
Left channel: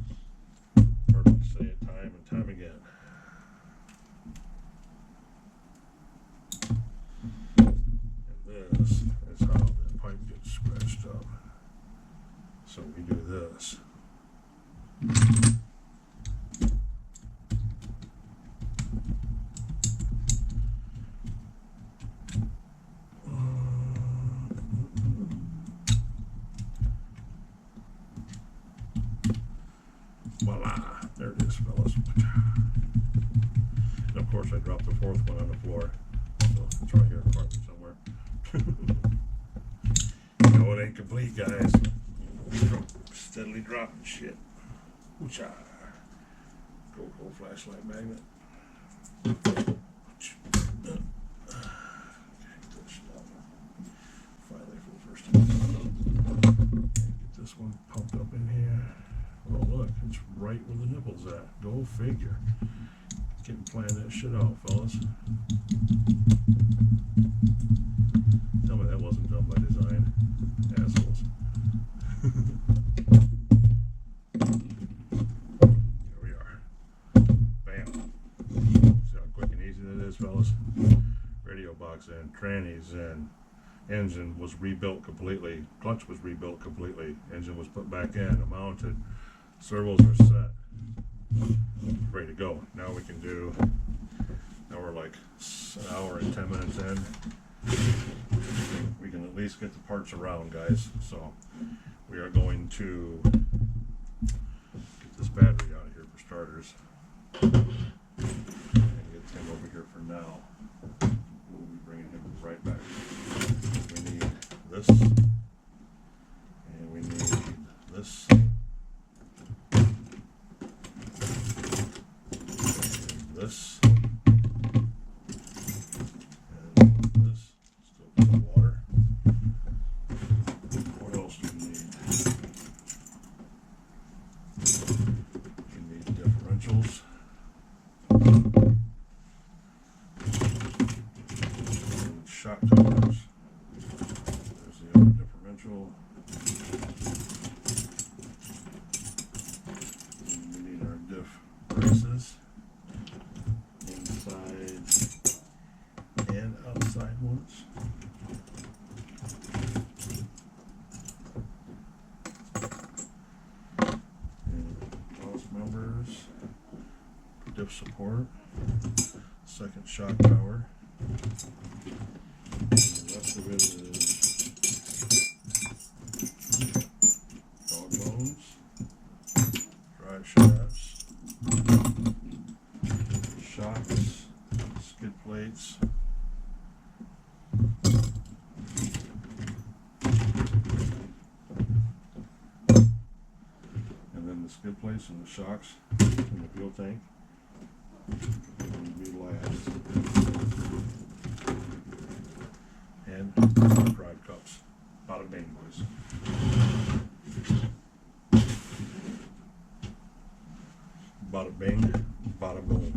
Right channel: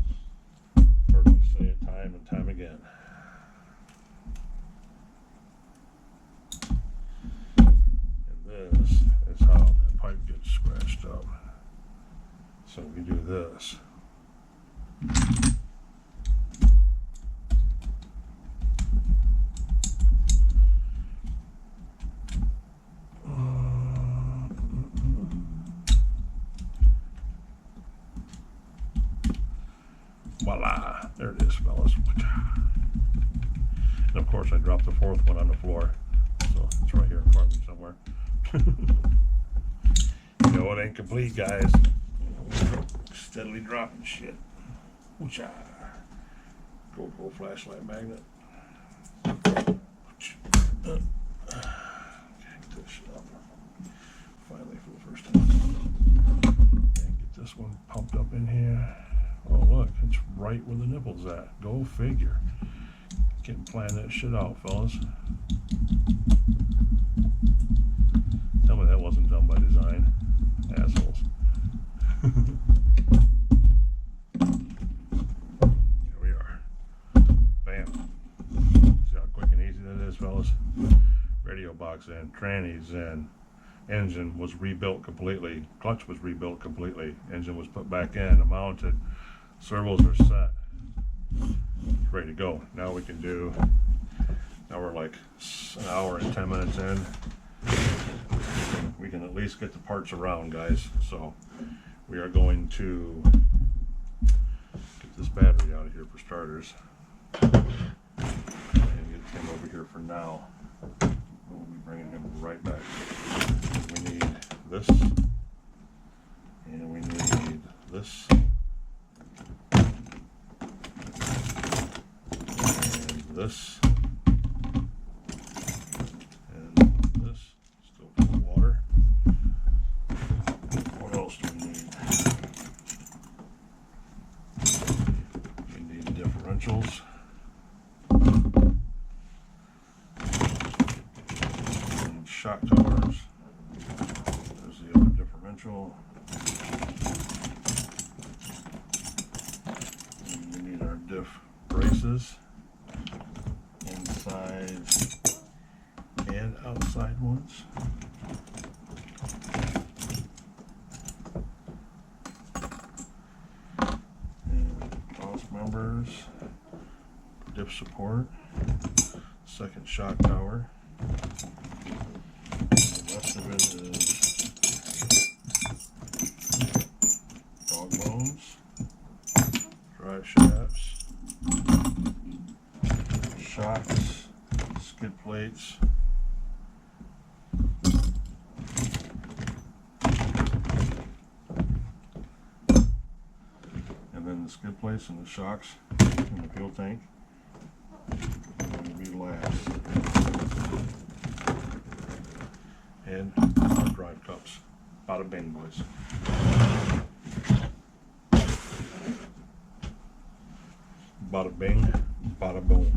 heard me say it time and time again. And this is how that pipe gets scratched up. So we do this. Voila, there it is, fellas. And of course I dropped the 4th one on the floor, so it's right here in front of me somewhere. You know it ain't complete, guys. Steadily dropping shit. Ooh-cha. Go flashlight magnet. Get this shit up. Finally, for the first time. And get this one pumped up in here. Oh look, it's right where the nipple's at. Go figure. Can't plan that shit out, fellas. Tell me that wasn't done by design. Assholes. Here we are. Bam. See how quick and easy that is, fellas? Radio box in, trannies in. Engine was rebuilt completely. Clutch was rebuilt completely. Engine was put back in, mounted. Servos are set. Ready to go. Now we can do, now we're like an hour and 10 minutes in. We can at least get the parts around, guys. So we are going to get this battery out of here for starters. And get him over here for now. We'll be bringing him right back. We need this. And we need this. This and this, still full of water. What else do we need? We need differentials. We need shock towers. There's the other differential. And we need our diff braces. Inside and outside ones. And cross members, diff support, second shock tower. And the rest of it is dog bones, drive shafts, shocks, skid plates, and then the skid plates and the shocks in the fuel tank are going to be last. And our drive cups. Bada bing, boys. Bada bing, bada boom.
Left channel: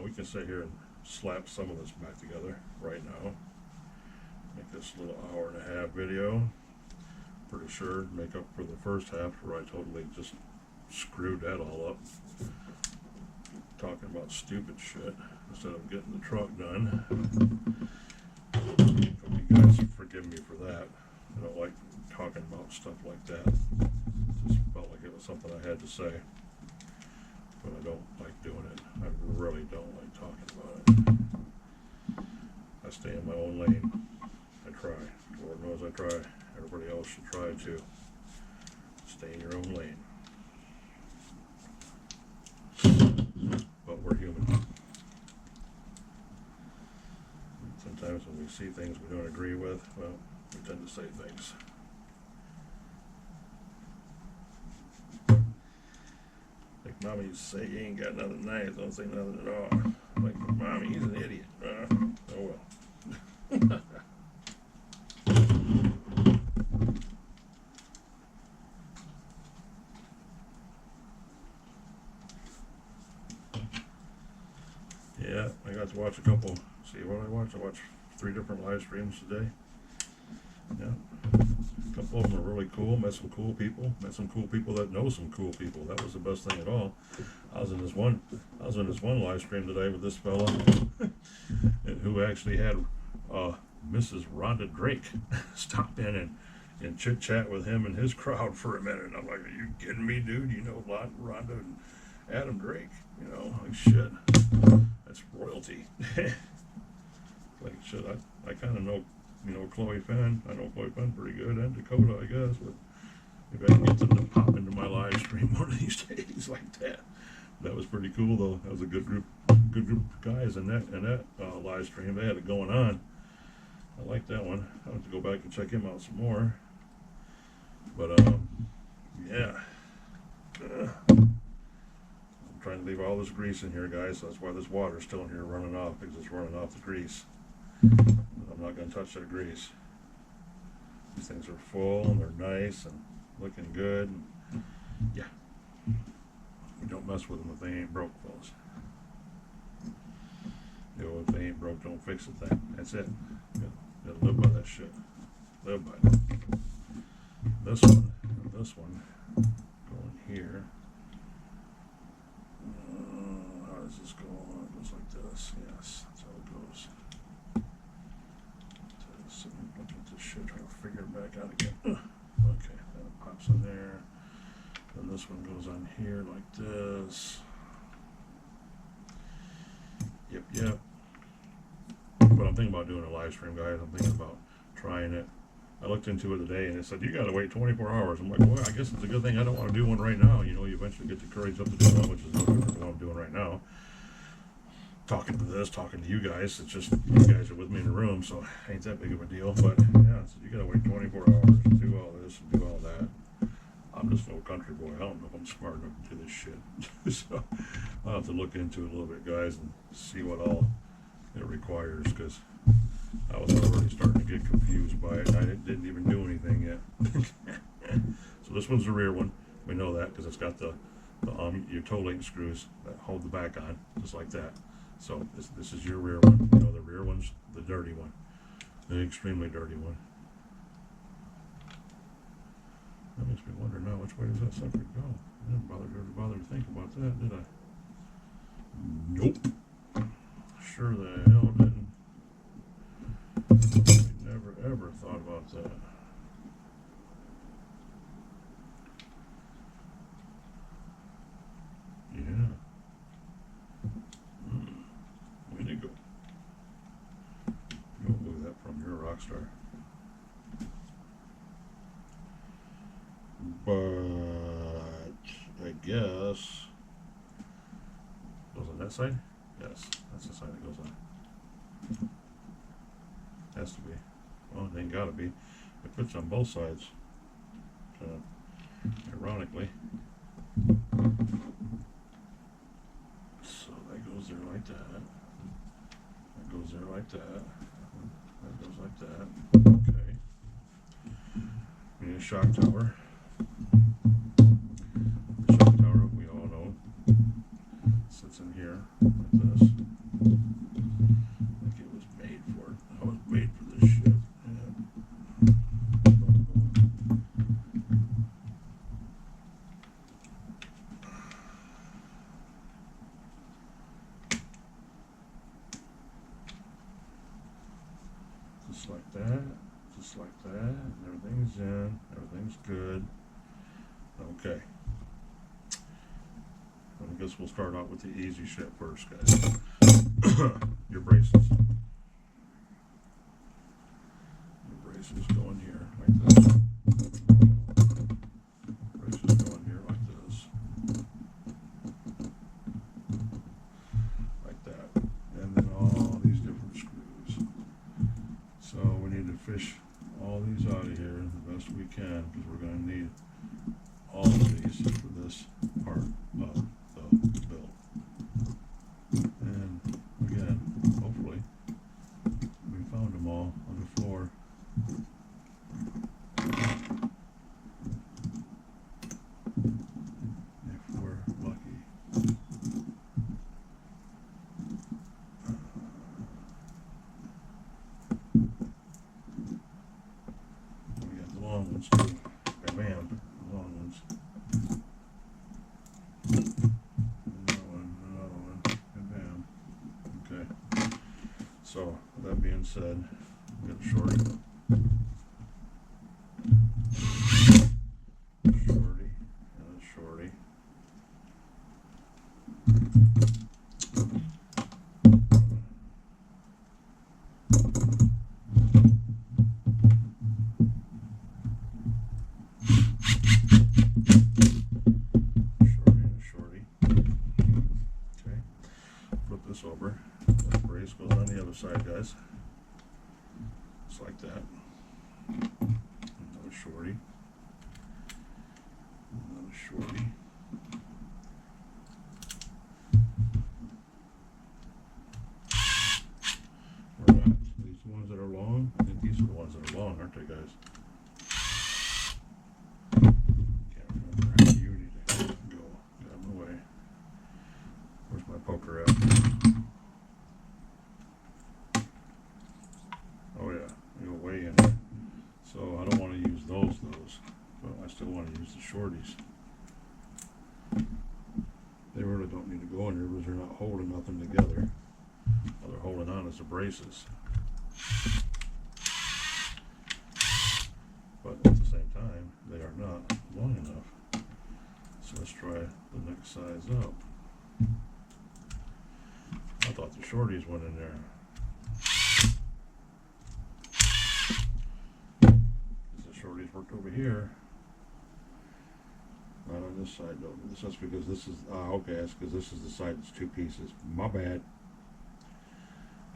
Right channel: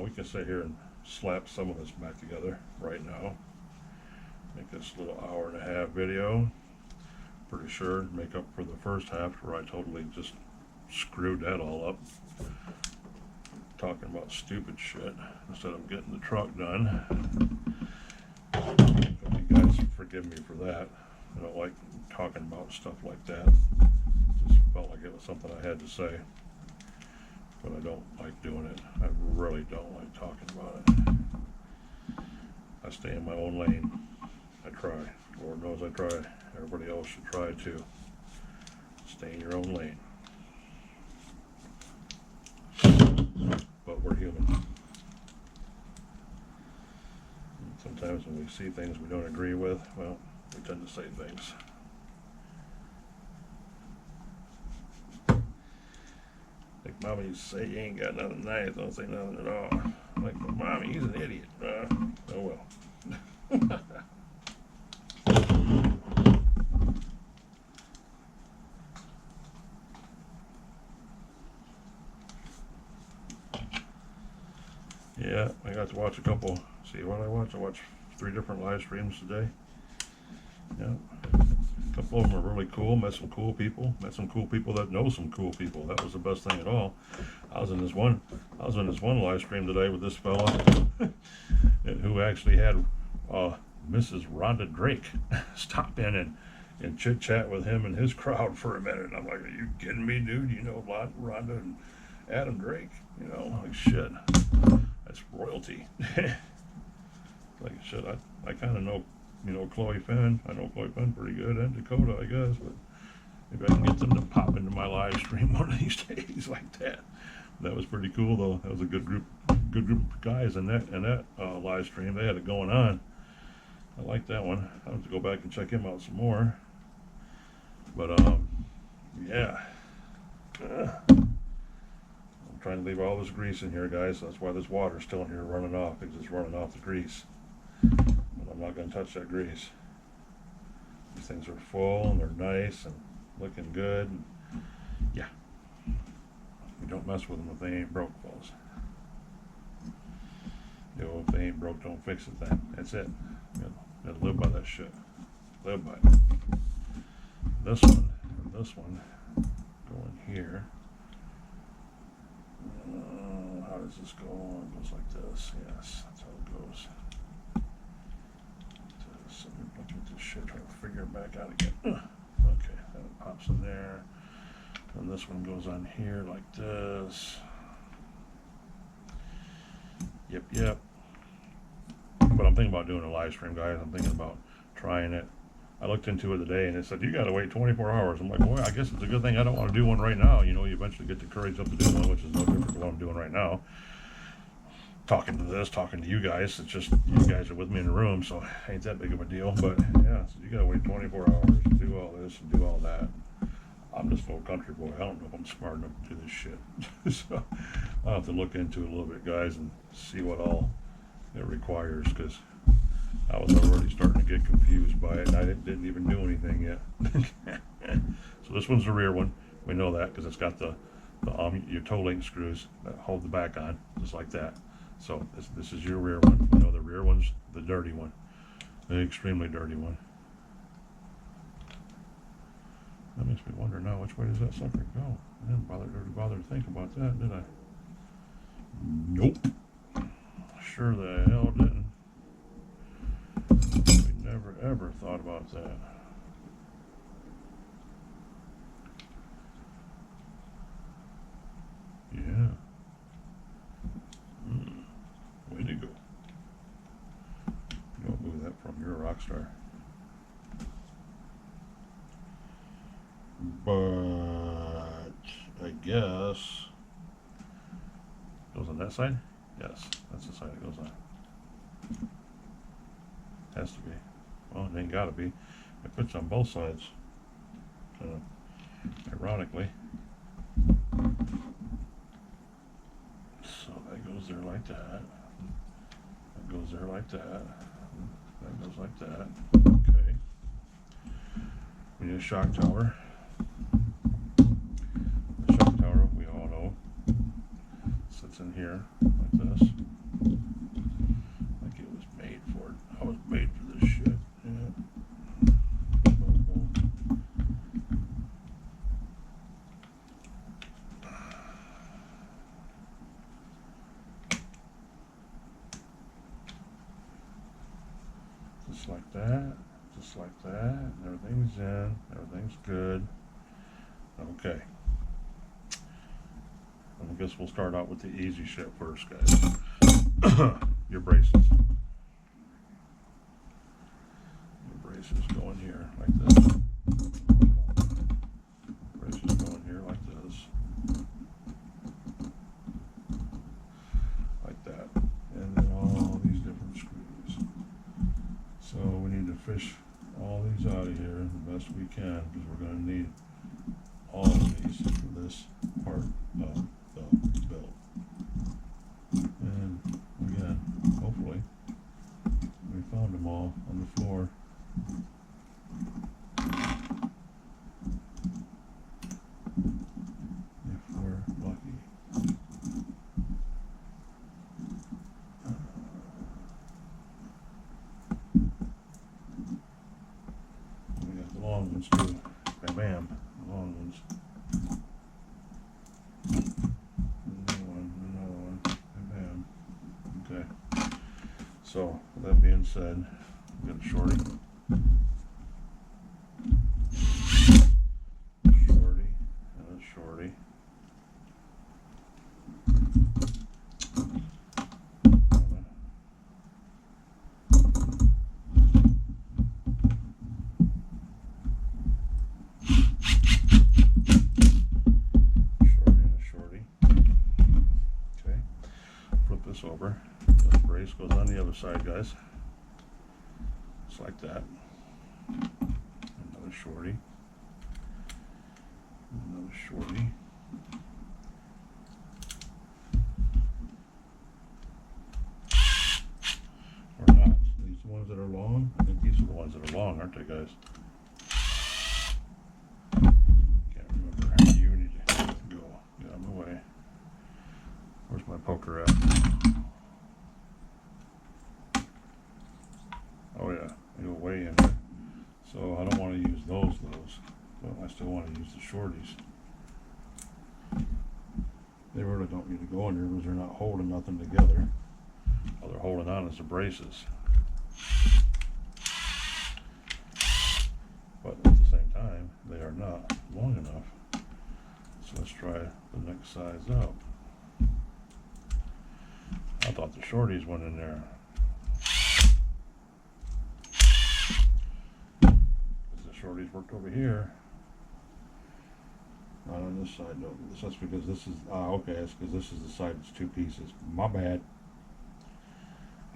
We can sit here and slap some of this back together right now. Make this a little hour-and-a-half video. Pretty sure make up for the first half where I totally just screwed that all up. Talking about stupid shit instead of getting the truck done. Hope you guys forgive me for that. I don't like talking about stuff like that. Just felt like it was something I had to say, but I don't like doing it. I really don't like talking about it. I stay in my own lane. I try. Lord knows I try. Everybody else should try too. Stay in your own lane. But we're human. Sometimes when we see things we don't agree with, well, we tend to say things. Like Mommy used to say, you ain't got nothing nice, don't say nothing at all. I'm like, but Mommy, he's an idiot. Oh well. Yeah, I got to watch a couple. See what I watched? I watched 3 different live streams today. Yeah, a couple of them are really cool. Met some cool people. Met some cool people that know some cool people. That was the best thing at all. I was in this one live stream today with this fella who actually had Mrs. Rhonda Drake stop in and chit chat with him and his crowd for a minute. And I'm like, are you kidding me, dude? You know Rhonda and Adam Drake? You know, like shit. That's royalty. Like shit, I kind of know, Chloe Finn. I know Chloe Finn pretty good, and Dakota, I guess, but maybe I can get them to pop into my live stream one of these days like that. That was pretty cool, though. That was a good group of guys in that live stream. They had it going on. I like that one. I'll have to go back and check him out some more. But yeah. I'm trying to leave all this grease in here, guys. So that's why this water's still in here running off, because it's running off the grease. But I'm not going to touch that grease. These things are full and they're nice and looking good. And yeah. We don't mess with them if they ain't broke, fellas. If they ain't broke, don't fix a thing. That's it. You gotta live by that shit. Live by it. This one and this one go in here. How does this go? It goes like this. Yes, that's how it goes. Sitting here looking at this shit, trying to figure it back out again. Okay, that pops in there. And this one goes on here like this. Yep. But I'm thinking about doing a live stream, guys. I'm thinking about trying it. I looked into it today and it said, you got to wait 24 hours. I'm like, well, I guess it's a good thing I don't want to do one right now. You eventually get the courage up to do one, which is no different than what I'm doing right now. Talking to you guys. It's just you guys are with me in the room, so it ain't that big of a deal. But yeah, so you got to wait 24 hours to do all this and do all that. I'm just an old country boy. I don't know if I'm smart enough to do this shit. So I'll have to look into it a little bit, guys, and see what all it requires, because I was already starting to get confused by it, and I didn't even do anything yet. So this one's the rear one. We know that because it's got your toe link screws that hold the back on, just like that. So this is your rear one. We know the rear one's the dirty one, the extremely dirty one. That makes me wonder now, which way does that sucker go? I didn't bother to think about that, did I? Nope. Sure the hell didn't. We never ever thought about that. Yeah. Way to go. Don't move that from. You're a rock star. But I guess goes on that side. Yes, that's the side it goes on. Has to be. Well, it ain't gotta be. It fits on both sides. Ironically. So that goes there like that. That goes there like that. That goes like that. Okay. We need a shock tower. The shock tower, we all know, sits in here like this. Like it was made for it. I was made for this shit. Yeah. Boom, boom. Just like that. Just like that. And everything's in. Everything's good. Okay. I guess we'll start out with the easy shit first, guys. Your braces. Your braces go in here like this. Braces go in here like this. Like that. And then all these different screws. So we need to fish all these out of here the best we can, because we're going to need all of these for this part of the build. And again, hopefully we found them all on the floor. If we're lucky. We got the long ones too. Bam, bam, the long ones. Another one, bam, bam. Okay. So, with that being said, we got a shorty. Shorty, and a shorty. This over. The brace goes on the other side, guys. Just like that. Another shorty. Another shorty. Or not. These are the ones that are long. I think these are the ones that are long, aren't they, guys? Can't remember. You need to go. Get out of my way. Where's my poker at? Oh yeah, they go way in there. So I don't want to use those, but I still want to use the shorties. They really don't need to go in there because they're not holding nothing together. All they're holding on is the braces. But at the same time, they are not long enough. So let's try the next size up. I thought the shorties went in there. Shorties worked over here. Not on this side, no. That's because this is, okay, that's because this is the side that's two pieces. My bad.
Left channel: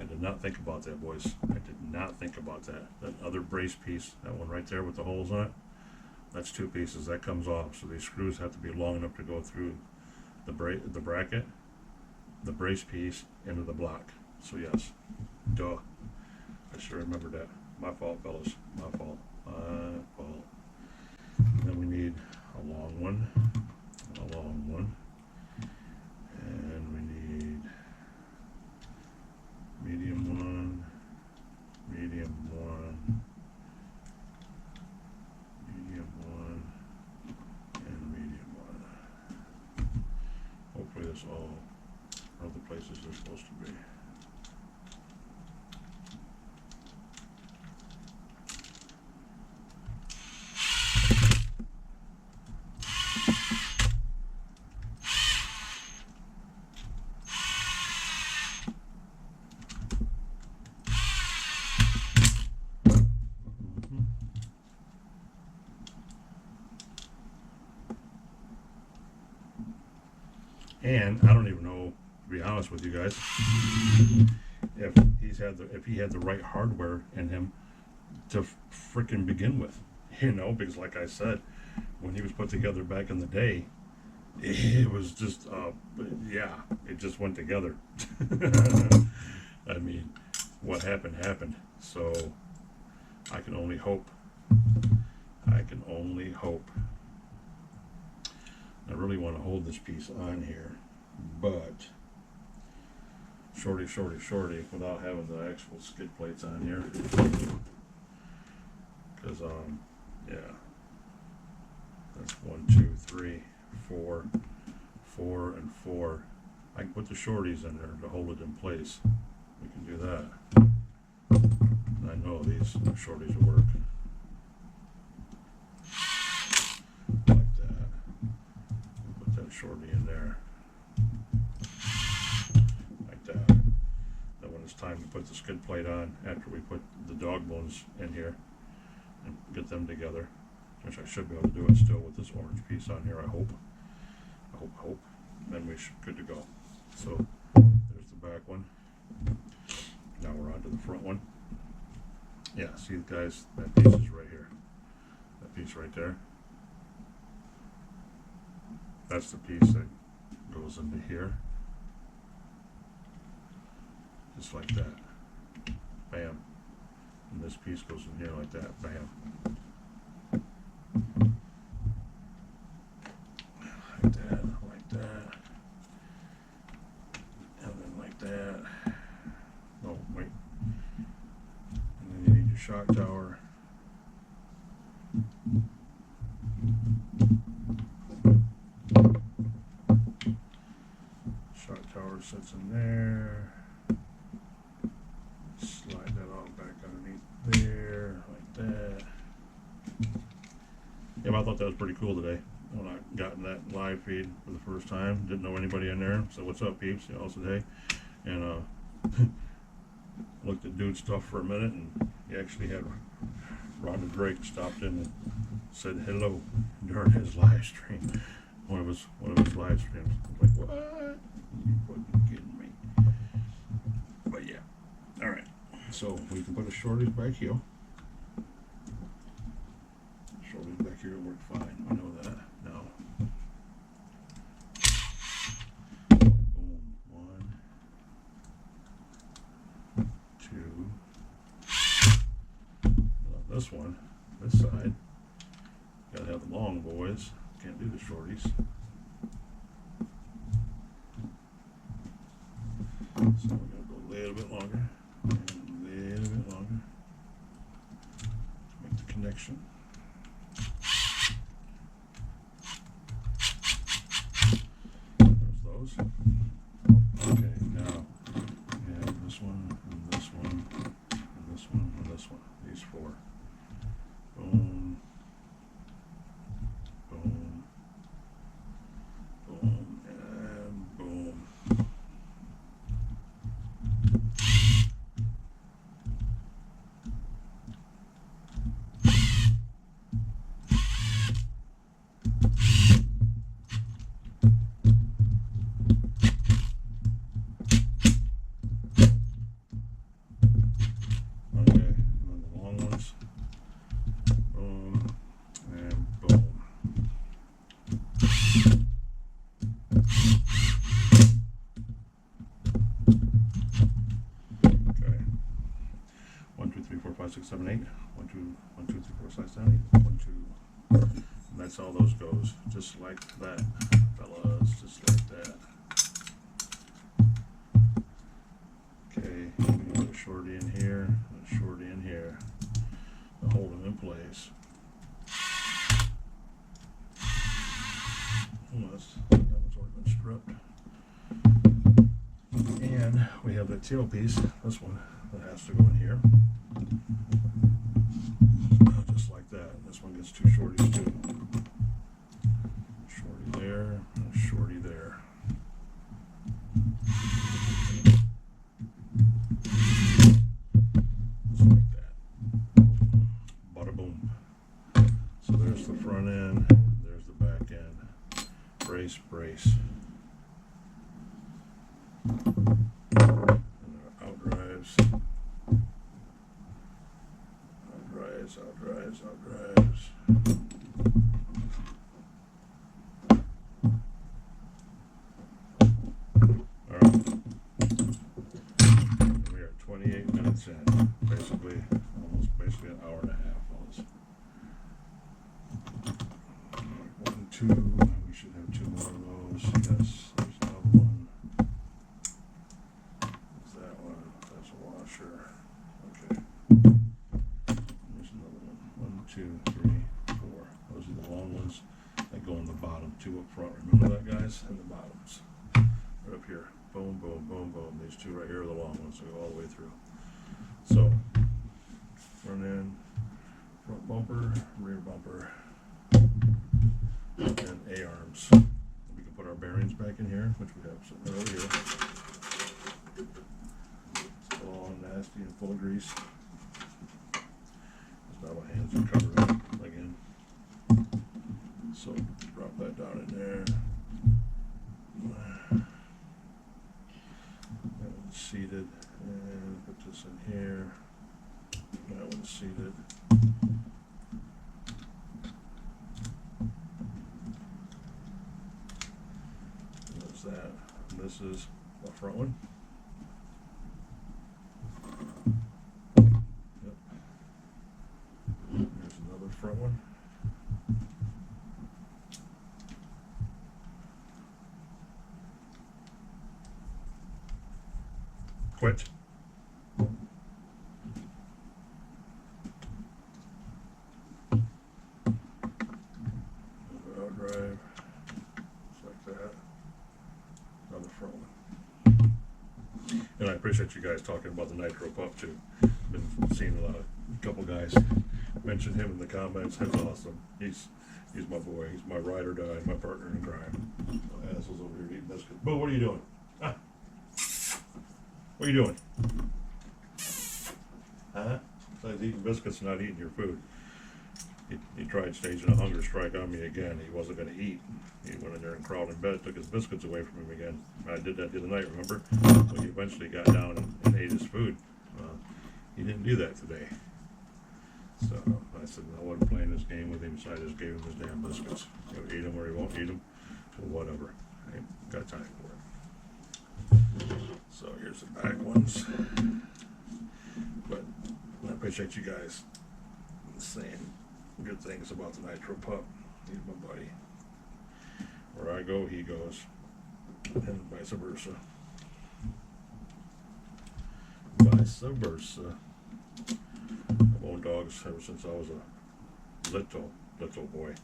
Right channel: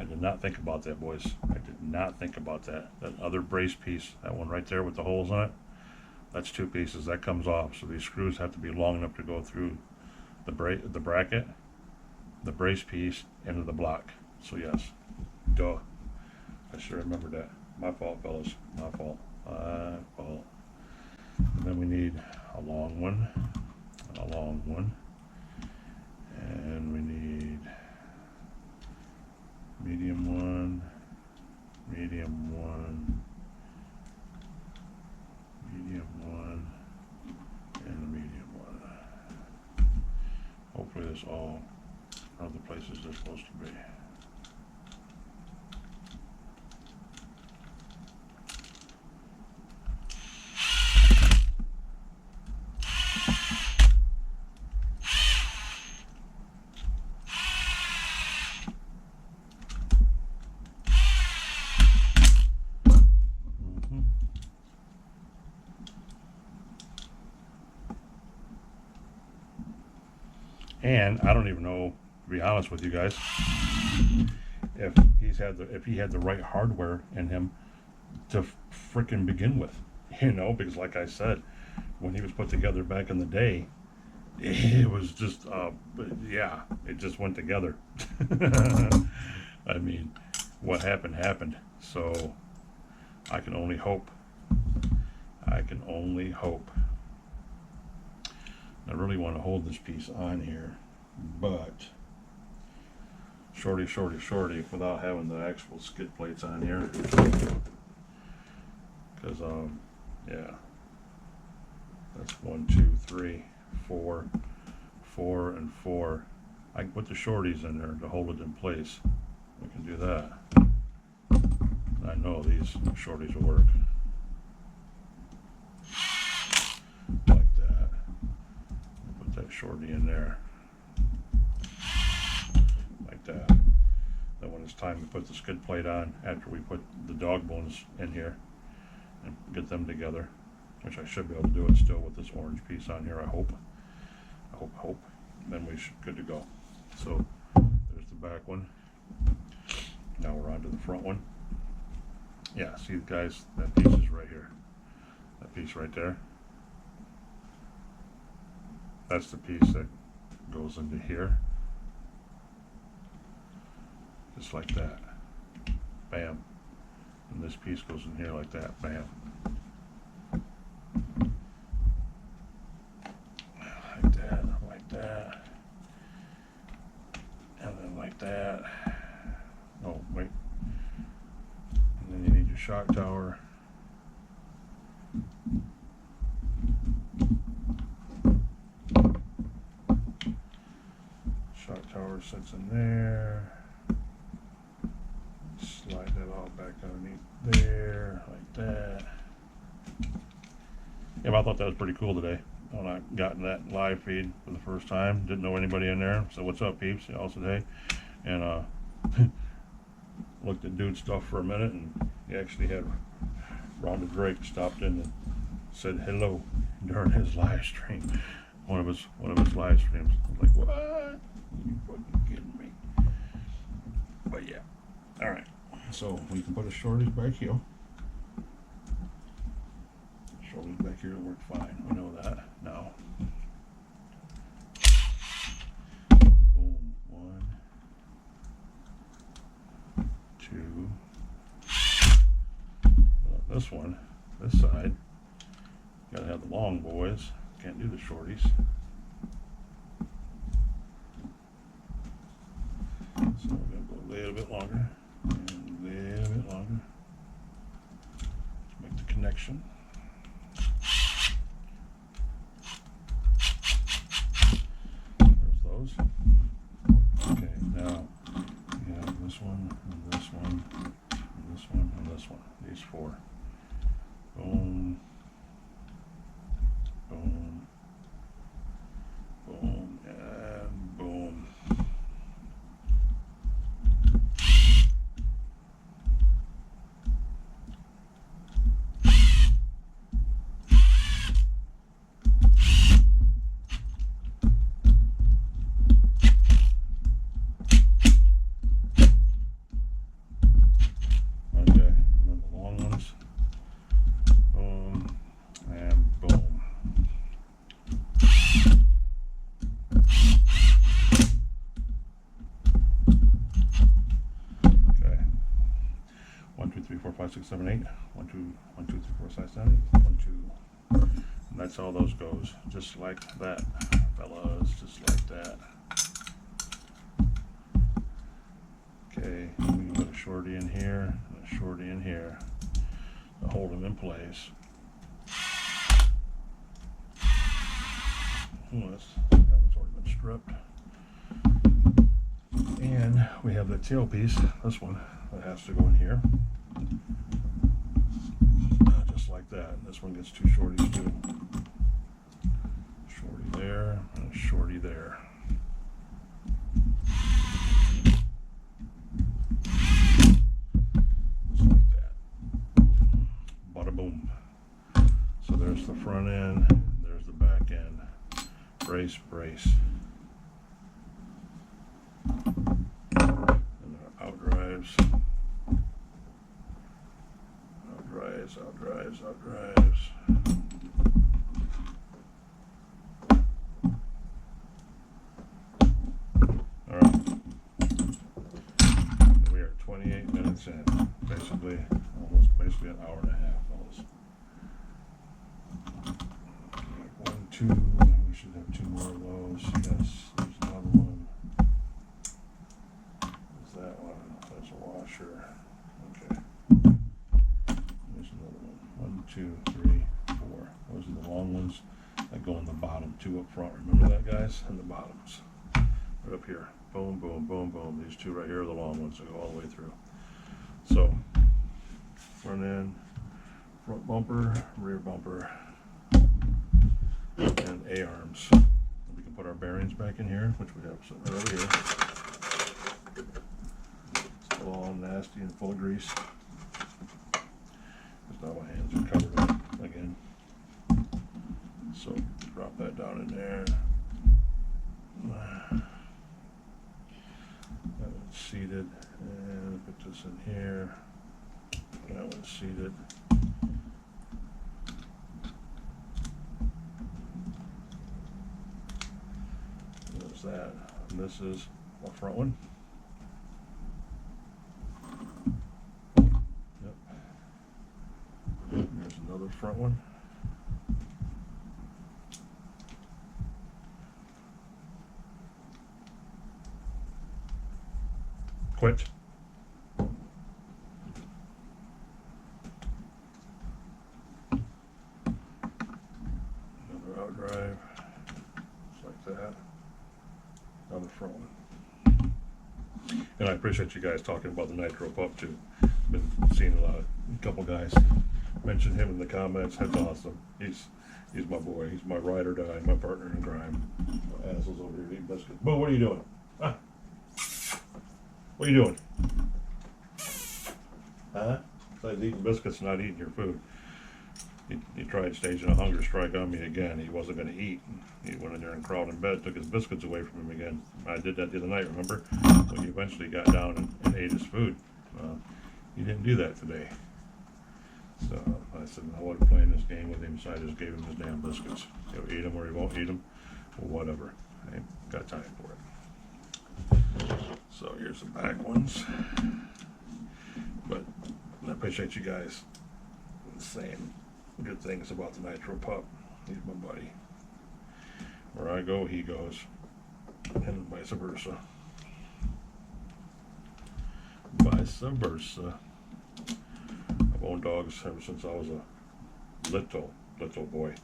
I did not think about that, boys. I did not think about that. That other brace piece, that one right there with the holes in it, that's two pieces. That comes off. So these screws have to be long enough to go through the bracket, the brace piece, into the block. So yes, duh. I should remember that. My fault, fellas. My fault. And then we need a long one, and a long one, and we need medium one, medium one, medium one, and a medium one. Hopefully this all are the places they're supposed to be. And I don't even know, to be honest with you guys, if he had the right hardware in him to frickin' begin with, you know, because like I said, when he was put together back in the day, it was just, yeah, it just went together. I mean, what happened happened. So I can only hope. I can only hope. I really want to hold this piece on here, but shorty without having the actual skid plates on here, because yeah, that's 1 2 3 4 and 4. I can put the shorties in there to hold it in place. We can do that. I know these shorties will work like that. shorty in there, like that. Then when it's time to put the skid plate on, after we put the dog bones in here and get them together, which I should be able to do it still with this orange piece on here, I hope. Then we should good to go. So there's the back one. Now we're on to the front one. Yeah, see guys, that piece is right here. That piece right there. That's the piece that goes into here. Just like that. Bam. And this piece goes in here like that. Bam. Like that, like that. And then like that. Oh, wait. And then you need your shock tower. Shock tower sits in there. Slide that all back underneath there, like that. Yeah, but I thought that was pretty cool today. When I got in that live feed for the first time, didn't know anybody in there. So what's up, peeps? They all said hey, and looked at dude's stuff for a minute, and he actually had Rhonda Drake stopped in and said hello during his live stream. One of his live streams. I was like, what? Are you fucking kidding me? But yeah, all right. So we can put the shorties back here. Shoulders back here work fine. We know that now. Boom. 1, 2. This one, this side, gotta have the long boys. Can't do the shorties. So we're gonna go a little bit longer and a little bit longer to make the connection. Okay, now you have this one, and this one, and this one, and this one. These 4. Boom, boom, boom, and boom. Five, 6, 7, 8. 1, 2, 1, 2, 3, 4, 5, 6, 7, 8. 1, 2. And that's all those goes. Just like that, fellas. Just like that. Okay, we can put a shorty in here and a shorty in here to hold them in place. That one's already been stripped. And we have that tail piece, this one, that has to go in here. Just like that. And this one gets 2 shorties too. Shorty there and a shorty there. Just like that. Bada boom. So there's the front end, there's the back end. Brace, brace. And our outdrives. Outdrives. All right. We are 28 minutes in. Basically an hour and a half, fellas. 1, 2. We should have 2 more of those. Yes, there's another one. There's that one. There's a washer. Okay. There's another one. 1, 2, 3, 4. Those are the long ones that go in the bottom. 2 up front. Remember that, guys? And the bottoms. Right up here. Boom, boom, boom, boom. These 2 right here are the long ones that go all the way through. So, front end, front bumper, rear bumper, and A-arms. We can put put our bearings back in here, which we have sitting over here. Still all nasty and full of grease. Because now my hands are covered up again. So drop that down in there. That one's seated, and put this in here. That one's seated. There's that. And this is the front one. Yep. There's another front one. Quit. Another out drive, just like that. Another front one. And I appreciate you guys talking about the Nitro pup too. Been seeing a couple guys mention him in the comments. That's awesome. He's my boy. He's my ride or die, my partner in crime. My asshole's over here eating biscuits. Boo, what are you doing? Huh? What are you doing? Huh? Besides eating biscuits and not eating your food. He tried staging a hunger strike on me again. He wasn't going to eat. He went in there and crawled in bed, took his biscuits away from him again. I did that the other night, remember? When he eventually got down and ate his food. He didn't do that today. So I said, I wasn't playing this game with him, so I just gave him his damn biscuits. He'll eat them or he won't eat them. Well, whatever. I ain't got time for it. So here's the back ones. But I appreciate you guys saying good things about the Nitro pup. He's my buddy. Where I go, he goes. And vice versa. Vice versa. I've owned dogs ever since I was a little boy.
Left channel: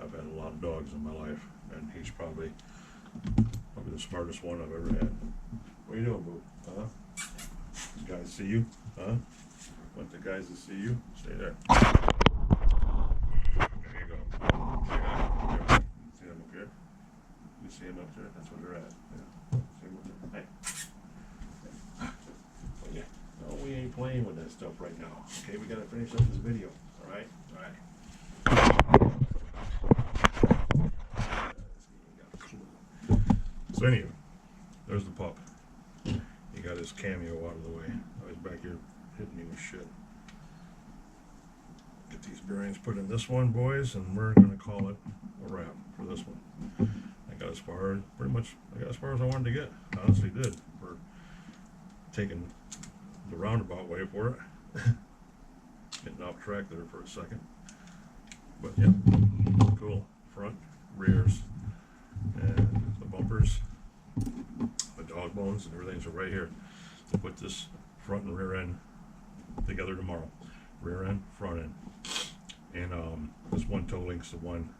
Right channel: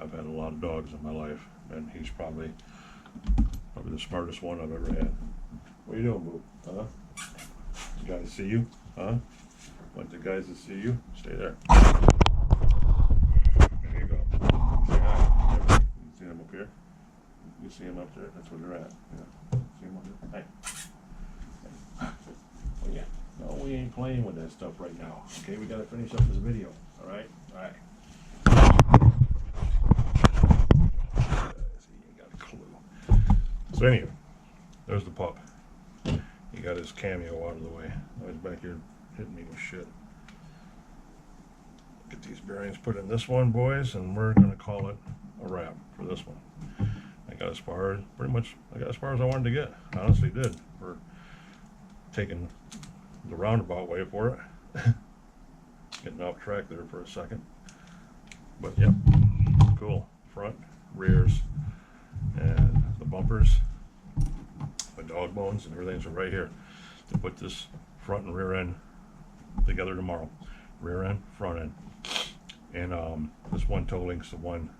I've had a lot of dogs in my life, and he's probably the smartest one I've ever had. What are you doing, boo? Huh? The guys see you? Huh? Want the guys to see you? Stay there. There you go. Say hi. You see them up here? You see them up there? That's where they're at. Yeah. See them up there? Hey. Oh, yeah. No, we ain't playing with that stuff right now. Okay, we gotta finish up this video. All right? All right. He ain't got a clue. So anyway, there's the pup. He got his cameo out of the way. Now he's back here hitting me with shit. Get these bearings put in this one, boys, and we're gonna call it a wrap for this one. I got as far as I wanted to get. I honestly did for taking the roundabout way for it. Getting off track there for a second. But yeah, cool. Front, rears, and the bumpers. My dog bones and everything's right here to put this front and rear end together tomorrow. Rear end, front end. And this one toe links to one.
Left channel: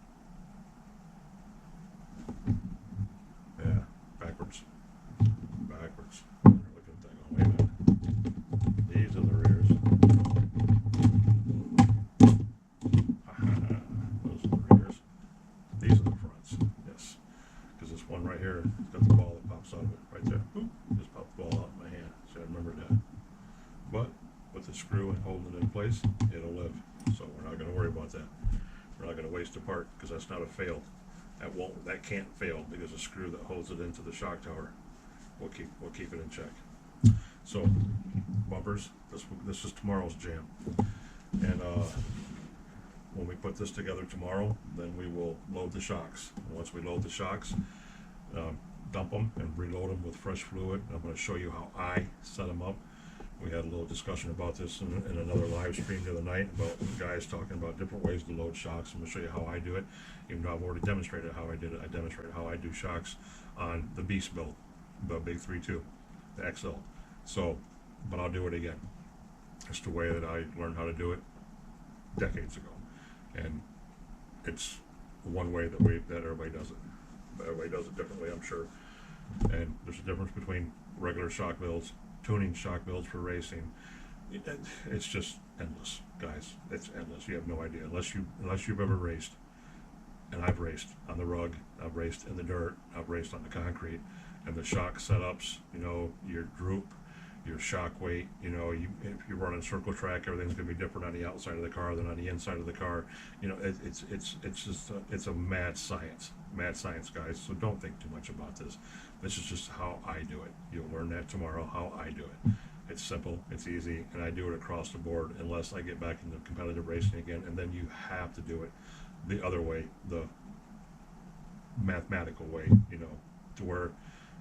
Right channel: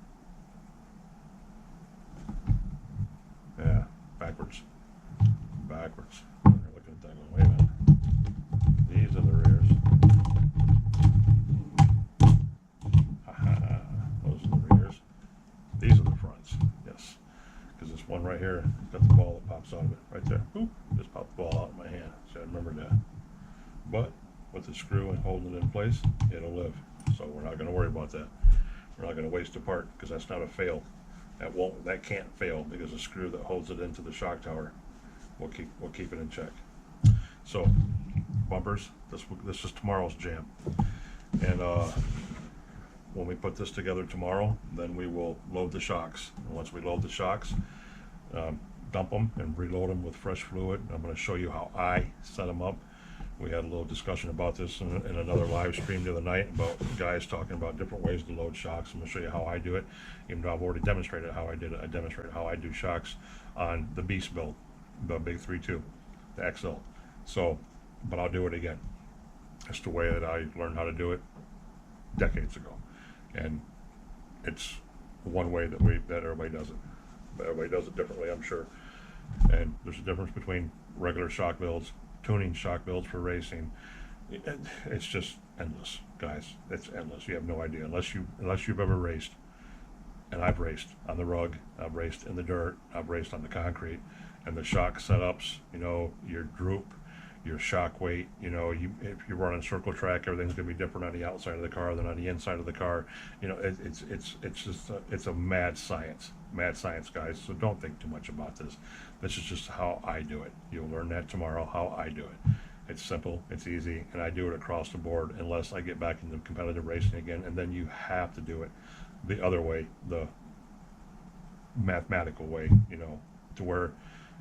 Yeah, backwards. Backwards. They're looking at that going, wait a minute. These are the rears. Those are the rears. These are the fronts. Yes. Because this one right here has got the ball that pops out of it. Right there. Oop, just popped the ball out of my hand. So I remember that. But with the screw and holding it in place, it'll live. So we're not going to worry about that. We're not going to waste a part because that's not a fail. That can't fail because the screw that holds it into the shock tower will keep it in check. So bumpers, this is tomorrow's jam. And when we put this together tomorrow, then we will load the shocks. And once we load the shocks, dump them and reload them with fresh fluid. I'm going to show you how I set them up. We had a little discussion about this in another live stream the other night about guys talking about different ways to load shocks. I'm going to show you how I do it. Even though I've already demonstrated how I did it, I demonstrated how I do shocks on the Beast build, the Big 3.2, the XL. So, but I'll do it again. It's the way that I learned how to do it decades ago. And it's one way that everybody does it. But everybody does it differently, I'm sure. And there's a difference between regular shock builds, tuning shock builds for racing. It's just endless, guys. It's endless. You have no idea unless you've ever raced. And I've raced on the rug, I've raced in the dirt, I've raced on the concrete, and the shock setups, your droop, your shock weight, if you're running circle track, everything's going to be different on the outside of the car than on the inside of the car. It's just it's a mad science, guys. So don't think too much about this. This is just how I do it. You'll learn that tomorrow, how I do it. It's simple, it's easy, and I do it across the board unless I get back into competitive racing again, and then you have to do it the other way, the mathematical way, to where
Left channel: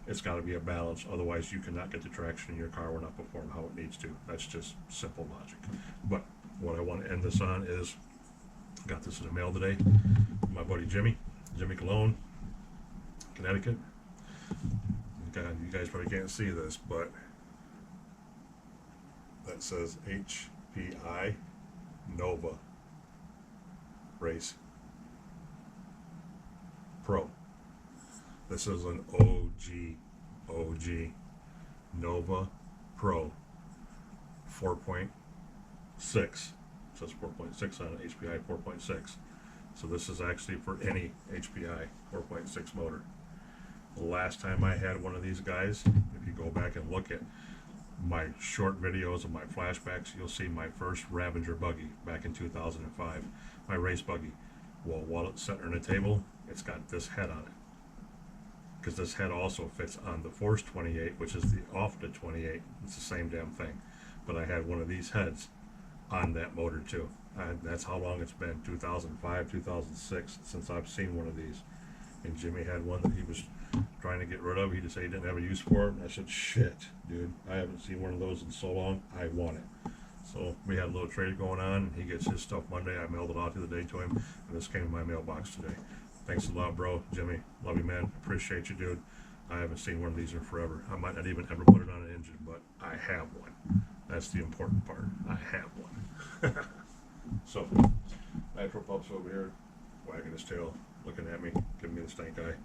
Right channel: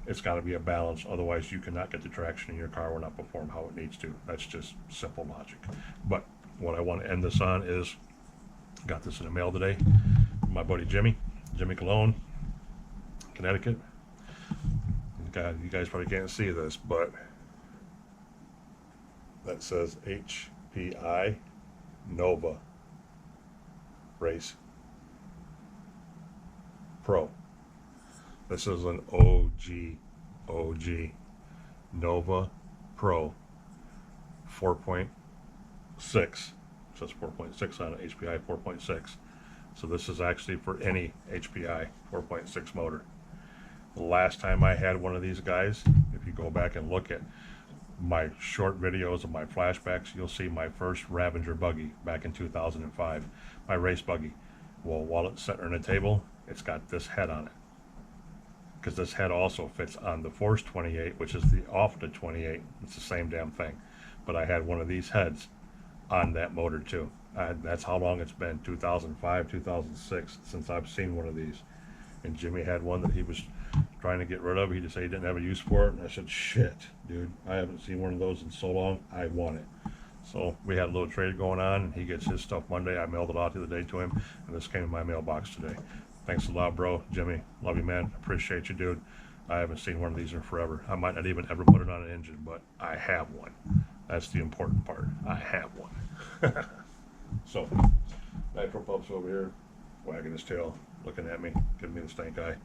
it's got to be a balance. Otherwise, you cannot get the traction in your car will not perform how it needs to. That's just simple logic. But what I want to end this on is, got this in the mail today from my buddy Jimmy Cologne, Connecticut. God, you guys probably can't see this, but that says HPI Nova Race Pro. This is an OG Nova Pro 4.6. It says 4.6 on it, HPI 4.6. So this is actually for any HPI 4.6 motor. The last time I had one of these guys, if you go back and look at my short videos of my flashbacks, you'll see my first Ravager buggy back in 2005, my race buggy. Well, while it's sitting on a table, it's got this head on it, because this head also fits on the Force 28, which is the off the 28. It's the same damn thing, but I had one of these heads on that motor too. That's how long it's been, 2005, 2006, since I've seen one of these. And Jimmy had one that he was trying to get rid of. He just said he didn't have a use for it, and I said, shit, dude, I haven't seen one of those in so long, I want it. So we had a little trade going on, and he gets his stuff Monday. I mailed it out the other day to him, and this came in my mailbox today. Thanks a lot, bro. Jimmy, love you, man. Appreciate you, dude. I haven't seen one of these in forever. I might not even ever put it on an engine, but I have one. That's the important part. I have one. So, Nitro Pup's over here, wagging his tail, looking at me, giving me the stank eye.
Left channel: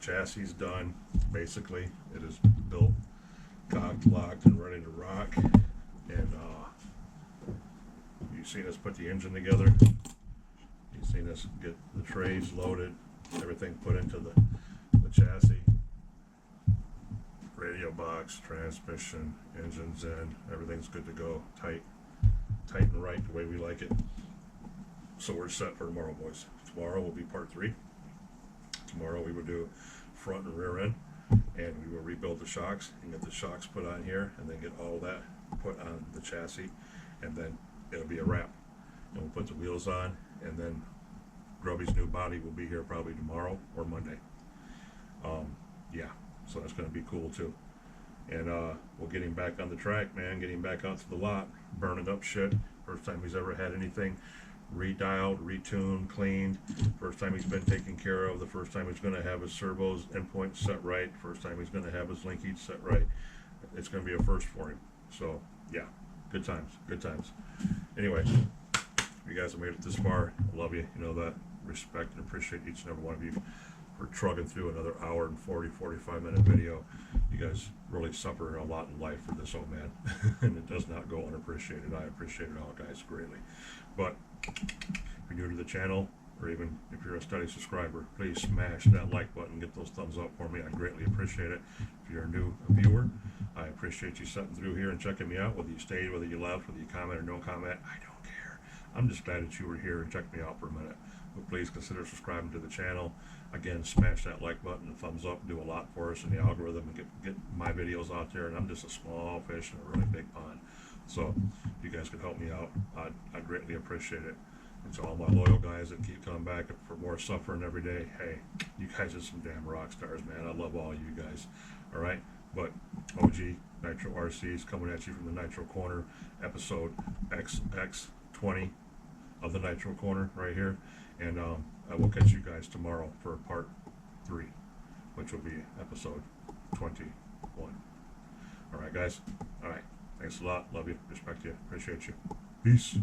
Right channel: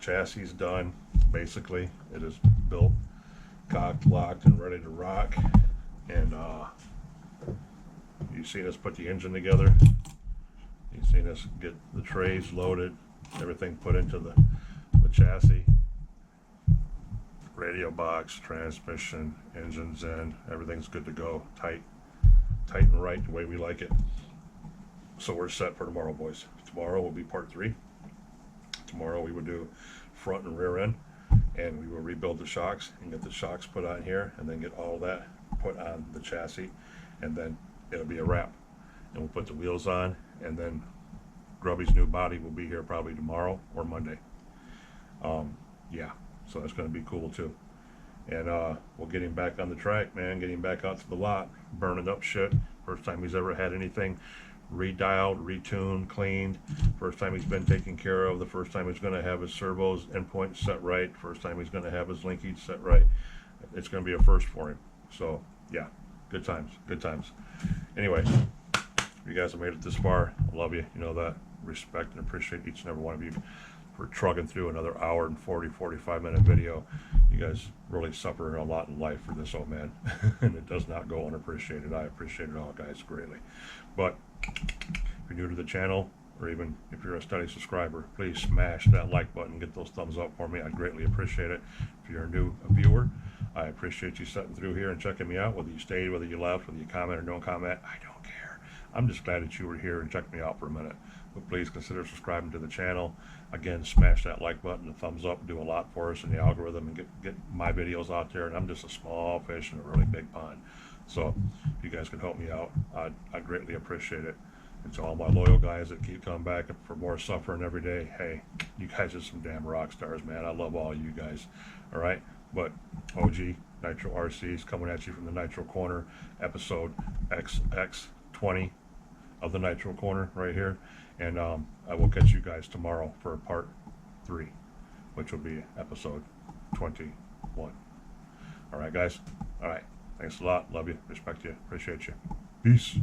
Chassis is done. Basically, it is built, cocked, locked, and ready to rock. And you've seen us put the engine together. You've seen us get the trays loaded, everything put into the chassis, radio box, transmission, engines in, everything's good to go, tight and right the way we like it. So we're set for tomorrow, boys. Tomorrow will be part 3. Tomorrow we will do front and rear end, and we will rebuild the shocks and get the shocks put on here, and then get all that put on the chassis, and then it'll be a wrap. And we'll put the wheels on, and then Grubby's new body will be here probably tomorrow or Monday. Yeah, so that's going to be cool too. And we'll get him back on the track, man, get him back out to the lot, burning up shit. First time he's ever had anything redialed, retuned, cleaned. First time he's been taken care of. The first time he's going to have his servos endpoint set right. First time he's going to have his linkage set right. It's going to be a first for him. So yeah, good times, good times. Anyway, you guys have made it this far. I love you. You know that. Respect and appreciate each and every one of you for trugging through another hour and 45 minute video. You guys really suffer a lot in life for this old man, and it does not go unappreciated. I appreciate it all, guys, greatly. But if you're new to the channel, or even if you're a steady subscriber, please smash that like button, get those thumbs up for me. I'd greatly appreciate it. If you're a new viewer, I appreciate you sitting through here and checking me out, whether you stayed, whether you left, whether you comment or don't comment. I don't care. I'm just glad that you were here and checked me out for a minute. But please consider subscribing to the channel. Again, smash that like button, the thumbs up, do a lot for us in the algorithm, and get my videos out there. And I'm just a small fish in a really big pond. So if you guys could help me out, I'd greatly appreciate it. And to all my loyal guys that keep coming back for more suffering every day, hey, you guys are some damn rock stars, man. I love all you guys. All right? But OG Nitro RCs coming at you from the Nitro Corner, episode XX20 of the Nitro Corner right here. And I will catch you guys tomorrow for part 3, which will be episode 21. All right, guys? All right. Thanks a lot. Love you. Respect you. Appreciate you. Peace.